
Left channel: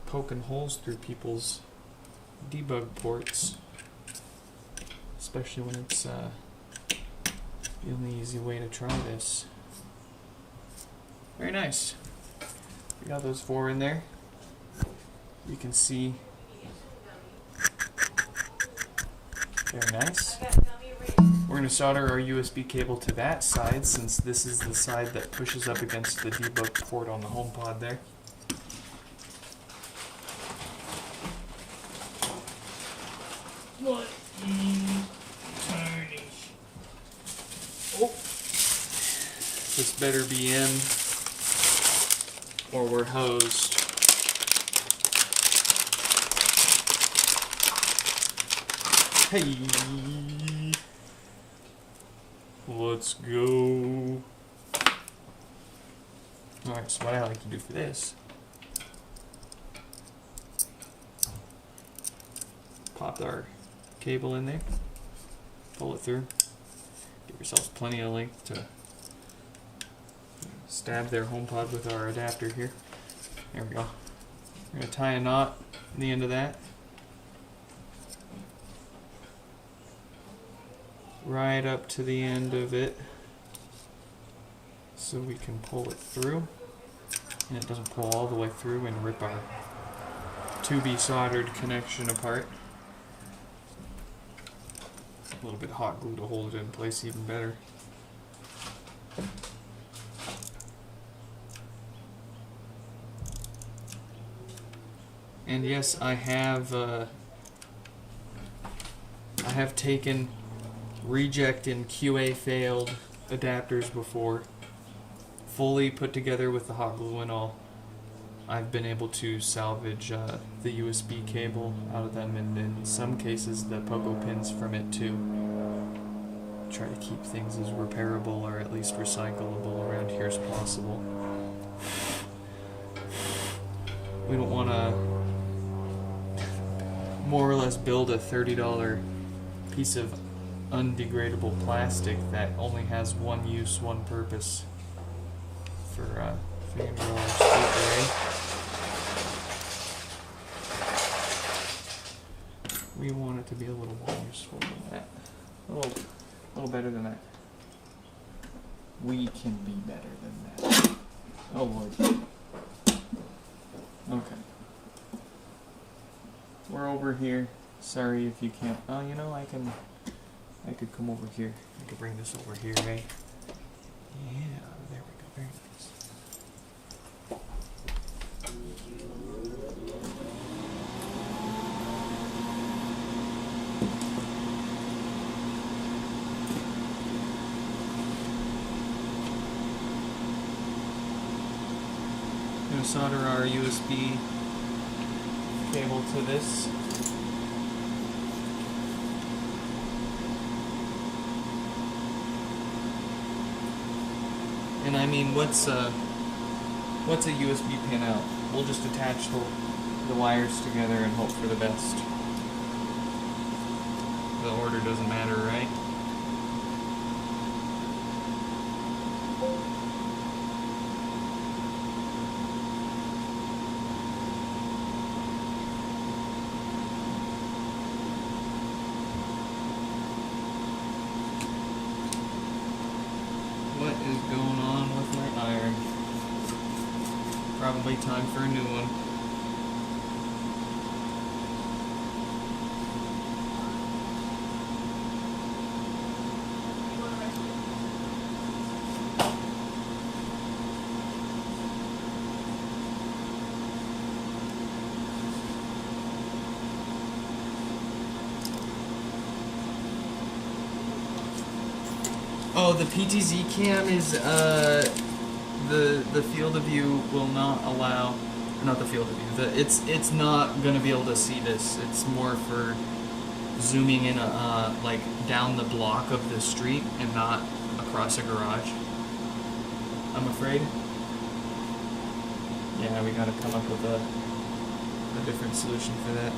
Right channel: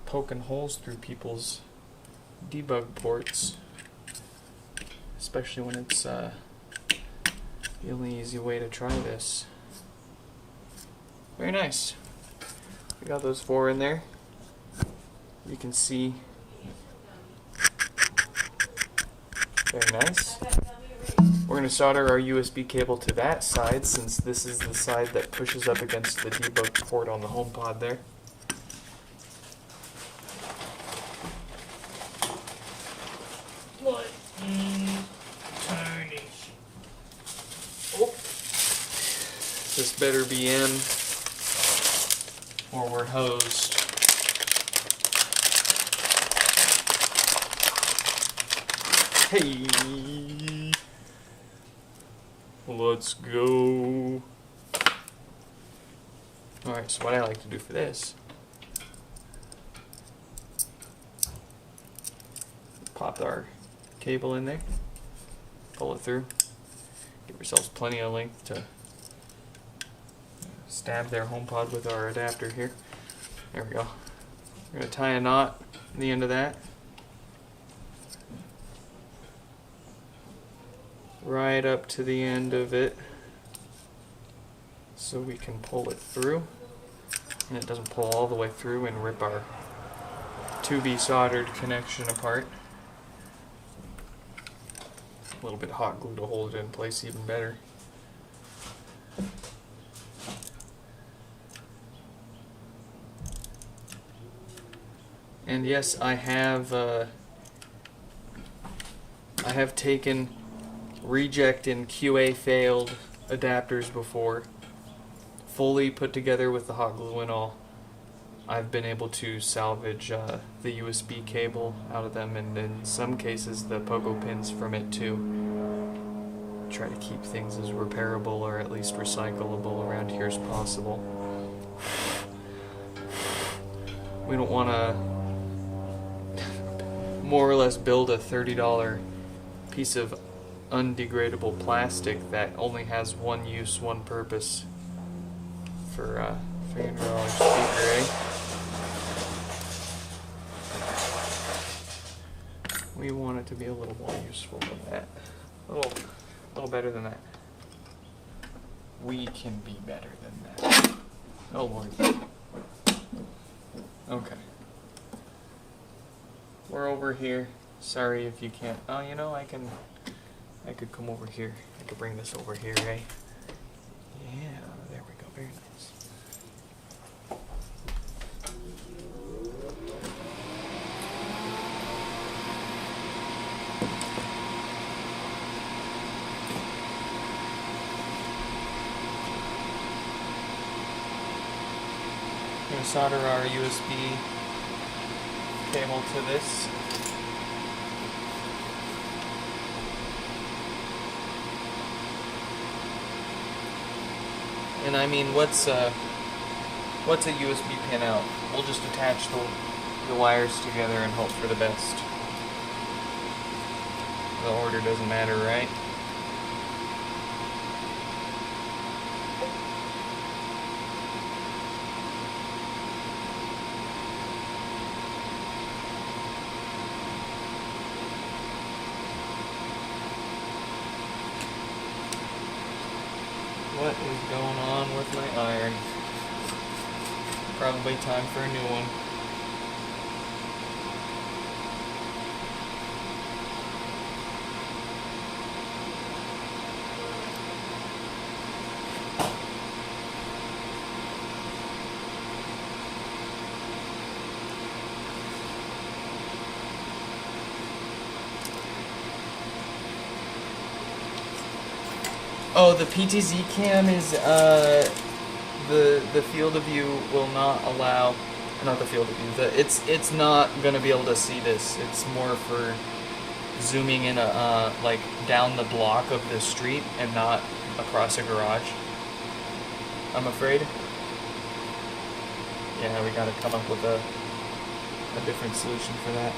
poking holes through people's debug ports, especially when it's the only easy way to try this. Very nice. We got those 4 in there. You can see. Very nice. We're going to solder our USB cable to that side, since this is the side that pushes up against the debug port on the HomePod there. What? Tiny. Oh. This better be M, or we're hosed. Hey. Let's go. Alright, so what I like to do for this, pop our cable in there, pull it through, give yourselves plenty of length to stab their HomePod with our adapter here. There we go. We're going to tie a knot at the end of that. Right up to the end of it so we can pull it through and it doesn't pull all the way through and rip our to-be soldered connection apart. A little bit of hot glue to hold it in place even better. And yes, I have taken reject and QA failed adapters before, fully put together with the hot glue and all. I've been able to salvage the USB cable out of them, and in some cases the pogo pins from it too. Try to keep things as repairable or at least recyclable around here as possible. We don't want to more or less build a $30 piece of undegradable plastic that only has one use, one purpose for your $300 speaker, eh? We want it to be a little more useful than that. A little better than that. We can be better than that. Oh Lord. Okay. We're over here. Sorry if you can't. Oh, you know, I could come over here. I could bring this over here, eh? Yeah, there we go. Very nice. I'm going to solder our USB cable to this. And I mean, what's a USB pin out? We'll just attach the wires together and hope for the best. The order doesn't matter, right? What is going on with my iron? Probably time for a new one. Oh, the PTZ cam is the field of view will not allow, not the field of view. It's not gonna be able to see this. It's more for zooming in like down the block of the street and not across a garage, I'm afraid. Yeah, we gotta come up with a different solution for that.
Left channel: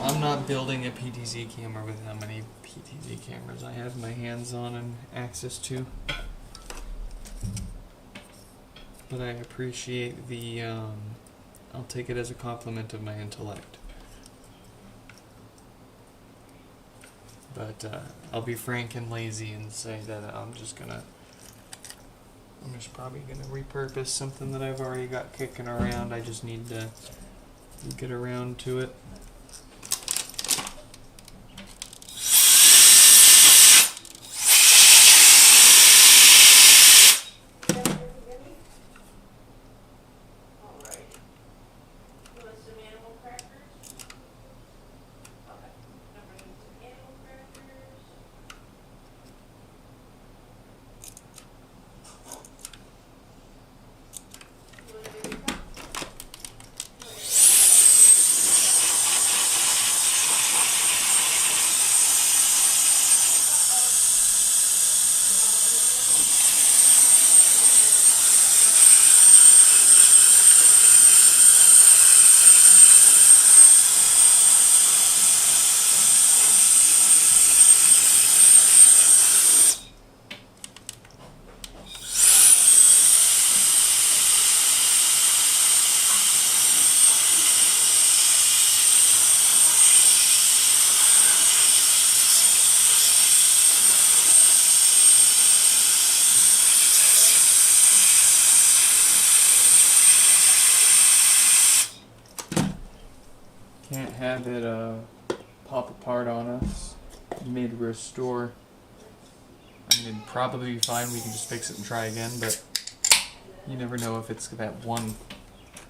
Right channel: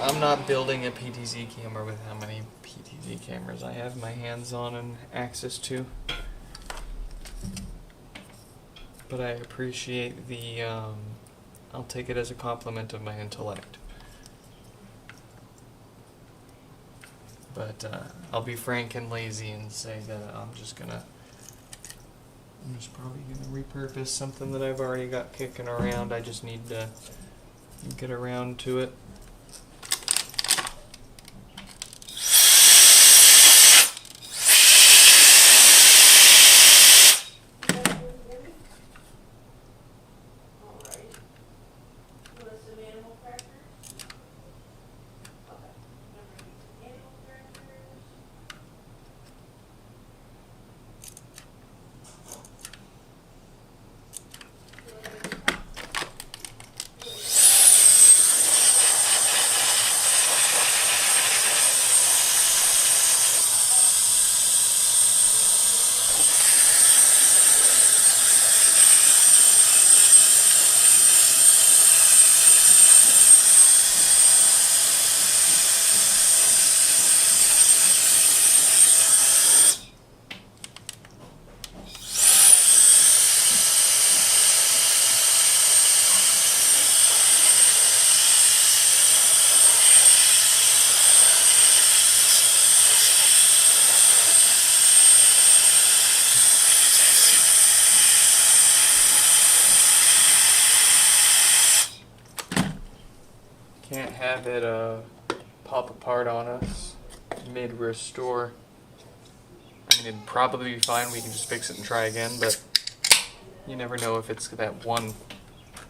I'm not building a PTZ camera with how many PTZ cameras I have my hands on and access to. But I appreciate the, I'll take it as a compliment of my intellect. But I'll be frank and lazy and say that I'm just probably gonna repurpose something that I've already got kicking around. I just need to get around to it. Can't have it pop apart on us mid-restore. I mean, it'd probably be fine. We can just fix it and try again, but you never know if it's that 1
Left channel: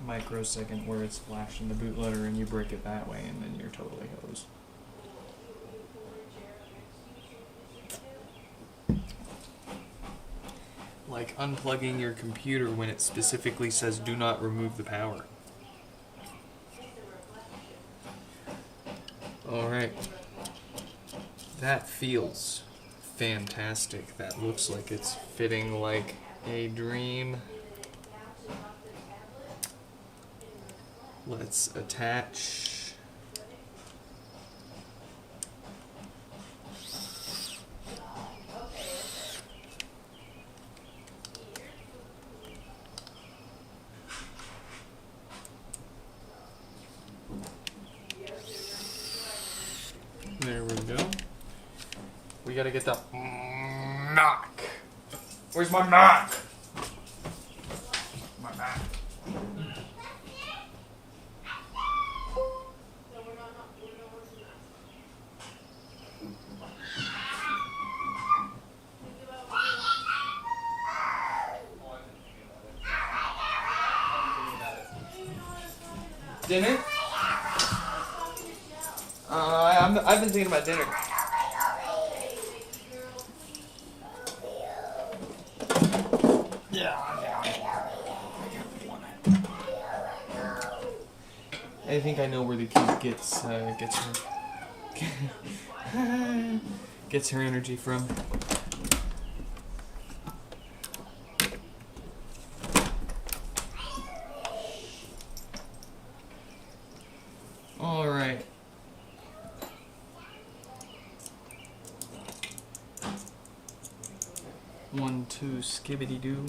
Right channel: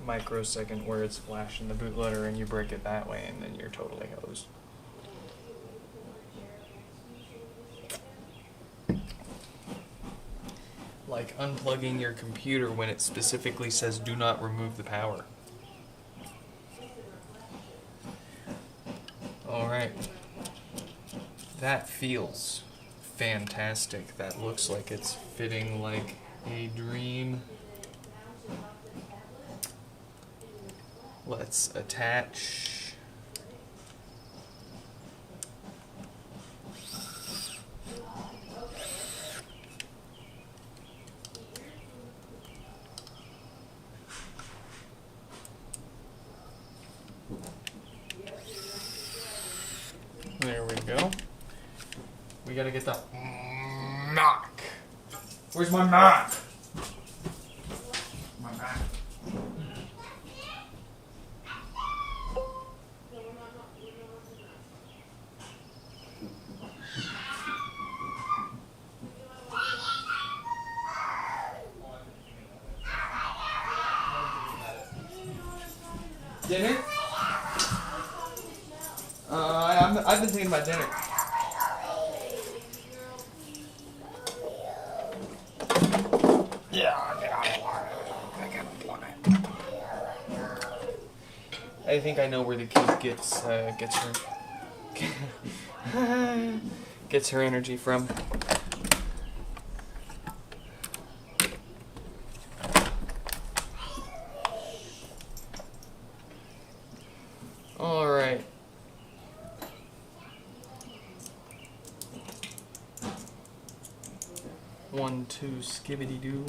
microsecond where it's flashing the bootloader and you break it that way, and then you're totally hosed. Like unplugging your computer when it specifically says do not remove the power. Alright. That feels fantastic. That looks like it's fitting like a dream. Let's attach. There we go. We gotta get the knock. Where's my knock? My knock. Dinner? I've been thinking about dinner. I think I know where the kid gets her gets her energy from. All right. One, two, skibbity doo.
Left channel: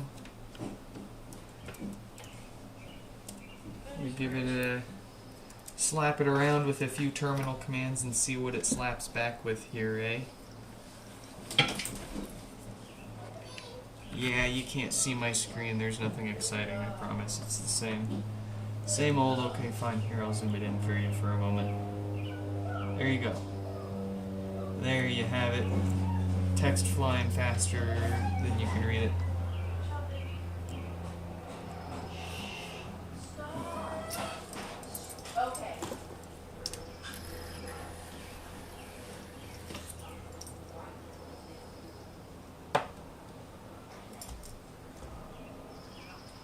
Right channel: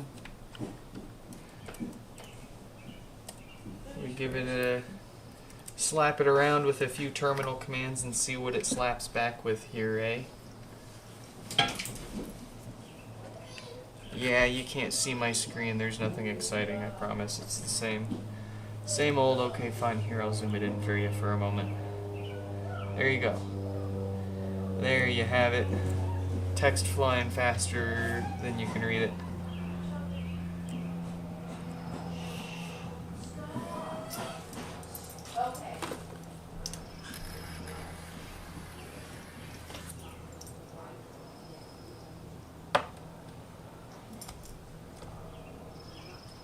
We give it a slap it around with a few terminal commands and see what it slaps back with here, eh? Yeah, you can't see my screen. There's nothing exciting, I promise. It's the same old. Okay, fine. Here, I'll zoom it in for you for a moment. There you go. There you have it. Text flying faster than you can read it.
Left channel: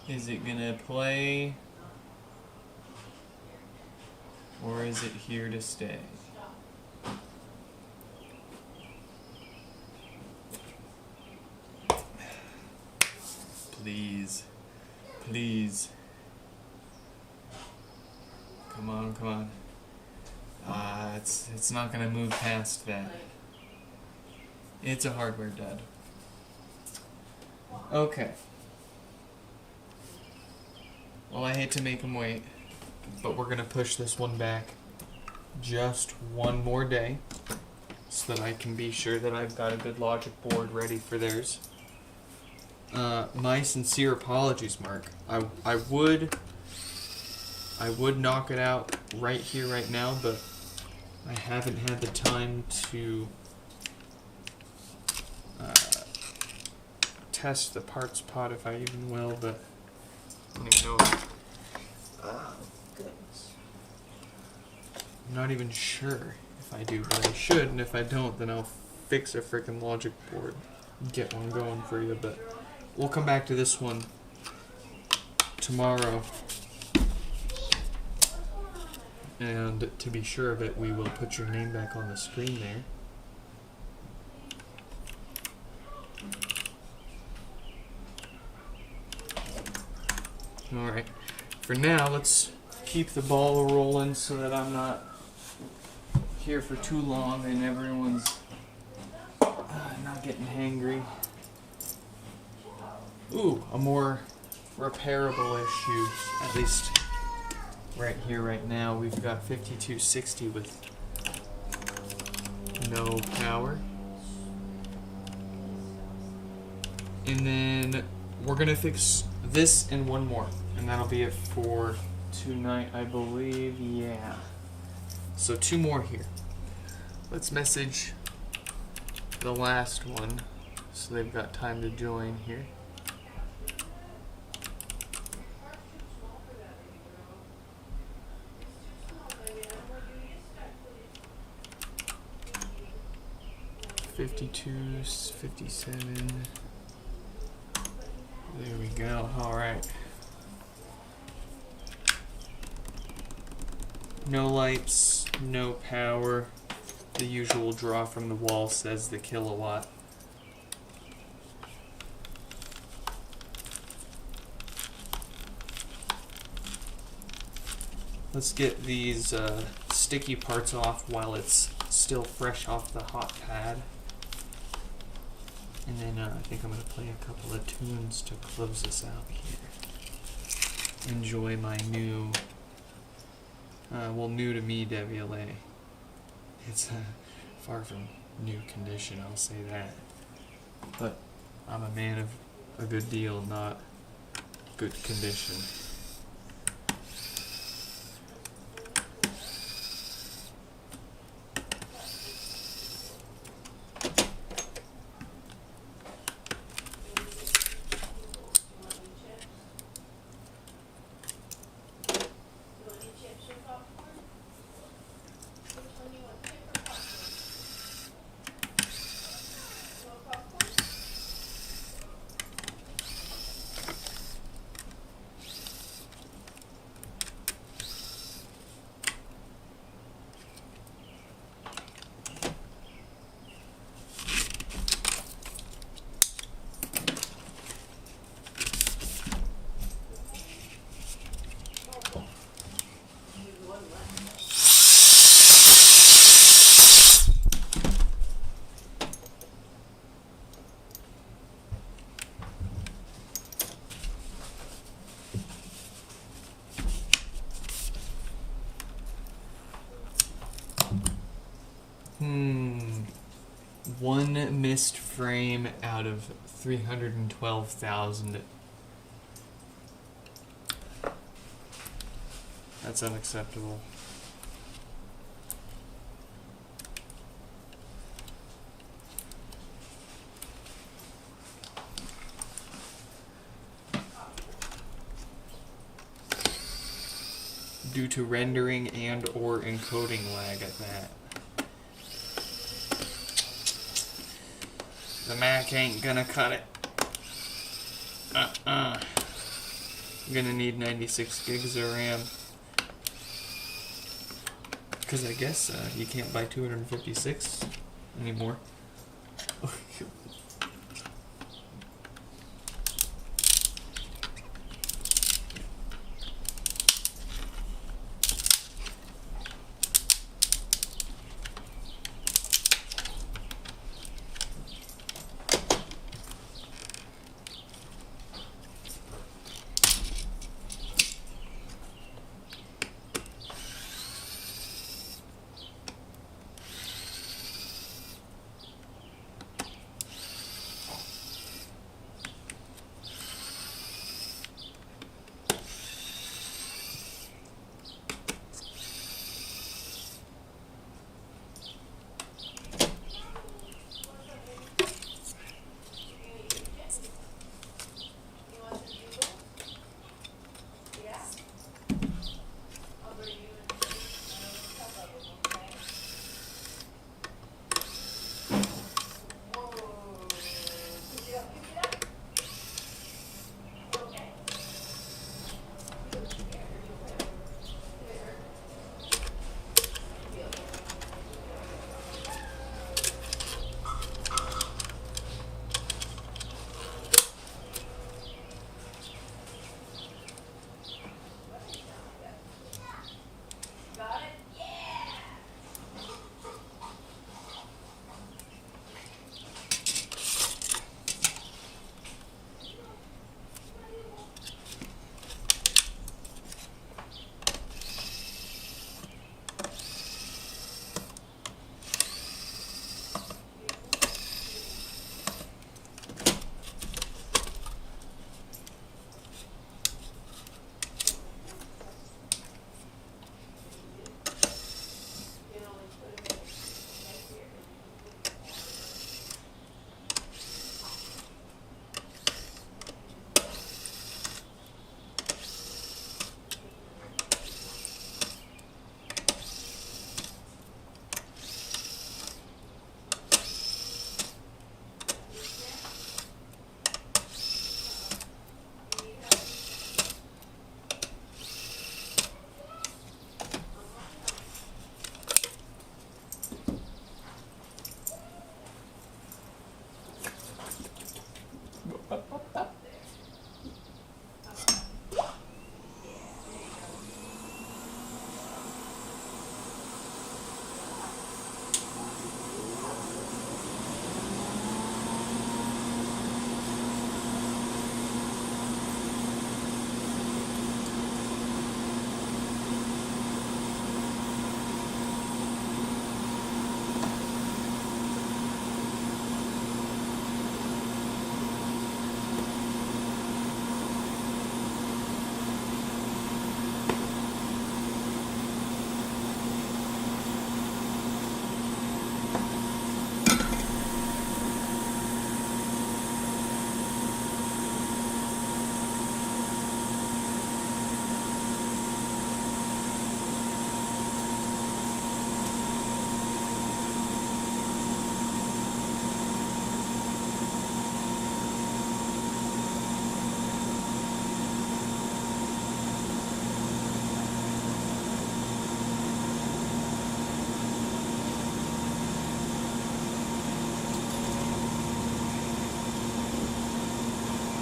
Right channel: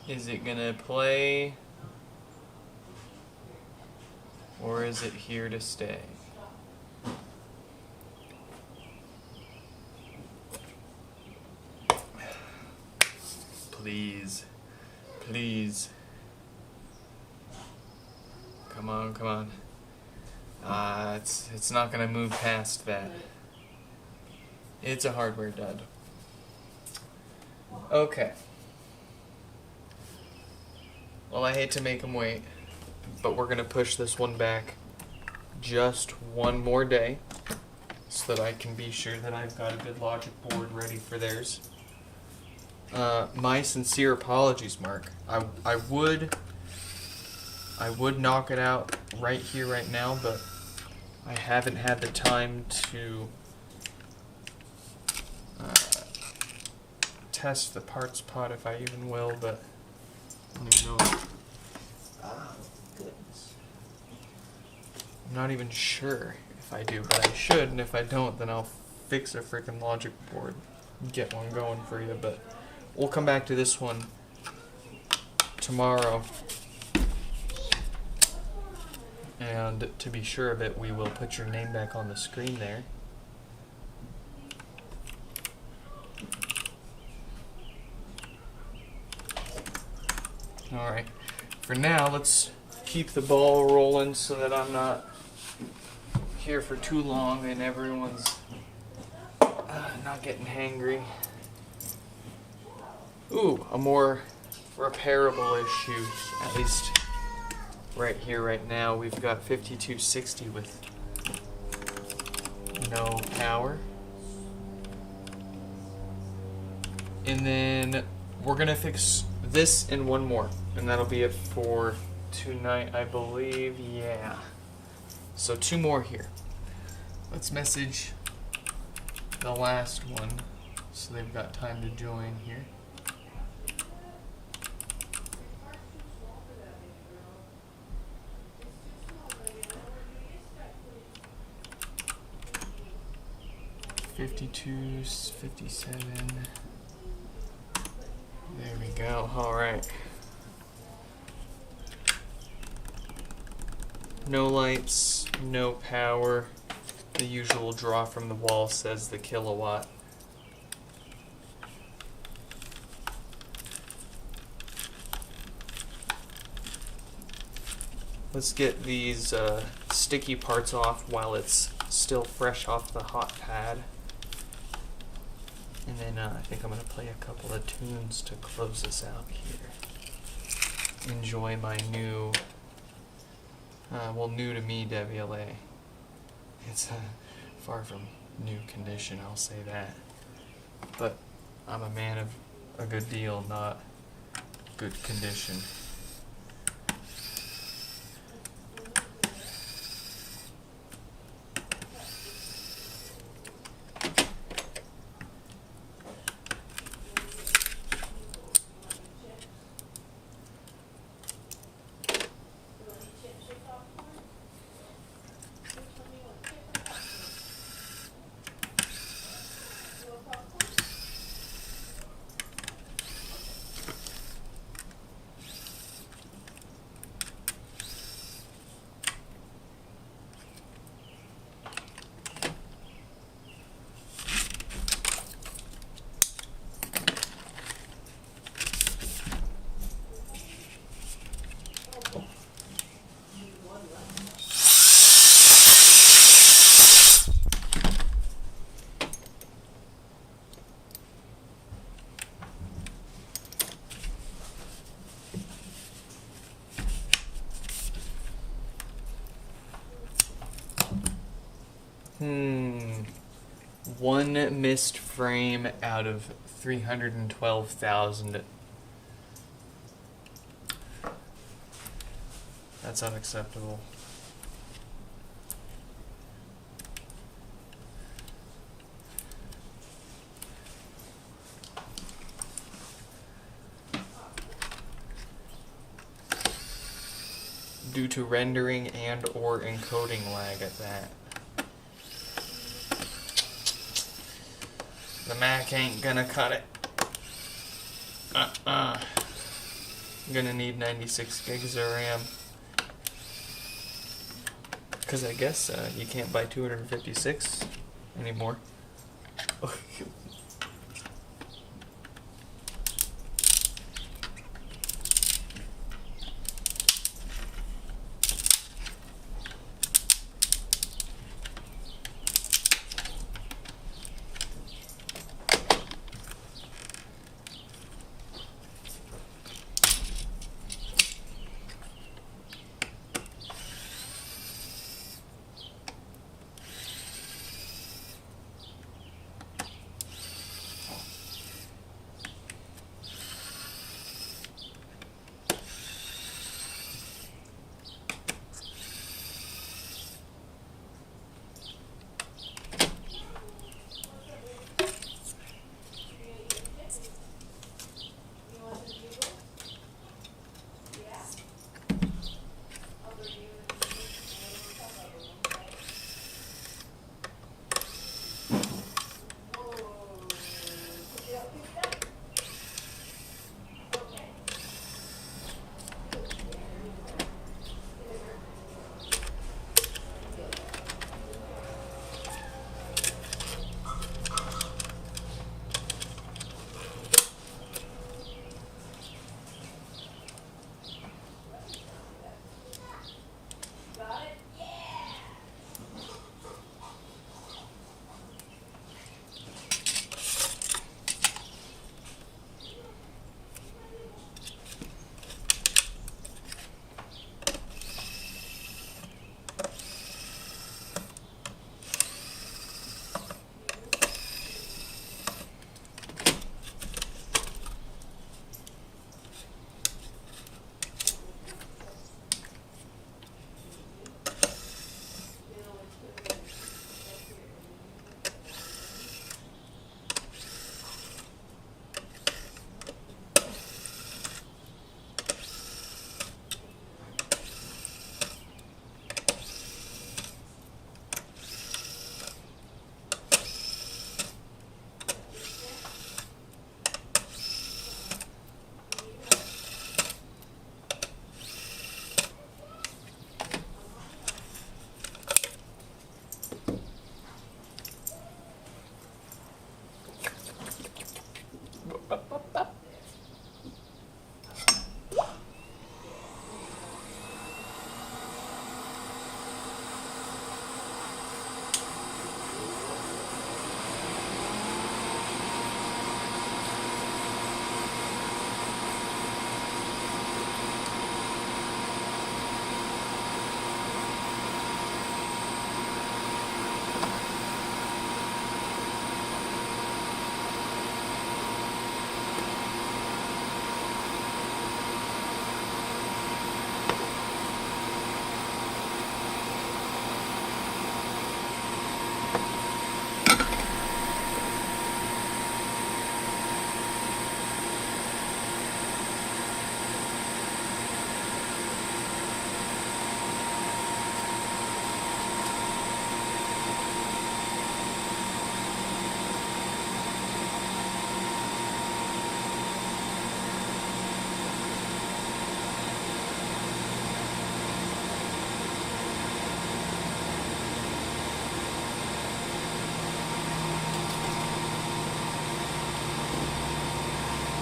Is it gonna play? Or is it here to stay? Please. Please. Come on, come on. It's not gonna move past that. It's a hardware dud. Okay. Well, I hate to make him wait, but we're gonna push this one back just one more day so that I can be sure that I've got a good logic board ready for theirs. My sincere apologies, Mark. I would knock it out right here, right now, but I haven't had the time to test the parts pod, if I even will, but I don't even know. Oh, goodness. I'm not even sure if I do, but I should, and if I don't, then I'll fix a freaking logic board and get one going for you, but we'll come back to this one tomorrow. And to be sure of it, we will put your name back on the screen there. Alright, for now, let's keep the ball rolling so that I'm not here for too long and everyone's not getting hangry. Ooh, a more repairable issue, at least right here, right now. We've got 5260 with no power. And then we're gonna fix this and one more, and that'll be it for tonight, I believe. Yeah. So 2 more here. Let's message the last one so they've got time to join here. $52, $57. There we go. All right. No lights, no power. The usual draw from the wall says the kilowatt. Let's get these sticky parts off while it's still fresh off the hot pad. And then I think I'm going to play a couple of tunes to close this out here. Enjoy my new, new to me WLA. It's far from new condition, I'll say that. But I'm a man of a good deal, not good condition. One missed frame out of 312,000. That's unacceptable. Due to rendering and or encoding lag at that. The Mac ain't gonna cut it. I'm gonna need 96 gigs of RAM. Because I guess you can't buy 256 anymore.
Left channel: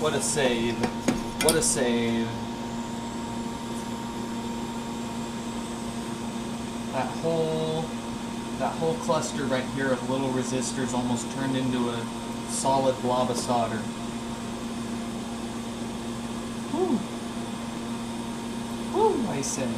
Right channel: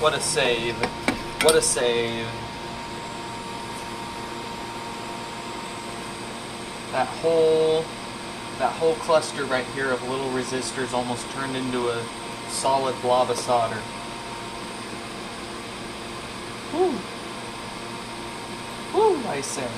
What a save. What a save. That whole cluster right here of little resistors almost turned into a solid blob of solder. Woo! Woo, I say.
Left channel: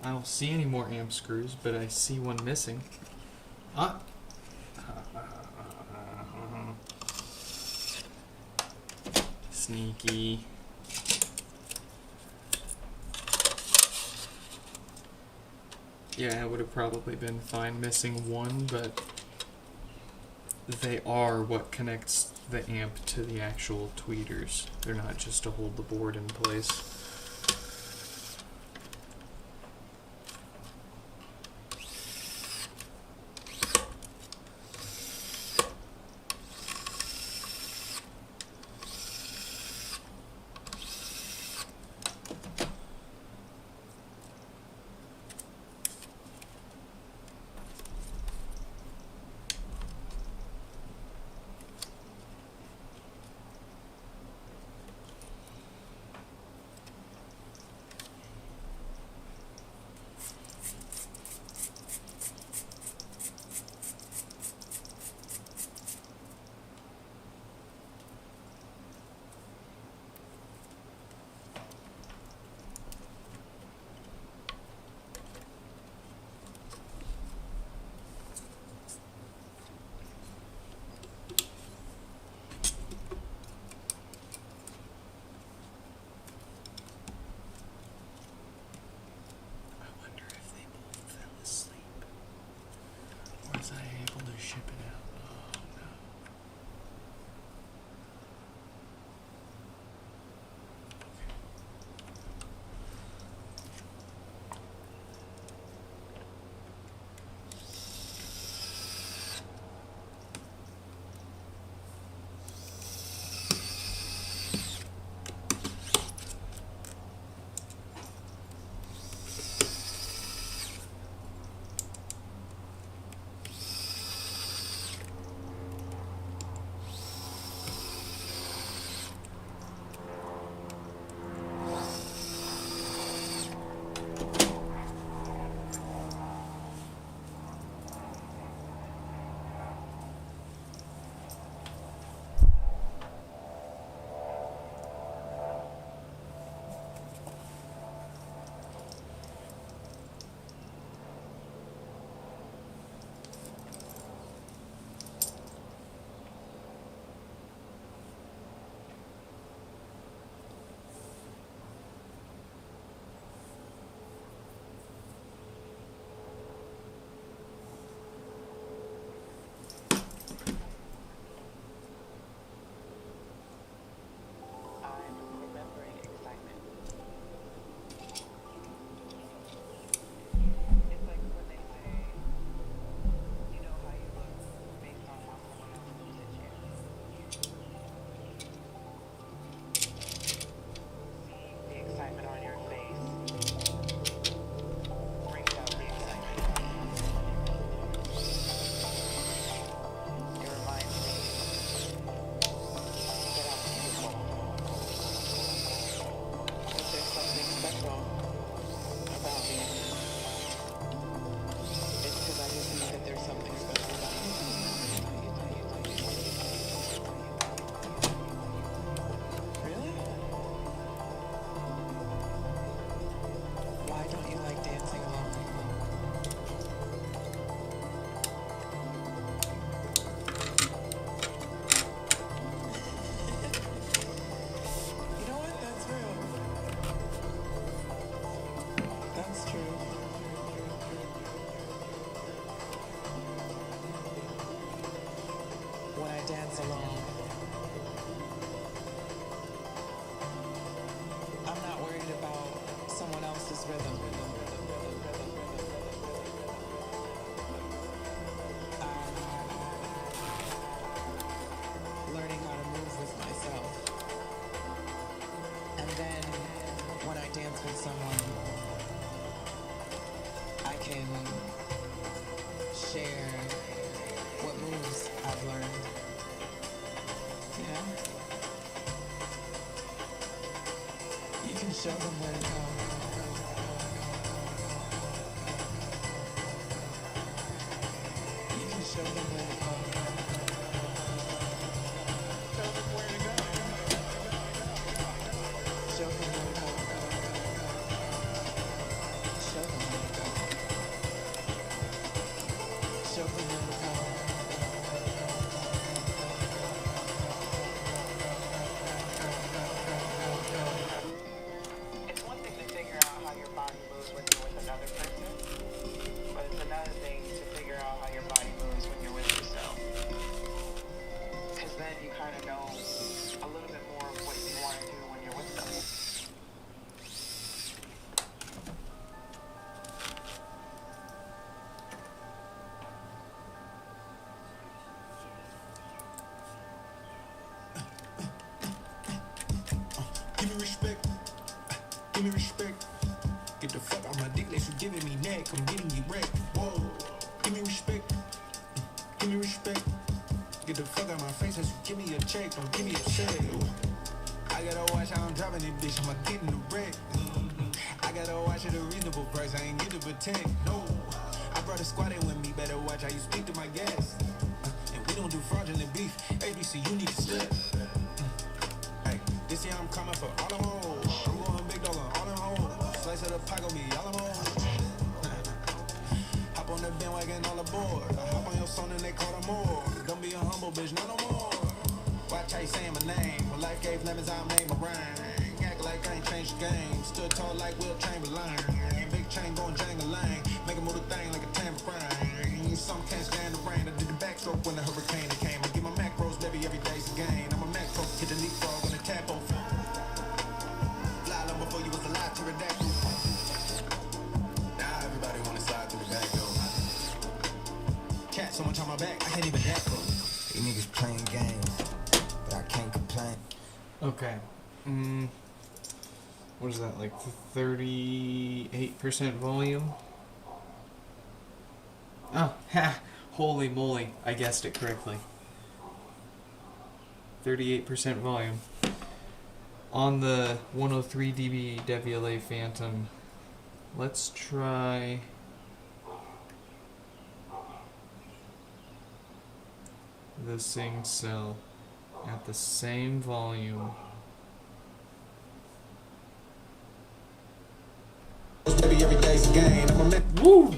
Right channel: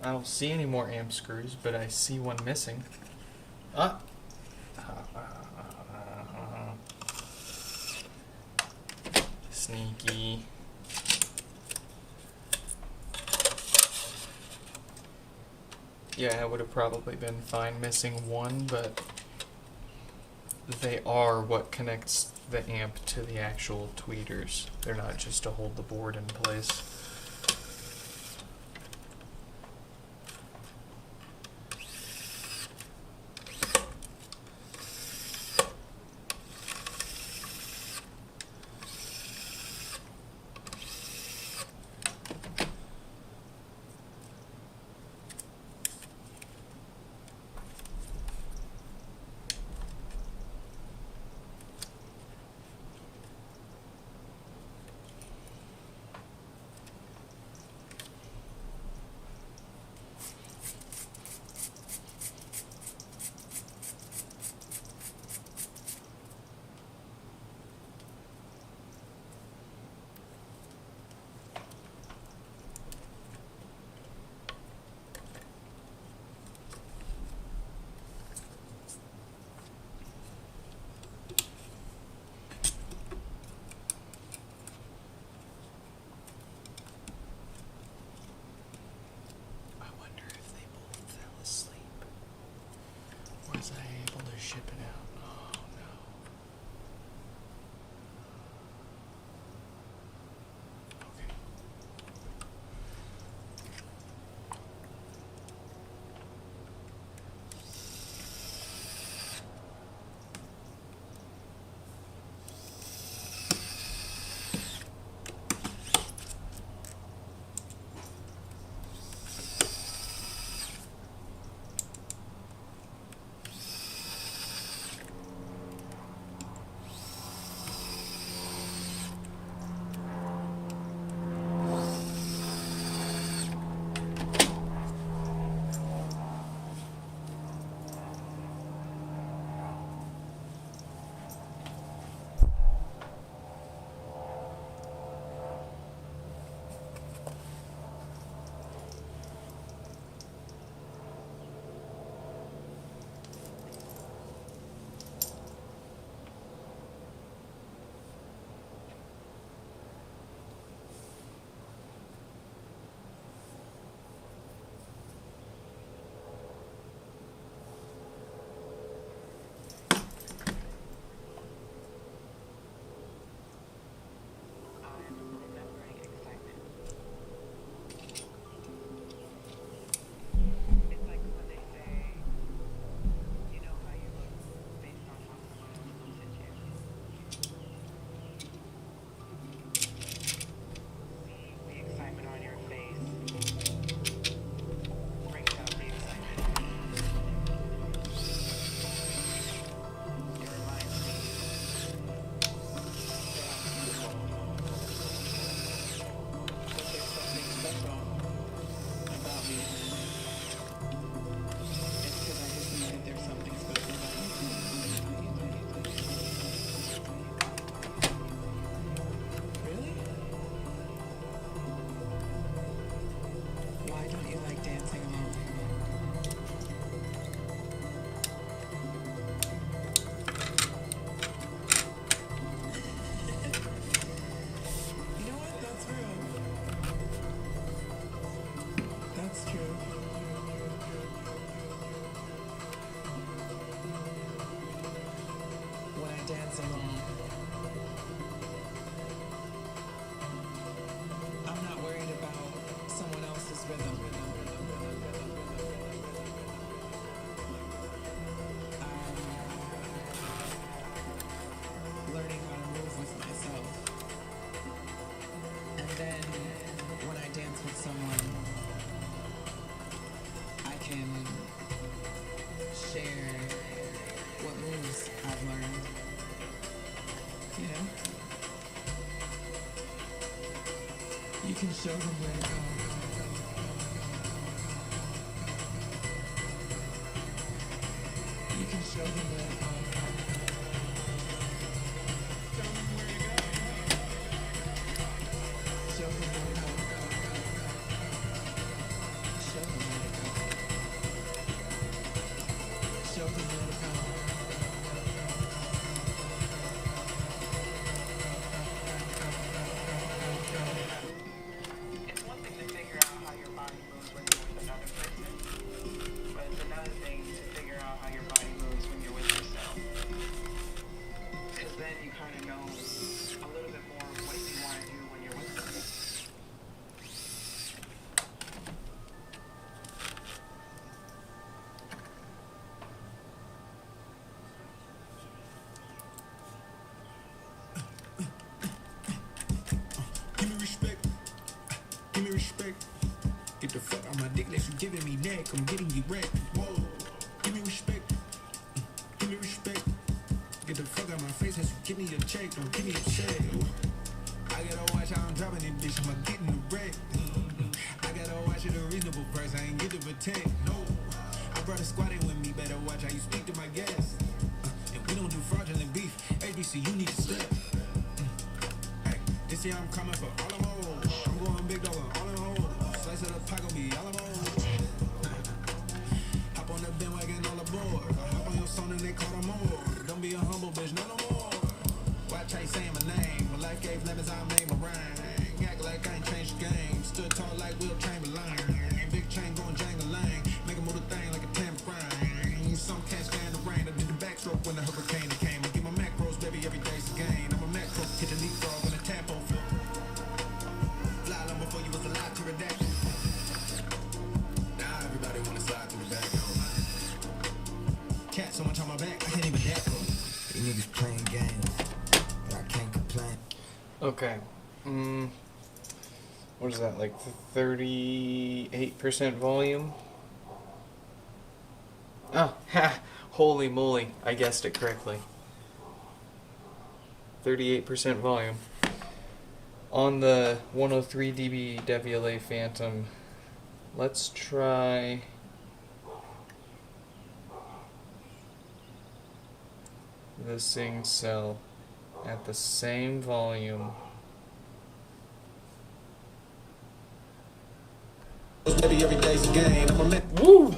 I don't see any more amp screws, but I see one missing. Ah! Sneaky. Yeah, it would have probably been fine missing one, but they are what connects the amp to the actual tweeters. They're not just to hold the board in place. Was I able to ship it out? Oh no. Okay. dance alone. I'm not worried about someone else's rhythm. I'm learning how to move with myself. And then when I dance with someone, I can share what moves I've learned. You know? You can show them where to go. You can show them where to go. Show them where to go. Show them where to go. Show them where to go. Show them where to go. It's one thing to place, you giving me neck, I'm getting you wrecked. Whoa, give me respect, give me respect. Get the fuck out my face as you give me a check, don't give me a check. I gotta watch how I'm dropping it, bitch, I'm getting the wreck. I gotta watch it a reasonable price, I ain't get to protect, no. I brought a squad in with me, better watch how you speak to my guests. And we don't do fraudulent beef, ABC, you need to step. Hey, this year I'm coming for all them hoes. I'm going big dog on all them hoes. Slice of the pack on me, all them hoes. Hop on the bandwagon all aboard. I hop on your song and they call them more. Don't be a humble bitch, no more. Watch how you saying my name. When life gave lemons, I'll make my rhyme. Act like I ain't changed the game. Stood tall like Will Chamberlain. Big chain going jangle-lang. Make a move the thing like a tambourine. Some can't stand the rain. I did the backstroke when the hurricane came. I get my macros, baby, every day's a gain. I'm a macro, hit the leapfrog when the tap on floor. Fly long before you was alive to redact. Now everybody wanna slide through the back door. Cat, someone on my back, I can't even back. You niggas playing games, but I can't complain. Okay. What is that, like 38% volume? Oh, ha! Holy moly, I guessed it correctly. 38% volume. On the 103 dB WLA Phantom, let's try... the Sing Cell at the same volume. Baby, every day's a game. I'm a Woo!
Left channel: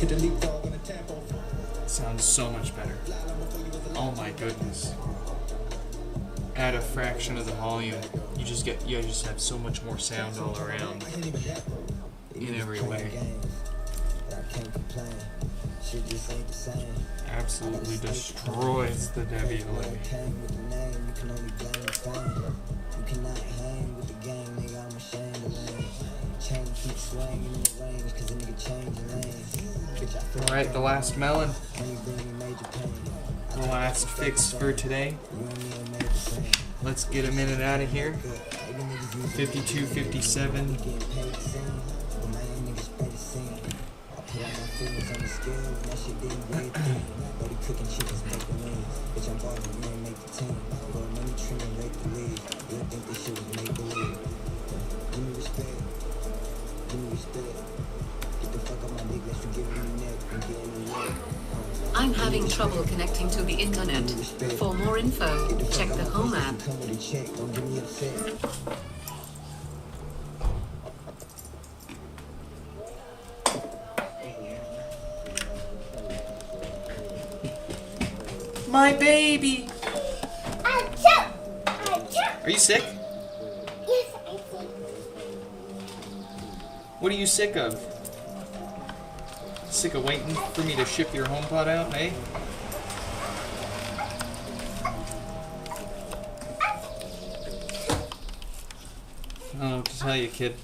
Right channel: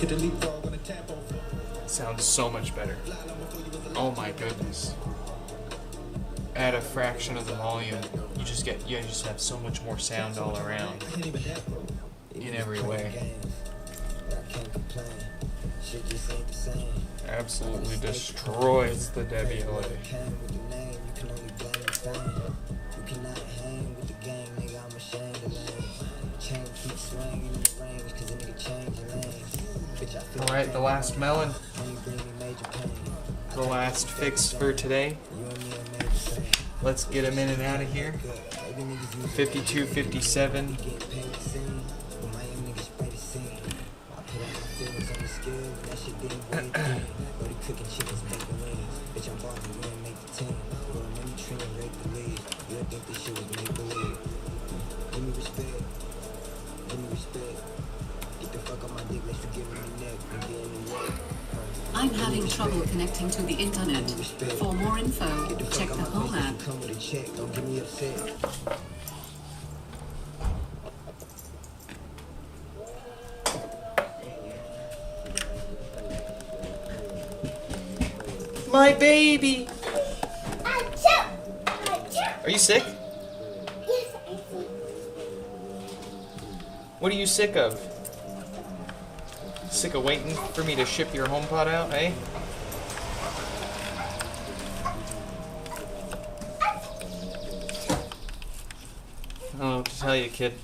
hit the leapfrog on the tap on floor. Sounds so much better. Oh my goodness. At a fraction of the volume, you just have so much more sound all around. In every way. Absolutely destroys the WLA. You cannot hang with the gang, nigga, I'm ashamed of lane. Chain keep swinging in the range, cause a nigga change your lane. Bitch, I feel Alright, the last melon. when you bring me major pain. The last fix for today. You and me are made the same. Let's get him in and out of here. Maybe niggas use 52, 57. getting paid the same, but my young niggas spray the same. I put all my feelings on the scale, and that shit didn't weigh a thing. Brody cooking chickens, making wings. Bitch, I'm ballin', you ain't make the team. Bro, money tree and rake the lead. You don't think this shit was make believe. Give me respect. Give me respect. Get the fuck on my dick, let you give me neck and get in the way. I'm having trouble connecting to the internet. For more info, check the Home app. Come with a check, don't get me upset. My baby! Achoo! Are you sick? Yes, I see. What are you sick of? Sick of waiting for me to ship your HomePod out, eh? I don't know what to tell you, kid.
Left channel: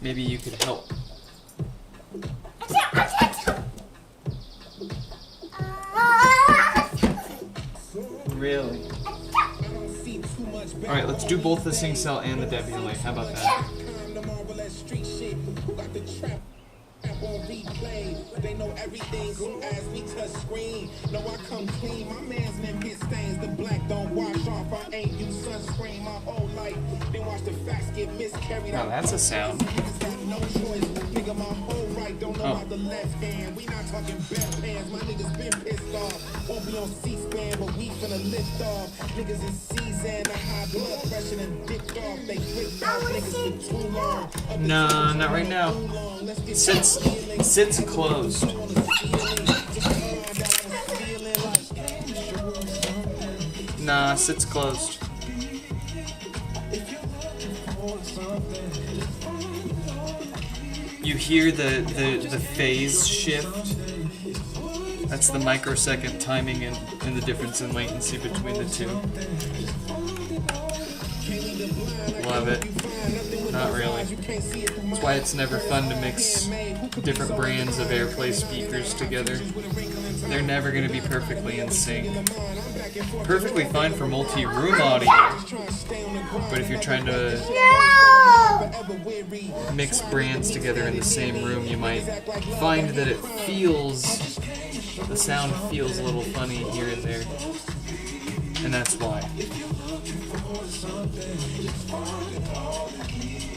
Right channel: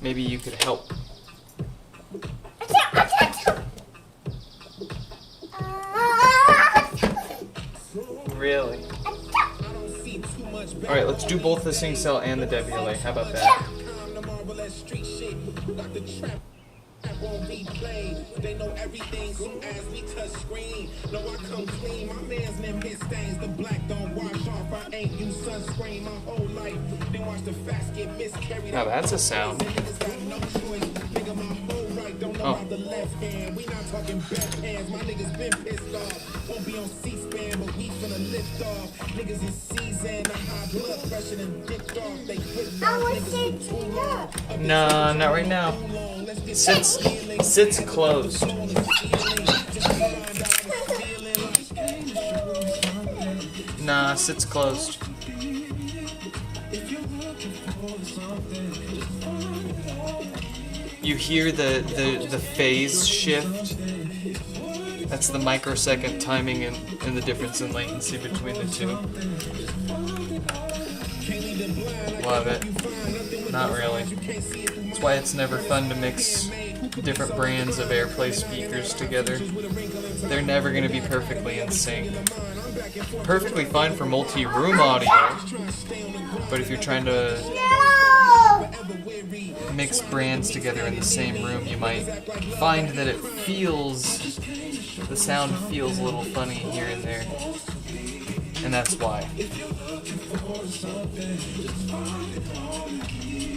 Maybe you could help. Really? Alright, let's do both the Sing Cell and the WLA. How about that? They know everything soon as we touch screen. No, I come clean. My man's name hit stains. The black don't wash off. I ain't used sunscreen my whole life. Then watch the facts get miscarried. Oh, that's a sound. Niggas got no choice. Nigga, my whole right don't know about the left hand. We not talking bedpans. My niggas been pissed off. Won't be on C-SPAN, but we finna lift off. Niggas in season. The high blood pressure and dipped off. They flipped off niggas for too long. Nah, not right now. Sits closed. Nah, sits closed. You hear the phase shift? That's the microsecond timing and the difference in latency between the two. Love it. Not really. That's why it's never fun to mix different brands of AirPlay speakers together. They're never going to be perfectly in sync. perfectly fine for multi-room audio. But if you're trying to mix brands together in the same room, you might find that the sound feels a little funny here and there. And that's why.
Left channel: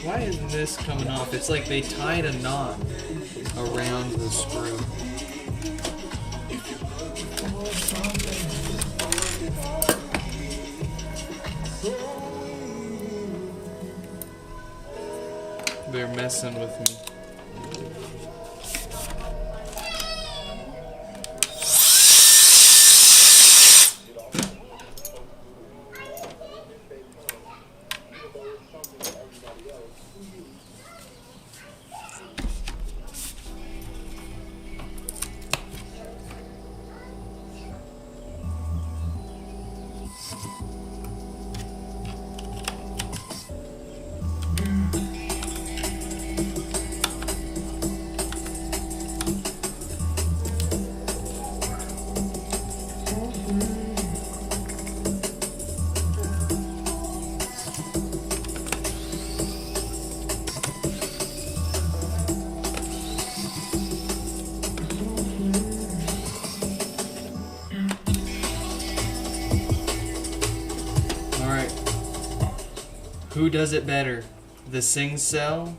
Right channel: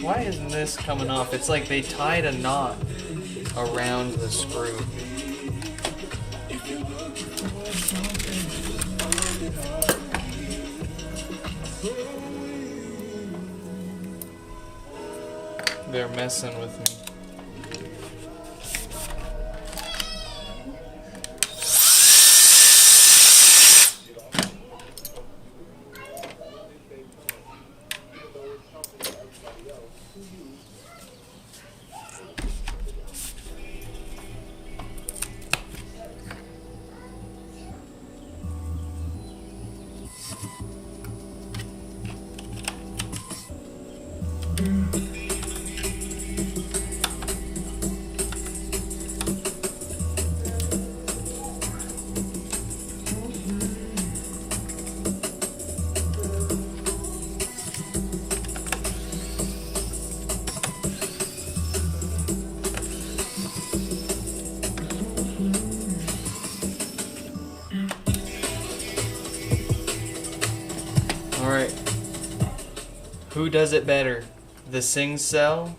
Why isn't this coming off? It's like they tied a knot around the screw. They're messing with me. Alright. Who does it better? The Sing Cell?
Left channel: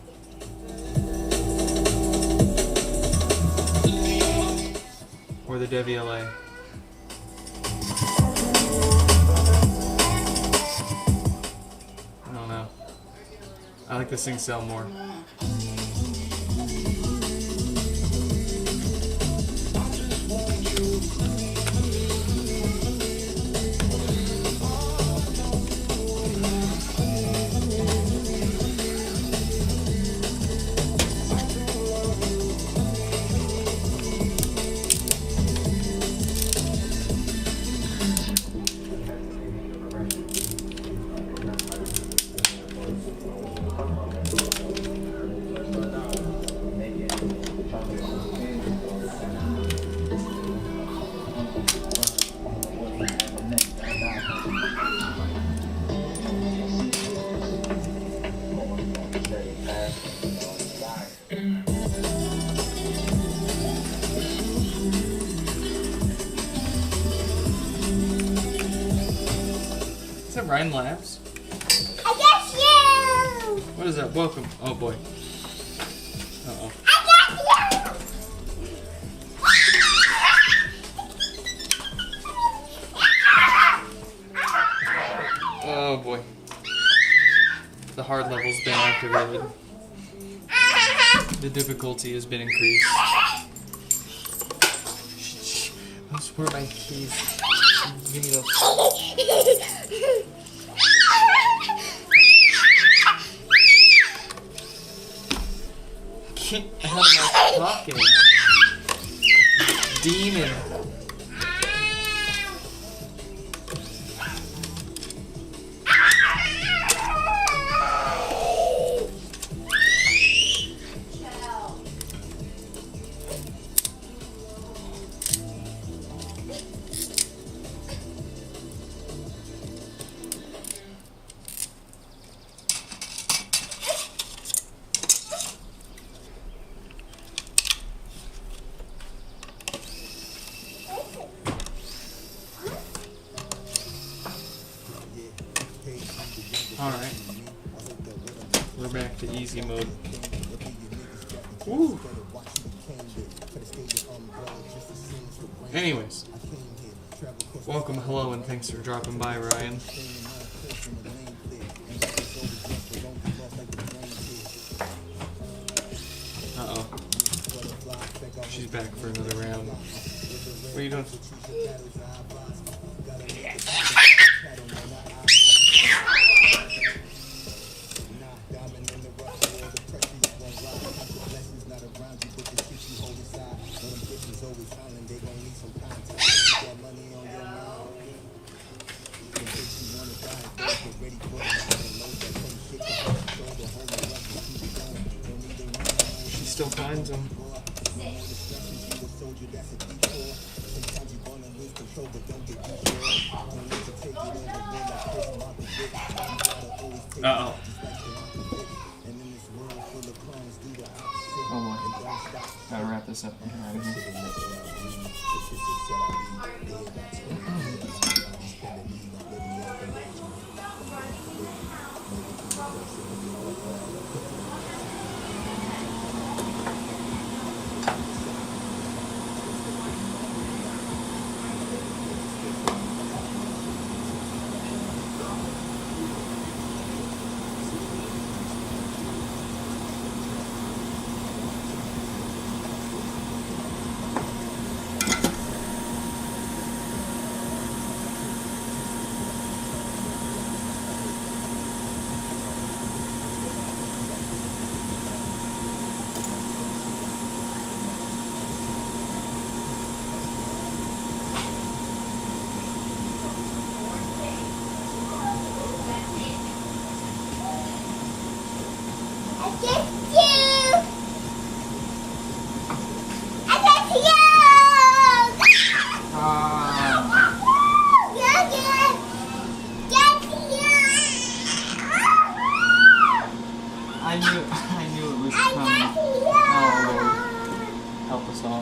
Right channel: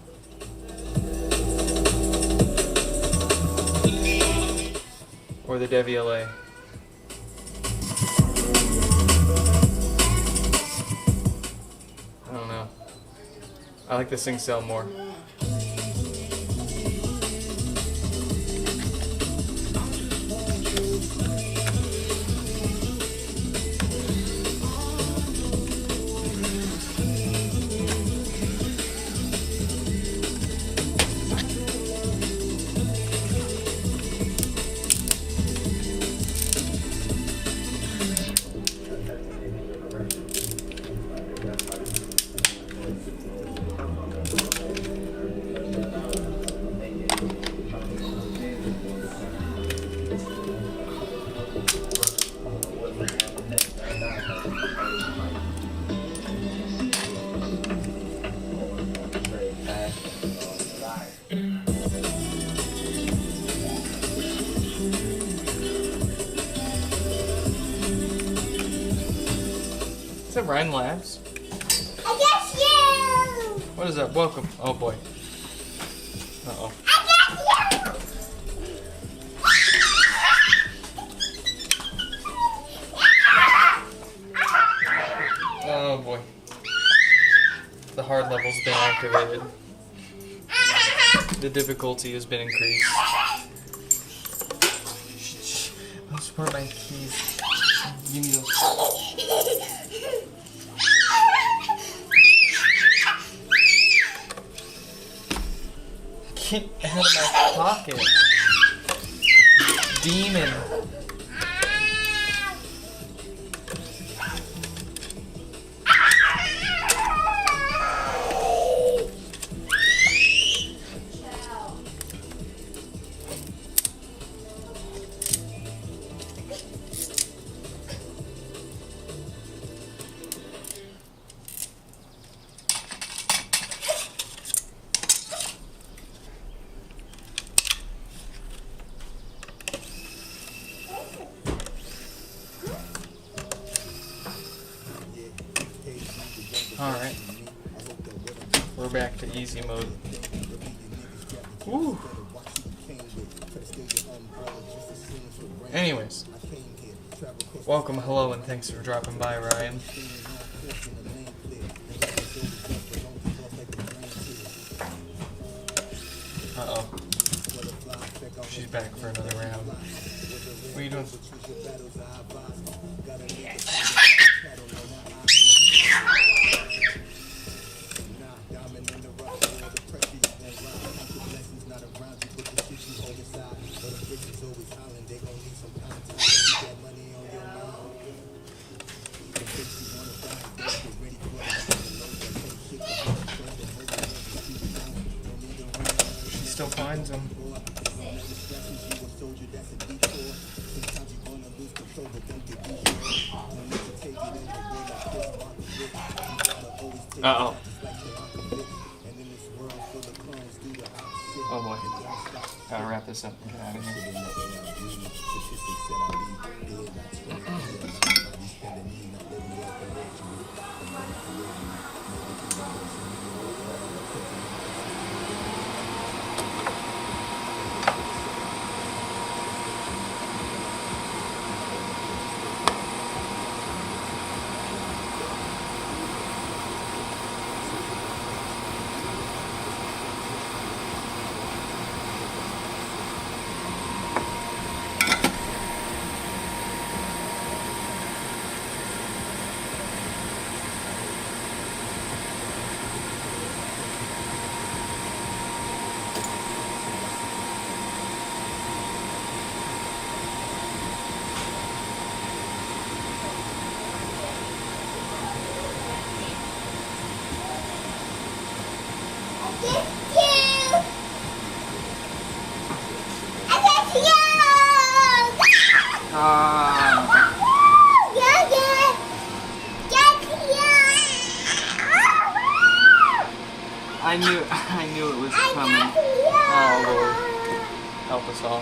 Or the DeviLA? I don't know. I like the Sing Cell more. Is that Ryan Labs? I guess you! What is that? Welcome. Oh boy. Uh-oh. I guess you! Oh boy. The hard level's been activated. The difficulty has been increased. Shh. Those were my keys. Give me those. Get out of my pocket. Demon. Alright. We're back to easy mode. Woo! Anyways. Welcome, hello, and thanks for dropping by, Ryan. Uh-oh. She's back for another round. What are you doing? She still finds him. Uh-oh. Oh boy. Gotta wrap this up and get out of here. I knew it was coming. Oh Lord. Help us all.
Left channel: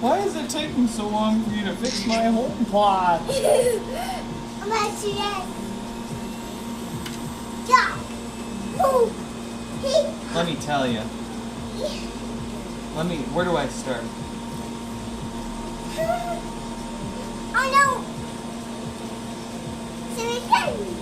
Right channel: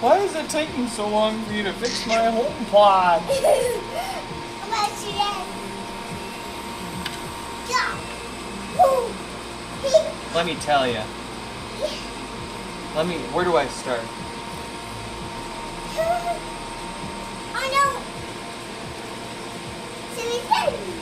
Why is it taking so long for you to fix my HomePod? Let me tell you. Where do I start? Oh no! So it's ready.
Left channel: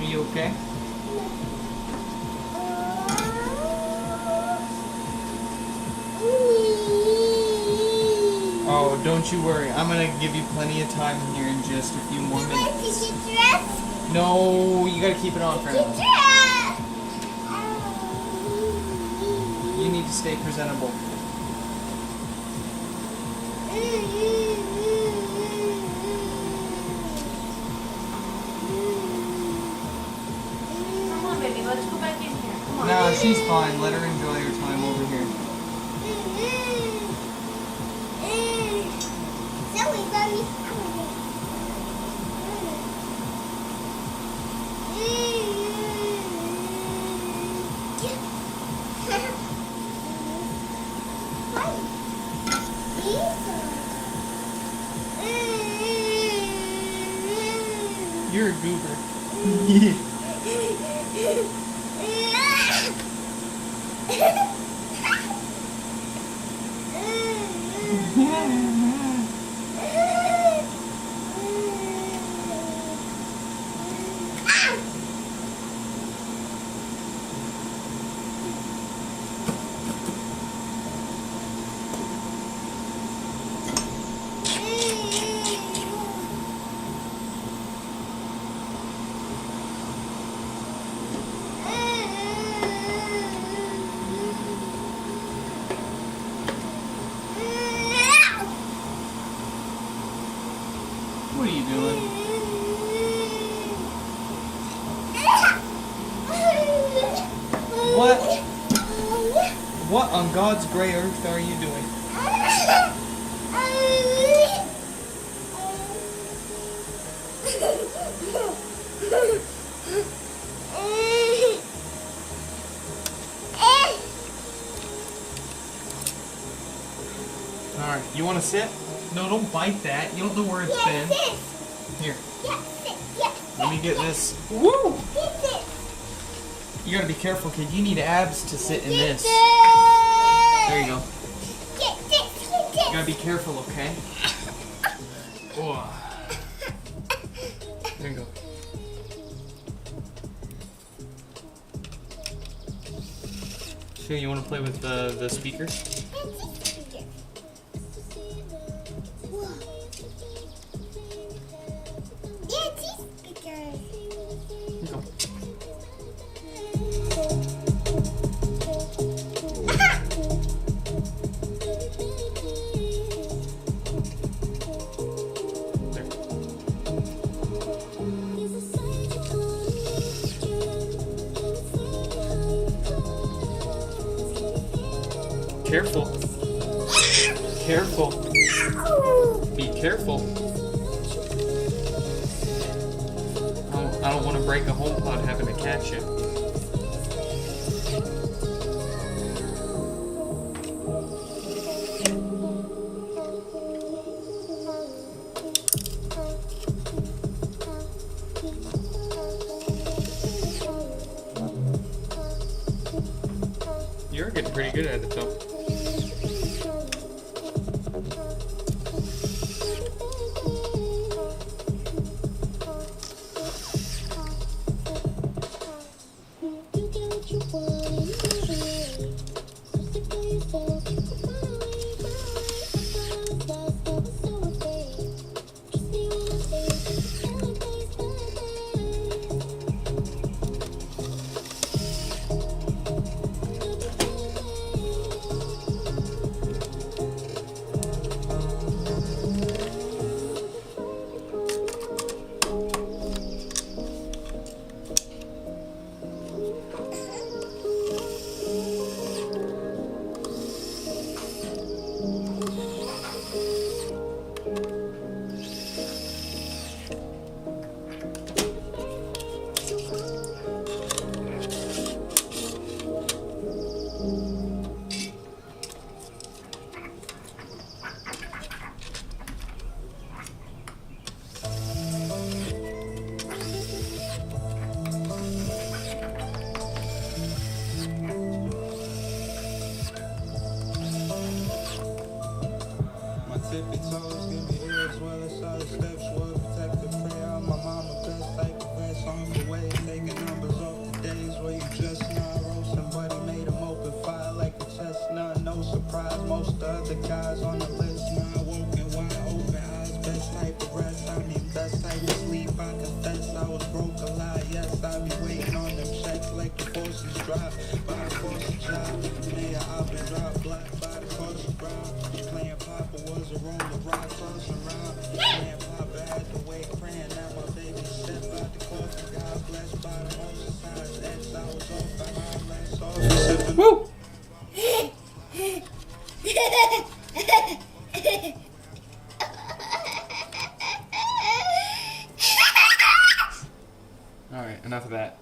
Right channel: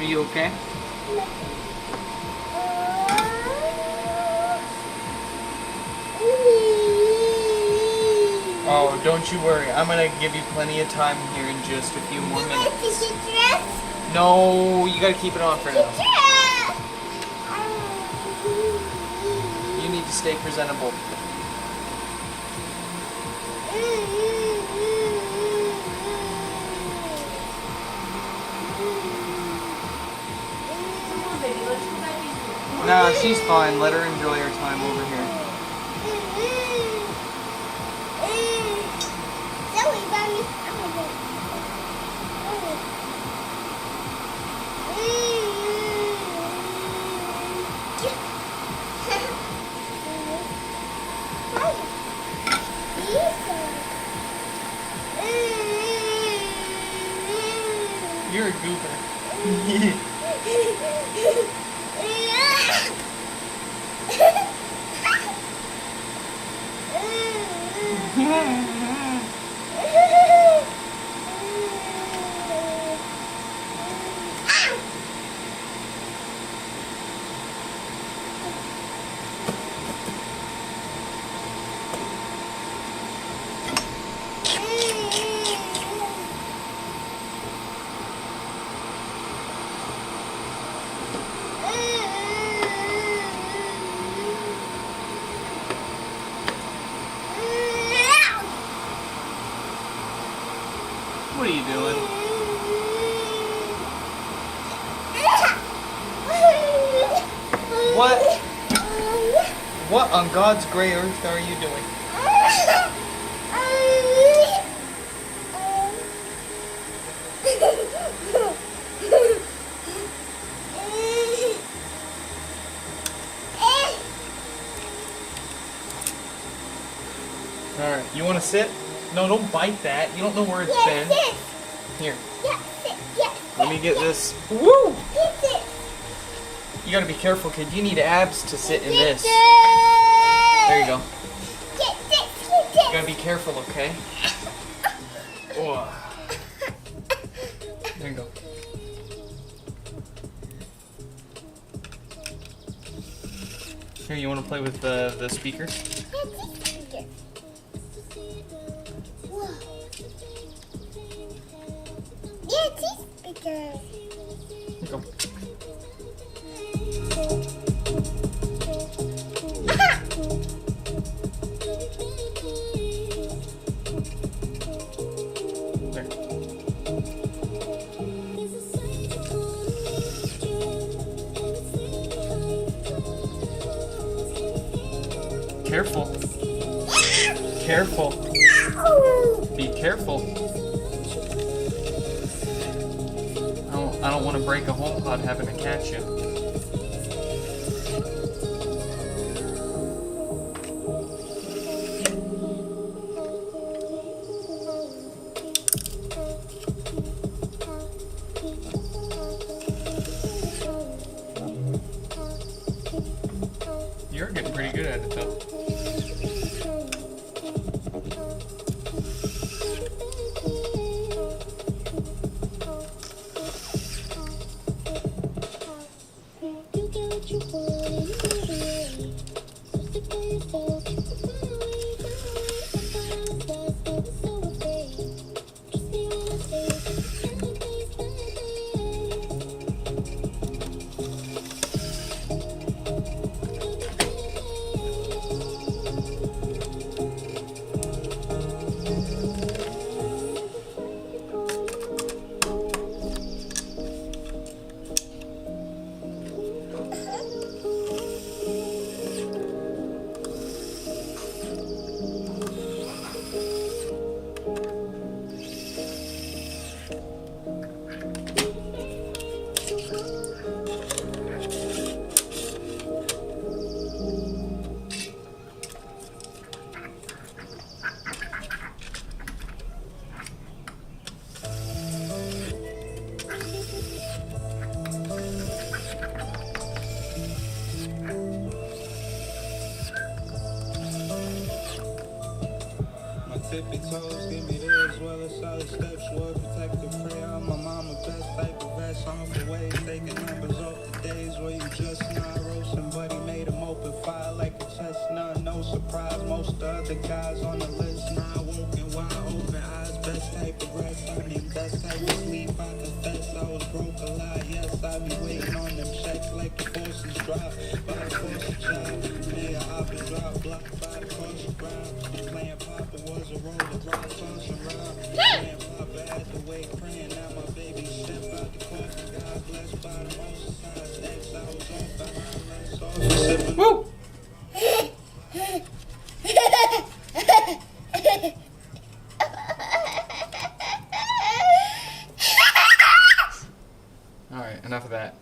Are you okay? Oh, don't you worry. I'm gonna give you plenty of time here in just a few more minutes. No, you gotta keep it on for now. You need to stay presentable. No, she's fine. Let her enjoy her time over here. You're a goober. What are you doing? What on God's gray earth are you doing? Alright, you want to sit? No, don't bite that. You don't know where it's been. Here. Let me get this. Woo! You gotta be careful, kid. You need abs to sit in this. There you go. You gotta be careful, okay? Oh. There you go. Here, you want to play with the speakers? Here you go. Careful. Careful. Be careful. I don't want to break a HomePod having to catch you. You're getting pretty good at it though. Tippy toes, give me this, well as solid steps, well protective prayer. I'm my mama best type of vest, on the way, taking numbers off the days where you just not roasting, buddy made them open fire like a chestnut, no surprise, most of the other guys on the list, now woken, wide open eyes, best type of rest, I mean best type of sleep, I confess, I was broke a lot, yes, I be waiting on them checks like the forces drop, by the forces job, man, I've been dropped block by the cross the ground, playing Papa was a roll of rock, touching around, playing Papa had to wait, praying, now my baby step out the coffin, God bless by the most signs, X, I was off behind, less off, sipping. Woo! Alright, enough of that.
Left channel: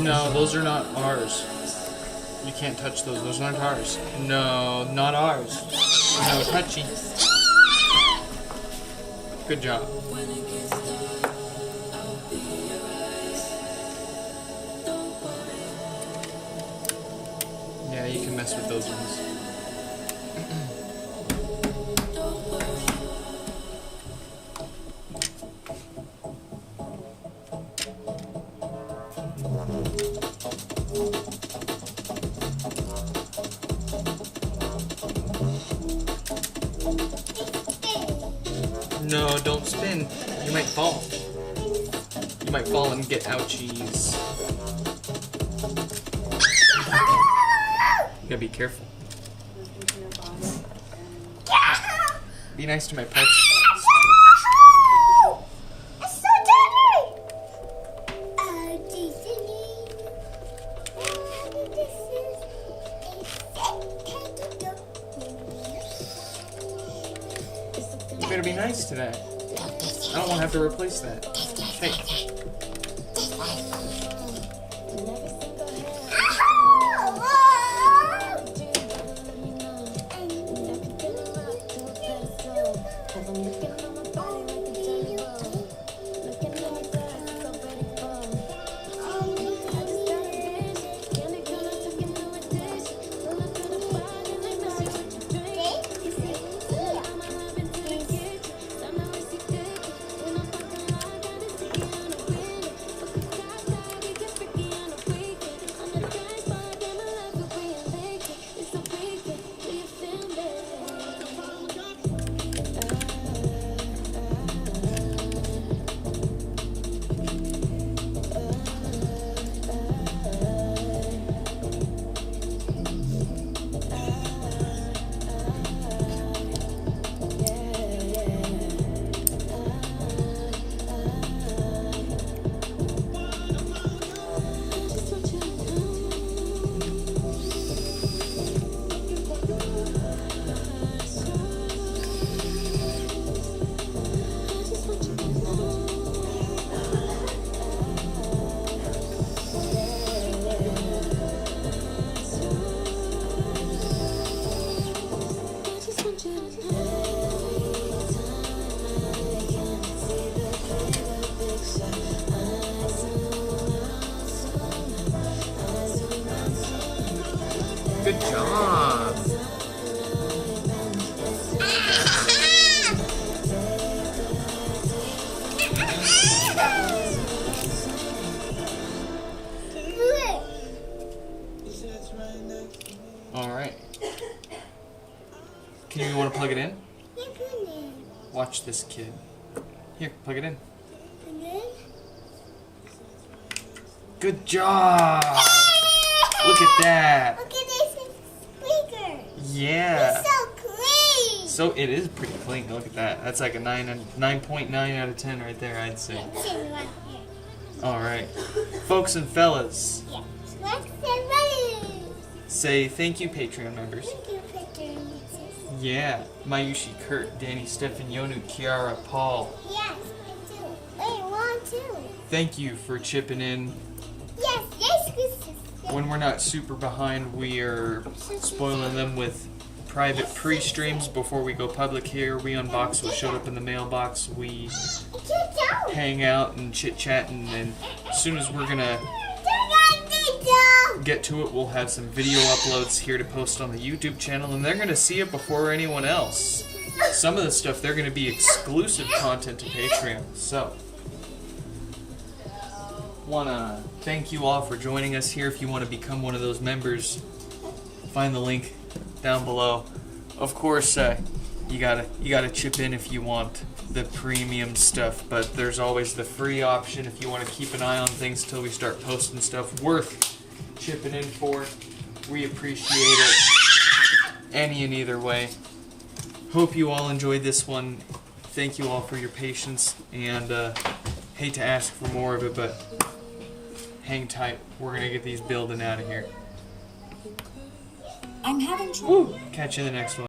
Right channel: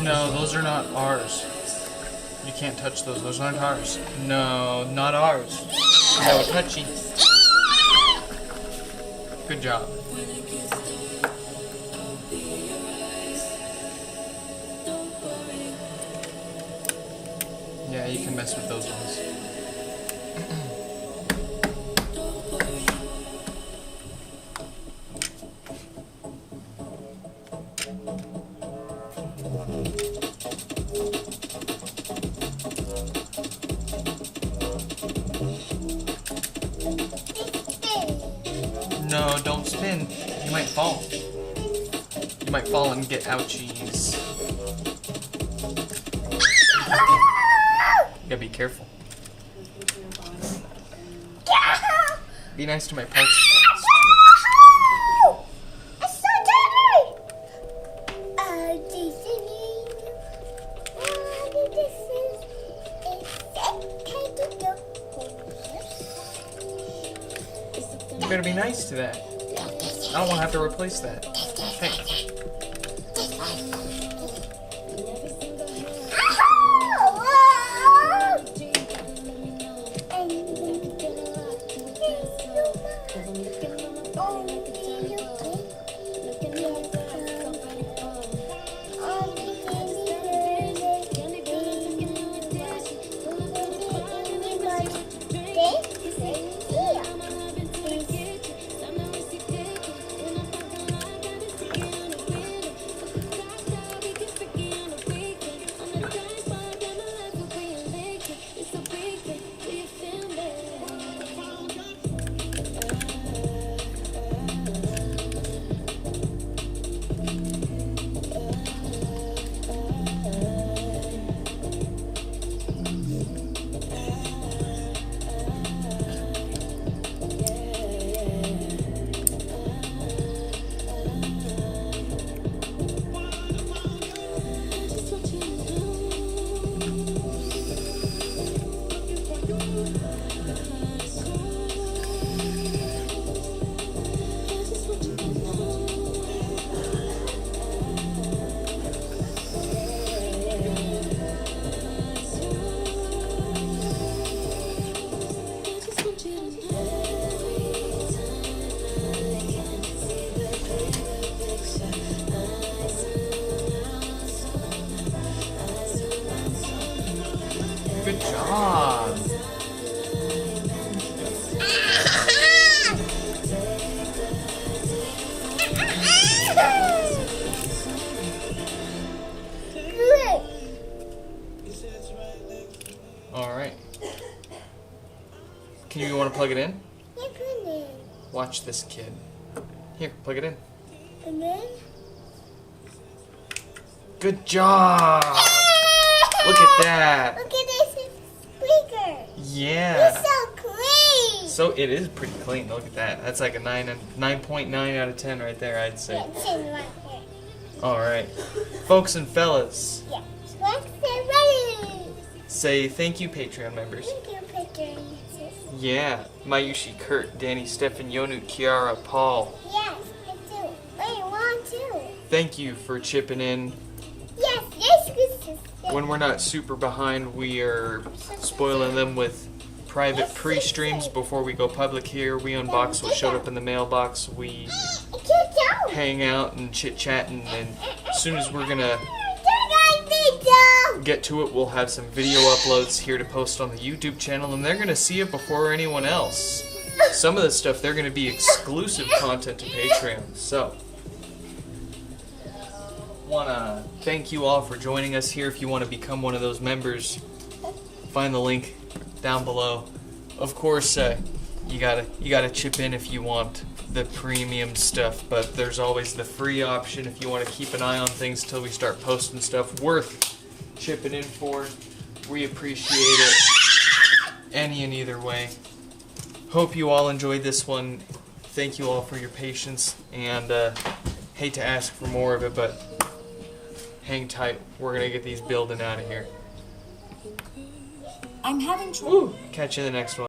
No, those are not ours. You can't touch those. Those aren't ours. No, not ours. No touchy. Good job. Yeah, you can mess with those ones. No, don't spin. You might fall. You might fall and get ouchies. You gotta be careful. Be nice to my parts. It's so dirty! You better be nice to that. I don't want to have to replace that. Hey. Good job. All right. Can you want to plug it in? Watch this kid. Here, plug it in. Good job. Look at that. Look at this speaker. Yeah. It's so clean. So it is pretty clean. Look at that. That's like a 9.9 out of 10 right there, I'd say. It's in right here. All right, folks and fellas, Yeah. Let's get ready. say thank you, Patreon members. Thank you, picture. Yeah, Mayushi, Kurt, Danny, Stefan, Yonu, Kiara, Paul. Yes, I do. Wait, one, two. thank you for chipping in. Yes, yes, yes. When we're not super behind, we are spoiling them with private pre-streams before we go public here. We unbox what showed up in the mailbox. We hang out and chit-chat, and as soon as we're gonna get to it, we'll have some video uploads here to post on the YouTube channel, and they're gonna see it before anyone else. Some of the stuff, they're gonna be exclusive content to Patreon. So, wanna thank you all for joining us here. If you want to become one of those members, find the link down below. Of course, you gotta chip in if you want the premium stuff, but there's always the free option if you want to keep an eye on things till we start posting stuff worth chipping in for. We appreciate it any and either way. Hope you all enjoyed this one. Thank you all for your patience, and hate to ask for more of it, but hang tight. We're gonna get these building out of here. I'm having trouble. Catch you in the next one.